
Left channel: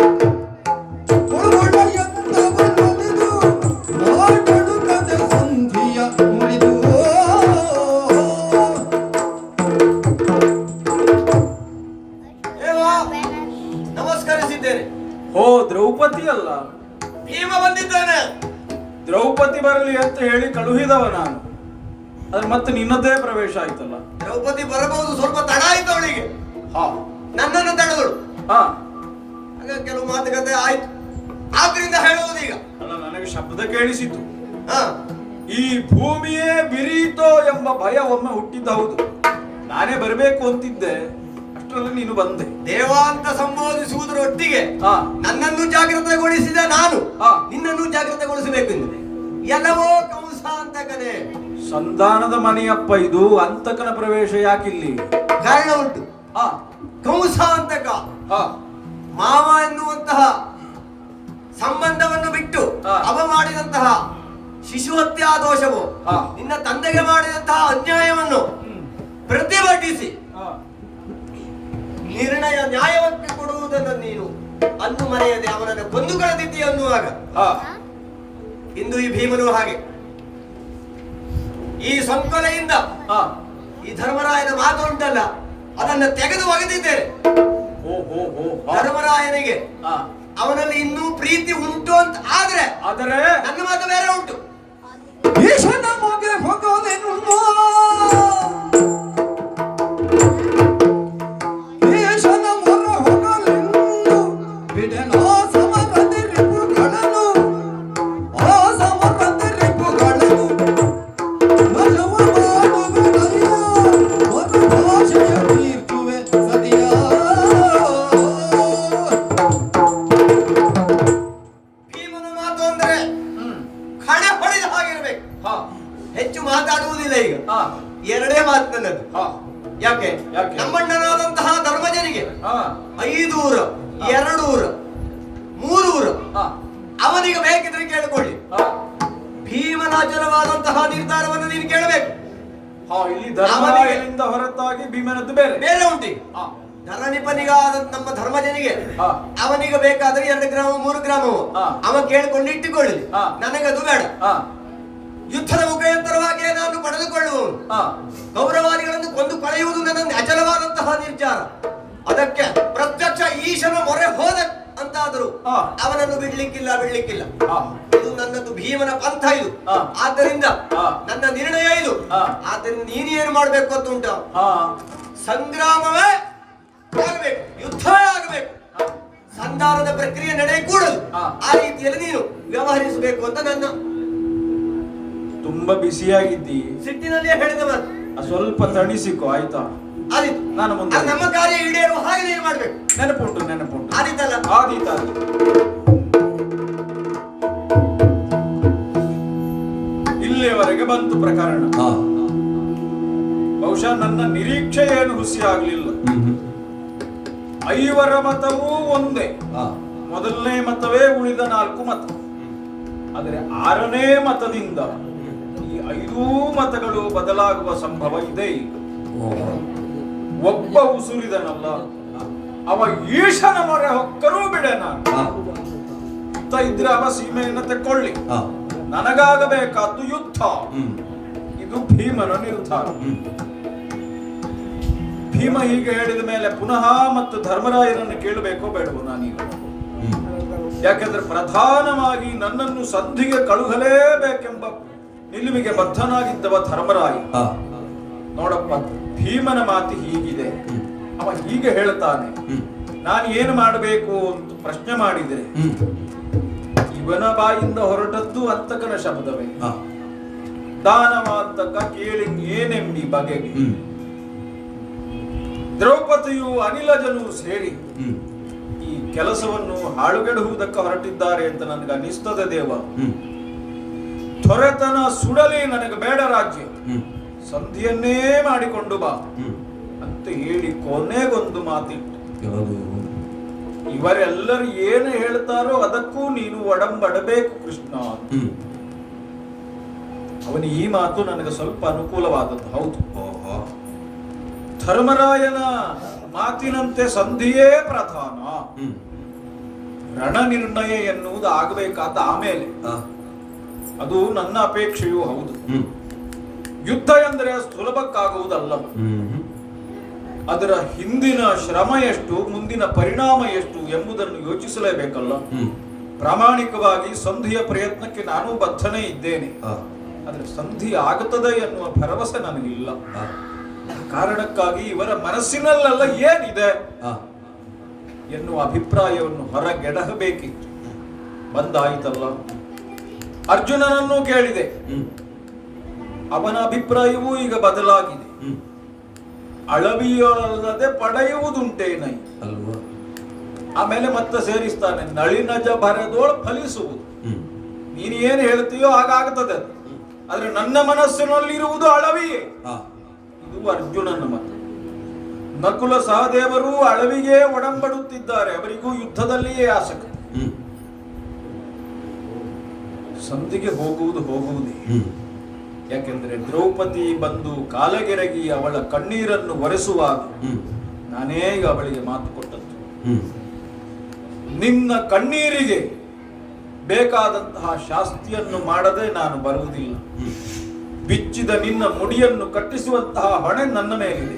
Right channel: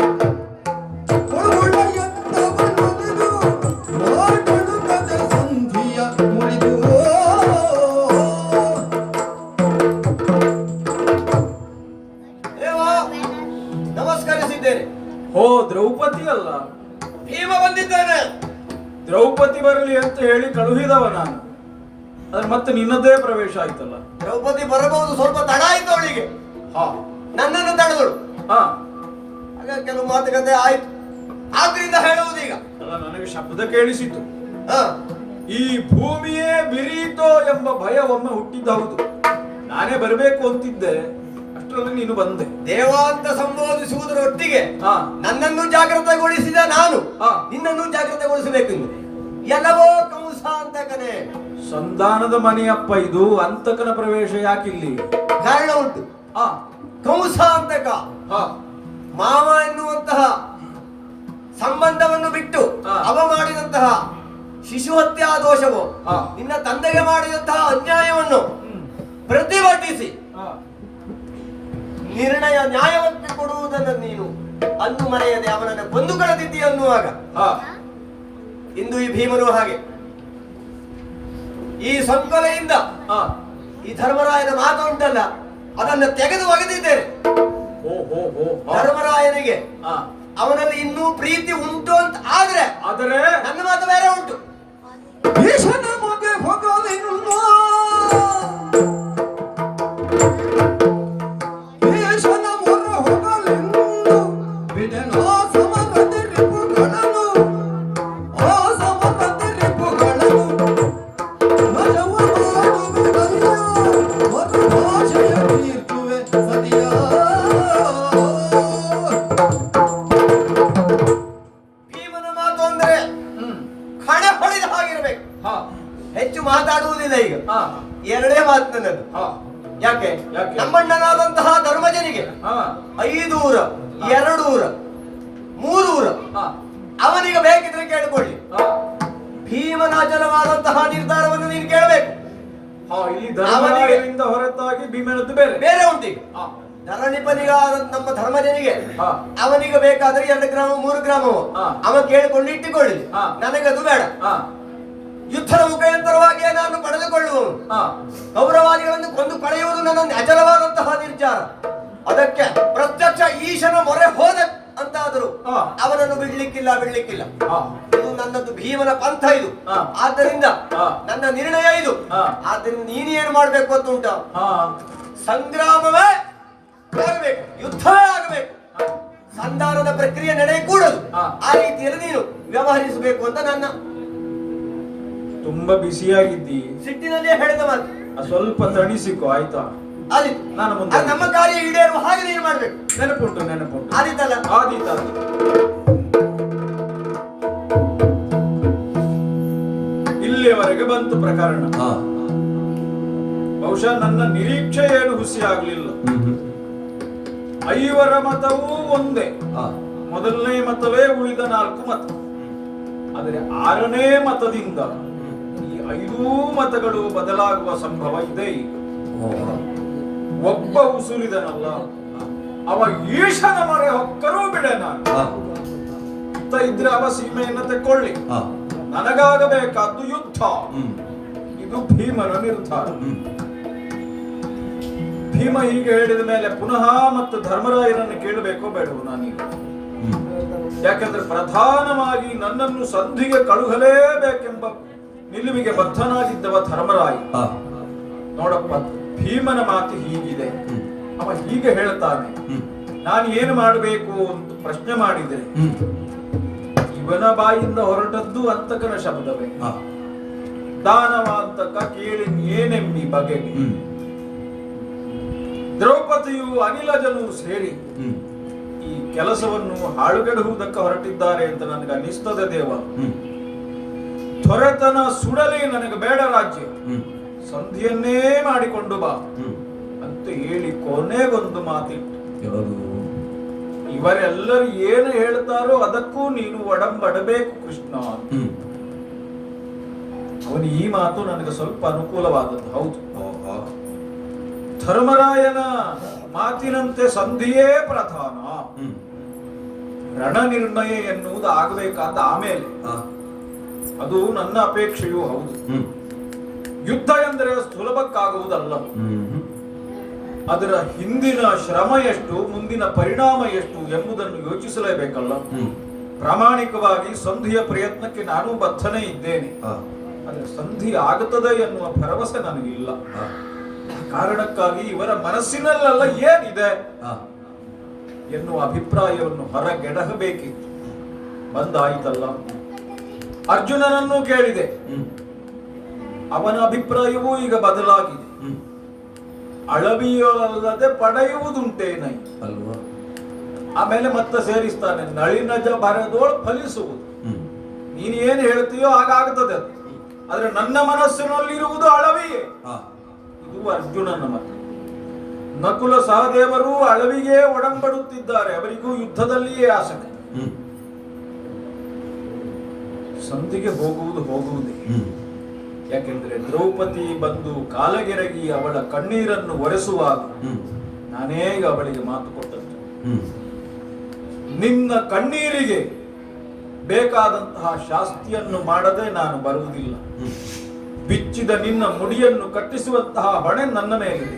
ಕೊಡುಗೊಡೆಯಂತವನೊಲಿದು ಮಾತಡುಕದ ಸಂಧಿಯ ಮುರಿದು. ನಮಸ್ಕರಿಸಿದ್ದೇನೆ. ಓ ದ್ರೌಪದಿ ಅಲ್ಲ, ಭೀಮ ಬಂದಿದ್ದೇನೆ. ದ್ರೌಪದಿ ಬರಲಿ ಅಂತ ಹೇಳಿ ಕಳುಹಿದವ ನಾನು, ಅದು ಮತ್ತೆ ನಿನ್ನದೇ ಪ್ರವೇಶ ಆಯ್ತಲ್ಲ. ದ್ರೌಪದಿ ಬರಬಹುದು, ಸ್ವಲ್ಪ ತಡ ಆಯ್ತು ಅವಳಿಗೆ, ಹಾ ನನ್ನನ್ನು ತಡೆದಳು. ಹಾ ಆಗ ಕೆಲವು ಮಾತುಕತೆ ಆಯ್ತು, ಆದ್ರಿಂದ ಹೇಳುವುದೀಗ. ಅಲ್ಲ, ನನಗೆ ಶಬ್ದ ಕೇಳಿಸಿತು, ಹಾ, ಈ ಭೂಮಿಯೇ ಬಿರೀತೋ ಎಂಬ ಭಯ ಒಮ್ಮೆ ಹುಟ್ಟಿದ್ದು ಹೌದು. ನಾನೇ ಬರಬೇಕು ಅಂತಿದ್ದೆ, ಅಷ್ಟರಲ್ಲಿ ನೀನು ಬಂದೆ. ದೇವ ಅಂತ ಸಂಬೋಧಿಸುವುದರೊಟ್ಟಿಗೆ ಹಾ. ನನ್ನನ್ನು ಜಾಗ್ರತೆಗೊಳಿಸಿದ ನಾನು ಹಾ. ನಿನ್ನನ್ನು ಜಾಗ್ರತೆಗೊಳಿಸಬೇಕು ಎಂದು. ಎಲ್ಲವೋ ಕಂಸಾಂತಕನೇ. ಸಂಧಾನದ ಮನೆಯಪ್ಪ ಇದು, ಅಂತಕನ ಪ್ರವೇಶ ಯಾಕಿಲ್ಲಿ? ಕಾರಣ ಉಂಟು. ಹಾ ಕಂಸಾಂತಕ ಹಾ ಮಾವ ಎನ್ನುವಂತಹ ಸಂಬಂಧವನ್ನು ಬಿಟ್ಟು ಹಾ. ಅವ ಮಾಡಿದಂತಹ ಶಿಶು ಹತ್ಯಾ ದೋಷವು, ಹಾ. ನಿನ್ನ ತಂದೆಗೆ ಮಾಡಿದಂತಹ ಅನ್ಯಾಯವನ್ನು ಪ್ರತಿಭಟಿಸಿ ಹಾ ನಿರ್ಣಯ ನ್ಯಾಯವನ್ನು ಕೊಡುವುದನ್ನು ನೀನು ಅಂದು ಮರೆಯದೆ ಅವನನ್ನು ಕೊಂದು ಕಳೆದಿದ್ದೀಯ ಅನ್ನುವಾಗ ಹಾ ಇಂದು ಈ ಭೀಮನು ಹಾಗೆ ಈ ಸಂಕೊಲೆಯಿಂದ ಹಾ ಈ ಧರ್ಮರಾಯನ ಮಾತು ಉಂಟಲ್ಲ, ಅದನ್ನು ತೆಗೆದು ಒಗೆದಿದ್ದೇನೆ. ಓ ಹೋ ಹೋ ಹಾ. ಧರ್ಮರಾಯನಿಗೆ ಹಾ. ಅವನಲ್ಲಿ ಇನ್ನೂ ಪ್ರೀತಿ ಉಂಟು ಅಂತ ಆದ್ರೆ ಆದರೆ ನನ್ನ ಮಾತು ಬೇರೆ ಉಂಟು. ಈಶನ ಮಗೆ ಹೋಗಲೆನ್ನು, ಈಶನ ಮೊರ ಹೋಗಲೆನ್ನು, ಬಿಡನೋ ಸಮರದ ರಿಪುಗಳನ್ನು, ಆ ಸಮರದ ರಿಪುಗಳನ್ನು ನಜವ ಮಾಡುವೆನಯ್ಯ, ಮರು ಭಾಷೆಯ ತೀರ್ಪುವೆ ಸರಿಯಾ. ಭೀಮನ ಮಾತು ಅಂದ್ರೆ ಕಡೆ ಹೊಡೆದ ಹಾಗಿರ್ಬೇಕು, ಹಾ ಹೆಚ್ಚು ಮಾತಾಡುವುದಿಲ್ಲ. ಈಗ ಹಾ ಎರಡೇ ಮಾತು ನನ್ನದು. ಹಾ ಯಾಕೆ? ಯಾಕೆ? ನಮ್ಮಣ್ಣನಾದಂತಹ ಧರ್ಮಜನಿಗೆ ಹಾ 5 ಊರ 2 ಊರ 3 ಊರ ಹಾ ಅವನಿಗೆ ಬೇಕಿದ್ರೆ ಕೇಳಿಕೊಳ್ಳಿ. ಹಾ ಭೀಮನ ಅಚಲವಾದಂತಹ ನಿರ್ಧಾರವನ್ನು ನೀನು ಕೇಳಬೇಕು. ಹಾ ಇಲ್ಲಿ ಧರ್ಮರಾಯನಿಂದ ಹೊರತಾಗಿ ಭೀಮನದ್ದು ಬೇರೆ ಬೇರೆ ಉಂಟು. ಹಾ ಧರಣಿಪನಿಗಾದ ನಮ್ಮ ಧರ್ಮಜನಿಗೆ ಹಾ. ಅವನಿಗೆ ಬೇಕಾದ್ರೆ 2 ಗ್ರಾಮ 3 ಗ್ರಾಮವು ಹಾ. ಅವ ಕೇಳಿಕೊಂಡು ಇಟ್ಟುಕೊಳ್ಳಿ. ಹಾ. ನನಗದು ಬೇಡ. ಹಾ ಯುದ್ಧದ ಮುಖಾಂತರವಾಗಿ ನಾನು ಪಡೆದುಕೊಳ್ಳುವುದು, ಹಾ ಕೌರವಾದಿಗಳನ್ನು ಕೊಂದು ಕಳೆಯುವುದು ನನ್ನ ಅಚಲವಾದಂತಹ ನಿರ್ಧಾರ. ಅದಕ್ಕೆ ಪ್ರತ್ಯಕ್ಷ ಈಶನ ಮೊರೆ ಹೋದ ಅಂತಾದರೂ ಹಾ. ಅವನನ್ನು ಬಿಡ್ಲಿಕ್ಕಿಲ್ಲ. ಹಾ ಇದು ನನ್ನದು ಭೀಮನ ಪಂಥ ಇದು. ಹಾ. ಆದ್ದರಿಂದ ಹಾ. ನನ್ನ ನಿರ್ಣಯ ಇದು. ಹಾ. ಆದ್ದರಿಂದ ನೀನು ಏನು ಮಾಡ್ಬೇಕು ಅಂತ ಉಂಟು? ಹಾ ಸಂಗ್ರಾಮವೇ ಆಗಬೇಕು, ಯುದ್ಧವೇ ಆಗಬೇಕು, ಸಂಧಾನದ ಪ್ರಕ್ರಿಯೆ ನಡೆಯಕೂಡದು. ಹಾ. ಆ ರೀತಿಯಲ್ಲಿ ನೀನು ವ್ಯವಹರಿಸಬೇಕು ಅಂತ ನನ್ನ ತುಂಬಾ ಬಿಸಿಯಾಗಿದ್ದಿ, ಸಿಟ್ಟಿನಲ್ಲೇ ಹೇಳಿದ ಮಾತು. ಸ್ವಲ್ಪ ತಣಿಸಿಕೊ ಆಯ್ತಾ? ಆದಿತ್ತು. ನಾನು ಮುಂದೆ ಅದು ನಮ್ಮ ಕಾರ್ಯ ಈಡೇರುವ ಹಾಗೆ ನೀನು ಮಾಡ್ಬೇಕು. ನೆನಪುಂಟು ಆದಿತ್ತಲ್ಲ? ಆದೀತ. ಇಲ್ಲಿಯವರೆಗೆ ಬಂತು ಪ್ರಕರಣ. ಬಹುಶಃ ನನ್ನ ನಿರೀಕ್ಷೆ ಏನು ಹುಸಿಯಾಗಲಿಲ್ಲ. ಐವರ ಮತವೂ ಒಂದೇ, ಮೊದಲನೇ ಮತವೇ ಉಳಿದ 4 ಮತ. ಆದರೆ 6ನೇ ಮತದಿಂದ ಈ 5 ಮತಗಳು ಬದಲಾಗುವ ಸಂಭವ ಇದೆ. ಒಬ್ಬ ಉಸುಲಿದನಲ್ಲ, ಅವ ಈಶನ ಮೊರೆ ಹೊಕ್ಕರೂ ಬಿಡೆನ. ಇತ್ತ ಇದ್ರೆ ಅವ ಸೀಮೆಯನ್ನು ತೆಕ್ಕೊಳ್ಳಿ, ನನಗಾಗಬೇಕಾದ್ದು ಯುದ್ಧ. ಇದು ಭೀಮನ ನಿರ್ಧಾರ. ಭೀಮ ಹೀಗೆ ಹೇಳಿದ ಮೇಲೆ ಪುನಃ ಮತ್ತು ಧರ್ಮರಾಯನನ್ನು ಕೇಳಬೇಕೋ ಬೇಡವೋ ನಾನೀಗ? ಯಾಕೆಂದ್ರೆ ಪ್ರಧಾನವಾಗಿ ನನ್ನನ್ನು ಸಂಧಿಗೆ ಕಳುಹಲೇಬೇಕೆಂಬ ನಿಲುವಿಗೆ ಬದ್ಧನಾಗಿದ್ದವ ಧರ್ಮರಾಯ. ನೋಡಪ್ಪ, ಭೀಮನ ಮಾತು ಹೀಗಿದೆ. ಅವ ಹೀಗೆ ಹೇಳ್ತಾನೆ, ನಾನು ಏನು ಮಾಡಬೇಕು ಅಂತ ಪ್ರಶ್ನೆ ಮಾಡಿದೆ. ಇವನ ಬಾಯಿಂದ ಹೊರಟದ್ದು ಅಂತಕನ ಶಬ್ದವೇ. ದಾನವಾಂತಕ ಕೇಳಿ ಏನೆಂಬಿ ಬಗೆಗೆ. ದ್ರೌಪದಿಯು ಅನಿಲಜನು ಸೇರಿ ಈ ಕೆಲಸವನ್ನು ಹಾಳುಗೆಡುವುದಕ್ಕೆ ಹೊರಟಿದ್ದಾರೆ ಅಂತ ನನಗೆ ಅನ್ನಿಸ್ತದೆ ದೇವ. ದೊರೆತನ ಸುಡಲಿ, ನನಗೆ ಬೇಡ ರಾಜ್ಯ, ಸಂಧಿಯನ್ನೇ ಮಾಡಿಕೊಂಡು ಬಾ ಅಂತ ಹೇಳಿ ಕೊನೆಗೊಂದು ಮಾತಿತ್ತು. ಇವರೆಲ್ಲರೂ ಏನು ಹೇಳ್ತಾರೋ ಅದಕ್ಕೂ ನೀನು ಒಡಂಬಡಬೇಕು ಕೃಷ್ಣ. ಅವನು ಈ ಮಾತು ನನಗೆ ಸ್ವಲ್ಪ ಅನುಕೂಲವಾದದ್ದು. ಹೌದು, ಧರ್ಮರಾಯನ ಮಾತಿನಂತೆ ಸಂಧಿಯೇ ಪ್ರಧಾನ. ರಣ ನಿರ್ಣಯ ಎನ್ನುವುದು ಆಗಬೇಕಾದ ಆಮೇಲೆ, ಅದು ನನ್ನ ಅಪೇಕ್ಷೆಯೂ ಹೌದು. ಯುದ್ಧ ಎಂದರೆ ಸುಲಭಕ್ಕಾಗುವುದಲ್ಲ. ಅದರ ಹಿಂದಿನ ಶ್ರಮ ಎಷ್ಟು, ಮುಂದಿನ ಪರಿಣಾಮ ಎಷ್ಟು ಎಂಬುದನ್ನು ಯೋಚಿಸಲೇಬೇಕಲ್ಲ. ಪ್ರಾಮಾಣಿಕವಾಗಿ ಸಂಧಿಯ ಪ್ರಯತ್ನಕ್ಕೆ ನಾನು ಬದ್ಧನೇ ಇದ್ದೇನೆ. ಆದರೆ ಸಂಧಿ ಆಗುತ್ತದೆ ಎನ್ನುವ ಭರವಸೆ ನನಗಿಲ್ಲ. ಕಾರಣಕ್ಕಾಗಿ ಇವರ ಮನಸ್ಸಿನಲ್ಲೆಲ್ಲ ಏನಿದೆ ಎನ್ನುವ ಅಭಿಪ್ರಾಯವನ್ನು ಹೊರಗೆಡಹಬೇಕಿತ್ತು. ಬಂದಾಯಿತಲ್ಲ. ಅರ್ಜುನನನ್ನು ಕೇಳಿದೆ, ಅವನ ಅಭಿಪ್ರಾಯವೂ ಈಗ ಬದಲಾಗಿದೆ. ಅಳವಿಯಲ್ಲದೆ ಪಡೆಯುವುದುಂಟೇನೈ ಅಲ್ವಾ? ಆಮೇಲೆ ಮತ್ತೆ ಸೇರಿಸ್ತಾನೆ, ನಳಿನಜ ಬರದೋಳು ಫಲಿಸುವುದು. ನೀನು ಏನು ಹೇಳ್ತೀಯೋ ಹಾಗಾಗ್ತದೆ. ಆದ್ರೆ ನನ್ನ ಮನಸ್ಸಿನಲ್ಲಿರುವುದು ಅಳವಿಯೇ. ಇದು ಅರ್ಜುನನ ಮತ. ನಕುಲ ಸಹದೇವರು ಅಳವಿಗೆ ಒಡಂಬಡುತ್ತಿದ್ದಾರೆ. ಅವರಿಗೂ ಯುದ್ಧದಲ್ಲಿಯೇ ಆಸಕ್ತಿ. ಸಂಧಿಗೆ ಹೋಗುವುದೇ. ಯಾಕೆಂದ್ರೆ ದ್ರೌಪದಿ ಬಂದು ಕಾಲಗೆರಗಿ ಅವಳ ಕಣ್ಣೀರನ್ನು ಒರೆಸುವಾಗ ನಾನೇ ಈಗ ಅವಳಿಗೆ ಮಾತು ಕೊಟ್ಟದ್ದು, ನಿನ್ನ ಕಣ್ಣೀರಿಗೆ ಬೇಕಾದಂತಹ ಶಾಸ್ತಿಯನ್ನು ಮಾಡದೆ ನಾನು ಬರುವುದಿಲ್ಲ. ಬಿಚ್ಚಿದ ನಿನ್ನ ಮುಡಿಯನ್ನು ಕಟ್ಟಿಸುವಂತಹ ಹೊಣೆ ನನ್ನ ಮೇಲಿದೆ.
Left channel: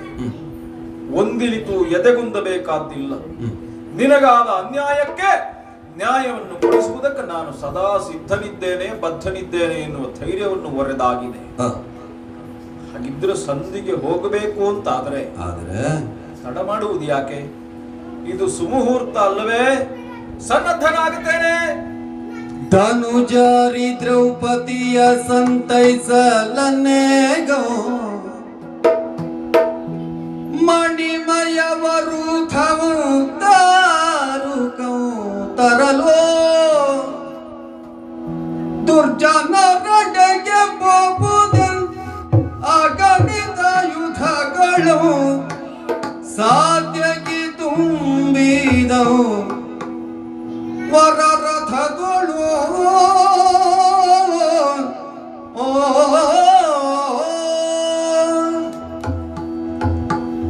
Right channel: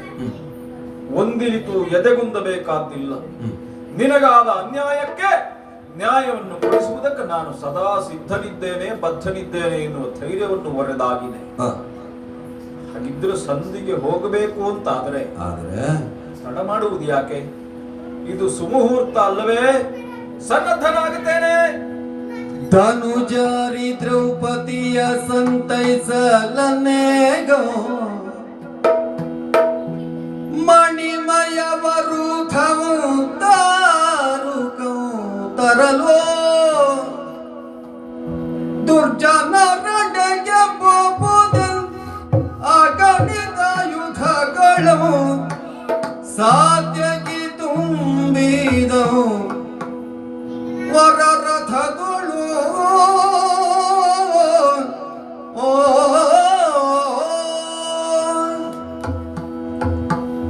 ಒಂದಿಲಿತು ಎದೆಗುಂದಬೇಕಾದ್ದಿಲ್ಲ. ನಿನಗಾದ ಅನ್ಯಾಯಕ್ಕೆ ನ್ಯಾಯವನ್ನು ಕೊಡಿಸುವುದಕ್ಕೆ ನಾನು ಸದಾ ಸಿದ್ಧನಿದ್ದೇನೆ, ಬದ್ಧನಿದ್ದೇನೆ ಎನ್ನುವ ಧೈರ್ಯವನ್ನು ಒರೆದಾಗಿದೆ. ಹಾಗಿದ್ರೆ ಸಂಧಿಗೆ ಹೋಗಬೇಕು ಅಂತ ಆದರೆ ತಡ ಮಾಡುವುದು ಯಾಕೆ? ಇದು ಸುಮುಹೂರ್ತ ಅಲ್ಲವೇ? ಸನ್ನದ್ಧನಾಗುತ್ತೇನೆ. ಧನುಜಾರಿ ದ್ರೌಪದಿಯ ಸಂತೈಸಲನೇಗೋ ಮಣಿಮಯವರು ತರಲೋ ದುರ್ಜನರಡೆಗೆ ಬಹುದನ್ ಅಗಣಿತ ಯುಧಗಳು ಸಾಧ್ಯಕ್ಕೆ ತುಂಬಿದವು ವರರಥಗಳು.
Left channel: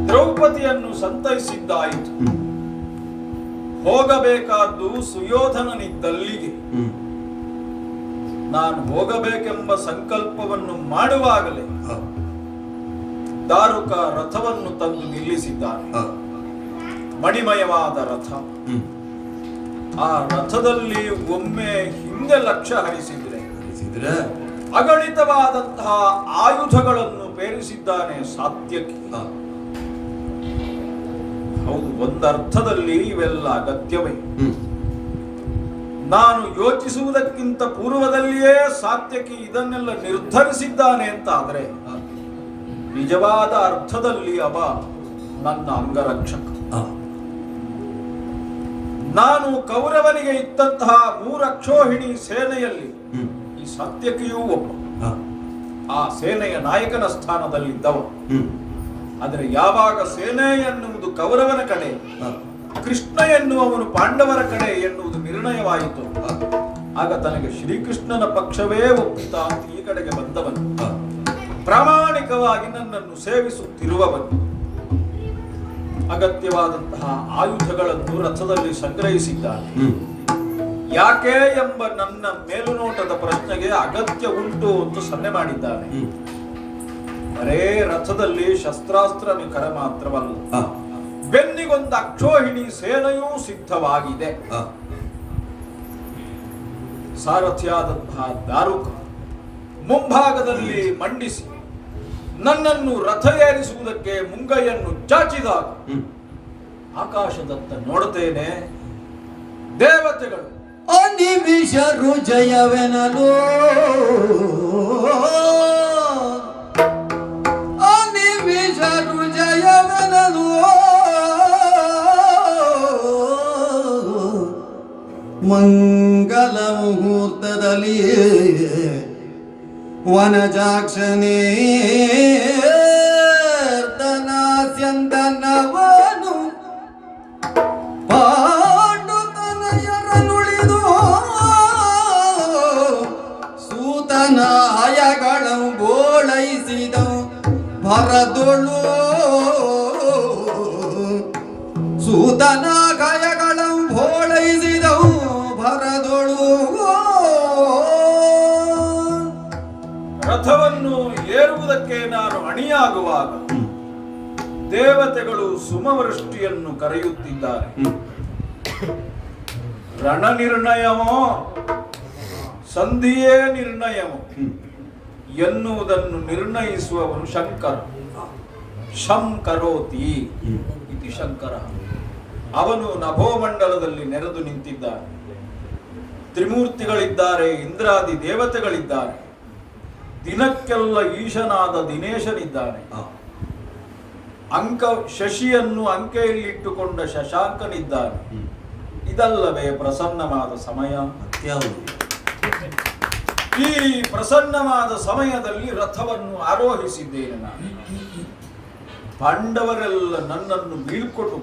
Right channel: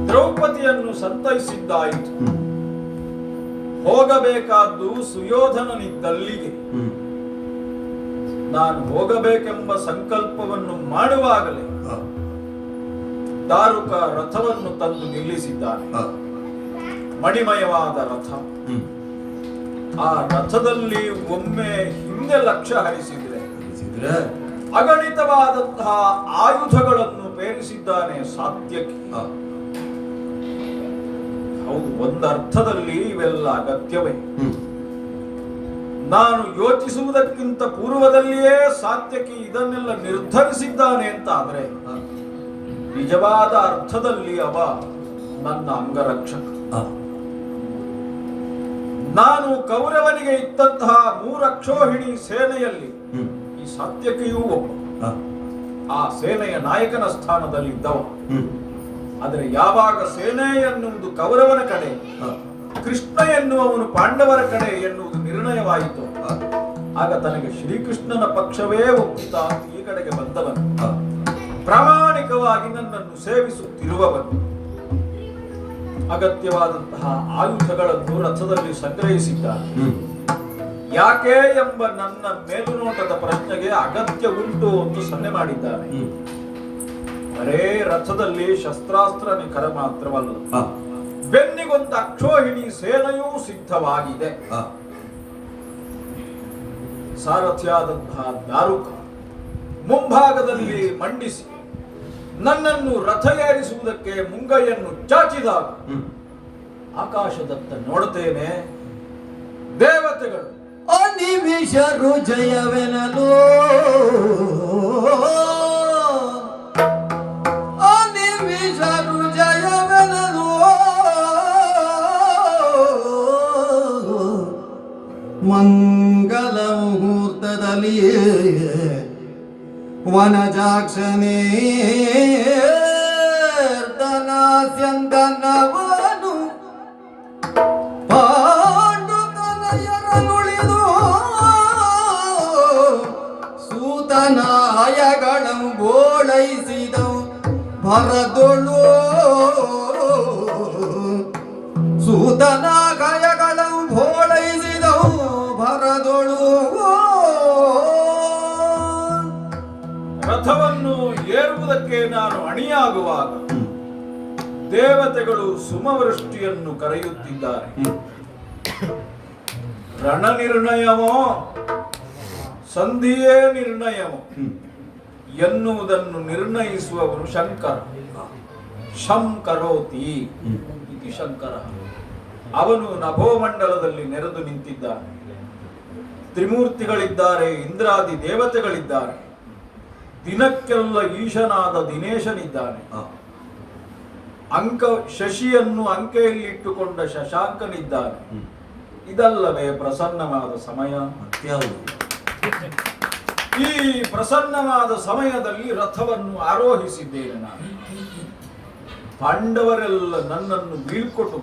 ದ್ರೌಪದಿಯನ್ನು ಸಂತೈಸಿದ್ದಾಯಿತು. ಹೋಗಬೇಕಾದ್ದು ಸುಯೋಧನನಿದ್ದಲ್ಲಿಗೆ. ನಾನು ಹೋಗಬೇಕೆಂಬ ಸಂಕಲ್ಪವನ್ನು ಮಾಡುವಾಗಲೇ ದಾರುಕ ರಥವನ್ನು ತಂದು ನಿಲ್ಲಿಸಿದ್ದಾನೆ. ಮಣಿಮಯವಾದ ರಥ. ಆ ರಥದಲ್ಲಿ ಒಮ್ಮೆ ಹಿಂದೆ ಲಕ್ಷ್ಯ ಹರಿಸಿದ್ರೆ ಅಗಣಿತವಾದಂತಹ ಆಯುಧಗಳನ್ನು ಪೇರಿಸಿದ್ದಾನೆ ಸಾತ್ಯಕಿ. ಹೌದು, ಒಂದರ್ಥದಲ್ಲಿ ಇವೆಲ್ಲ ಅಗತ್ಯವೇ. ನಾನು ಯೋಚಿಸುವುದಕ್ಕಿಂತ ಪೂರ್ವದಲ್ಲಿಯೇ ಸಾತ್ಯಕಿ ಇದನ್ನೆಲ್ಲ ನಿರ್ಧರಿಸಿದ್ದಾನೆ ಅಂತ ಆದ್ರೆ ನಿಜವಾದ ಅರ್ಥದಲ್ಲಿ ಅವ ನನ್ನ ಅಂಗರಕ್ಷಕ. ನಾನು ಕೌರವನಿಗೆ ಇದ್ದಂತಹ 3 ಅಕ್ಷೋಹಿಣಿ ಸೇನೆಯಲ್ಲಿ ಈ ಸಾತ್ಯಕಿಯೂ ಒಬ್ಬ. ಆ ಸೇನೆಯ ನಾಯಕನ ಸ್ಥಾನದಲ್ಲಿದ್ದವ. ಆದರೆ ಯಾವಾಗ ಸೇನೆ ಎನ್ನುವುದು ಕೌರವನ ಕಡೆ, ಕೃಷ್ಣ ಎನ್ನುವವನು ಪಾಂಡವರ ಕಡೆ ಎನ್ನುವುದು ನಿರ್ಣಯವಾಯಿತು, ಆಗ ತನಗೆ ಶ್ರೀಕೃಷ್ಣನ ಪಕ್ಷವೇ ಒಪ್ಪುತ್ತಾ ಈ ಕಡೆಗೆ ಬಂದವನು, ಪ್ರಾಮಾಣಿಕವಾಗಿ ನನ್ನನ್ನು ಸೇವಿಸುತ್ತಿರುವವನು, ಅಗತ್ಯವಾದಂತಹ ಆಯುಧಗಳನ್ನು ರಥದಲ್ಲಿ ಸಂಗ್ರಹಿಸಿದ್ದಾನೆ. ಯಾಕೆ ಎಂಬ ನನ್ನ ಮೇಲುನೋಟದ ಪ್ರಶ್ನೆಗೆ ಅಗತ್ಯ ಉಂಟು ಎಂದು ಸನ್ನೆ ಮಾಡಿದ್ದಾನೆ. ಬರೇ ರಥದಲ್ಲಿ ಶಸ್ತ್ರಾಸ್ತ್ರ ನಿಖರ ಮಾತ್ರವಲ್ಲ, ಬೆನ್ನಿಗೊಂದು ಅಕ್ಷೋಹಿಣಿ ಸೇನೆಯೂ ಸಿದ್ಧವಾಗಿದೆ. ಸಾರಥಿಯಾದಂತಹ ದಾರುಕ ಮುಂಭಾಗದಲ್ಲಿ ಮಂಡಿಸಿ ನನ್ನನ್ನು ರಥ ಏರಿಸುವುದಕ್ಕೆ ಮುಂಗೈಯನ್ನು ಚಾಚಿದಾಗ ಆಕಾಶದತ್ತ ನೋಡುತ್ತೇನೆ, ದೇವತೆಗಳು ಅನಿಮಿಷರು ಜಯವೆನಲು ಅನಿಮಿಷರು ಜಯವೆನಲು ಮಂಗಲ ಮುಹೂರ್ತದಲ್ಲಿ ವನಜಾಕ್ಷನೇ ದನಾಸ್ಯಂದನವನು ಪಾಂಡುತನಯರನುಳಿದು ಸೂತನಾಯಗಳ ಬೋಳೈಸಿದ ಭರದೊಳು ಸೂತನಾಗಯಗಳ ಬೋಳೈಸಿದವು ಭರದೊಳು. ರಥವನ್ನು ಏರುವುದಕ್ಕೆ ನಾನು ಅಣಿಯಾಗುವಾಗ ದೇವತೆಗಳು ಸುಮವೃಷ್ಟಿಯನ್ನು ಕರೆಯುತ್ತಿದ್ದಾರೆ. ರಣ ನಿರ್ಣಯವೋ ಸಂಧಿಯೇ ನಿರ್ಣಯವೋ ಎನ್ನುವುದನ್ನು ನಿರ್ಣಯಿಸುವವನು ಶಂಕರ. ಶಂಕರೋತಿ ಇತಿ ಶಂಕರ. ಅವನು ನಭೋಮಂಡಲದಲ್ಲಿ ನೆರೆದು ನಿಂತಿದ್ದಾನೆ. ತ್ರಿಮೂರ್ತಿಗಳಿದ್ದಾರೆ, ಇಂದ್ರಾದಿ ದೇವತೆಗಳಿದ್ದಾರೆ, ದಿನಕ್ಕೆಲ್ಲ ಈಶನಾದ ದಿನೇಶನಿದ್ದಾನೆ, ಶಶಿಯನ್ನು ಅಂಕೆಯಲ್ಲಿ ಇಟ್ಟುಕೊಂಡ ಶಶಾಂಕನಿದ್ದಾನೆ. ಇದಲ್ಲವೇ ಪ್ರಸನ್ನವಾದ ಸಮಯ? ಈ ಪ್ರಸನ್ನವಾದ ಸಮಯದಲ್ಲಿ ರಥವನ್ನು ಆರೋಹಿಸಿದ್ದೇನೆ ನಾನು. ಪಾಂಡವರೆಲ್ಲ ನನ್ನನ್ನು ಬೀಳ್ಕೊಟ್ಟು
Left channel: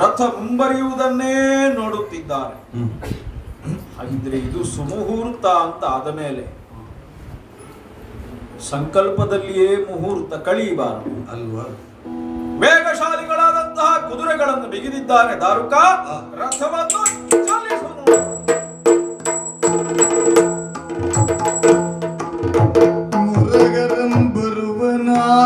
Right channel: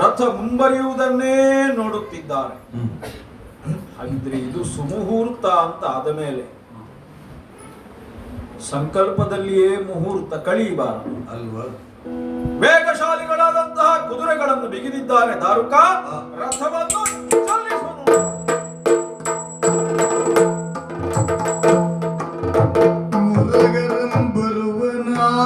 ರಥ ಮುಂಬರಿಯುವುದನ್ನೇ ನೋಡುತ್ತಿದ್ದಾರೆ. ಹಾಗಿದ್ರೆ ಇದು ಸುಮುಹೂರ್ತ ಅಂತ ಆದ ಮೇಲೆ ಸಂಕಲ್ಪದಲ್ಲಿಯೇ ಮುಹೂರ್ತ ಕಳೆಯಬಾರದು ಅಲ್ವಾ? ವೇಗಶಾಲಿಗಳಾದಂತಹ ಕುದುರೆಗಳನ್ನು ಬಿಗಿದಿದ್ದಾನೆ ದಾರುಕ. ರಥವನ್ನು ಮುರಗರಂ ಬರುವನಾರೋಗಣೆಗೆ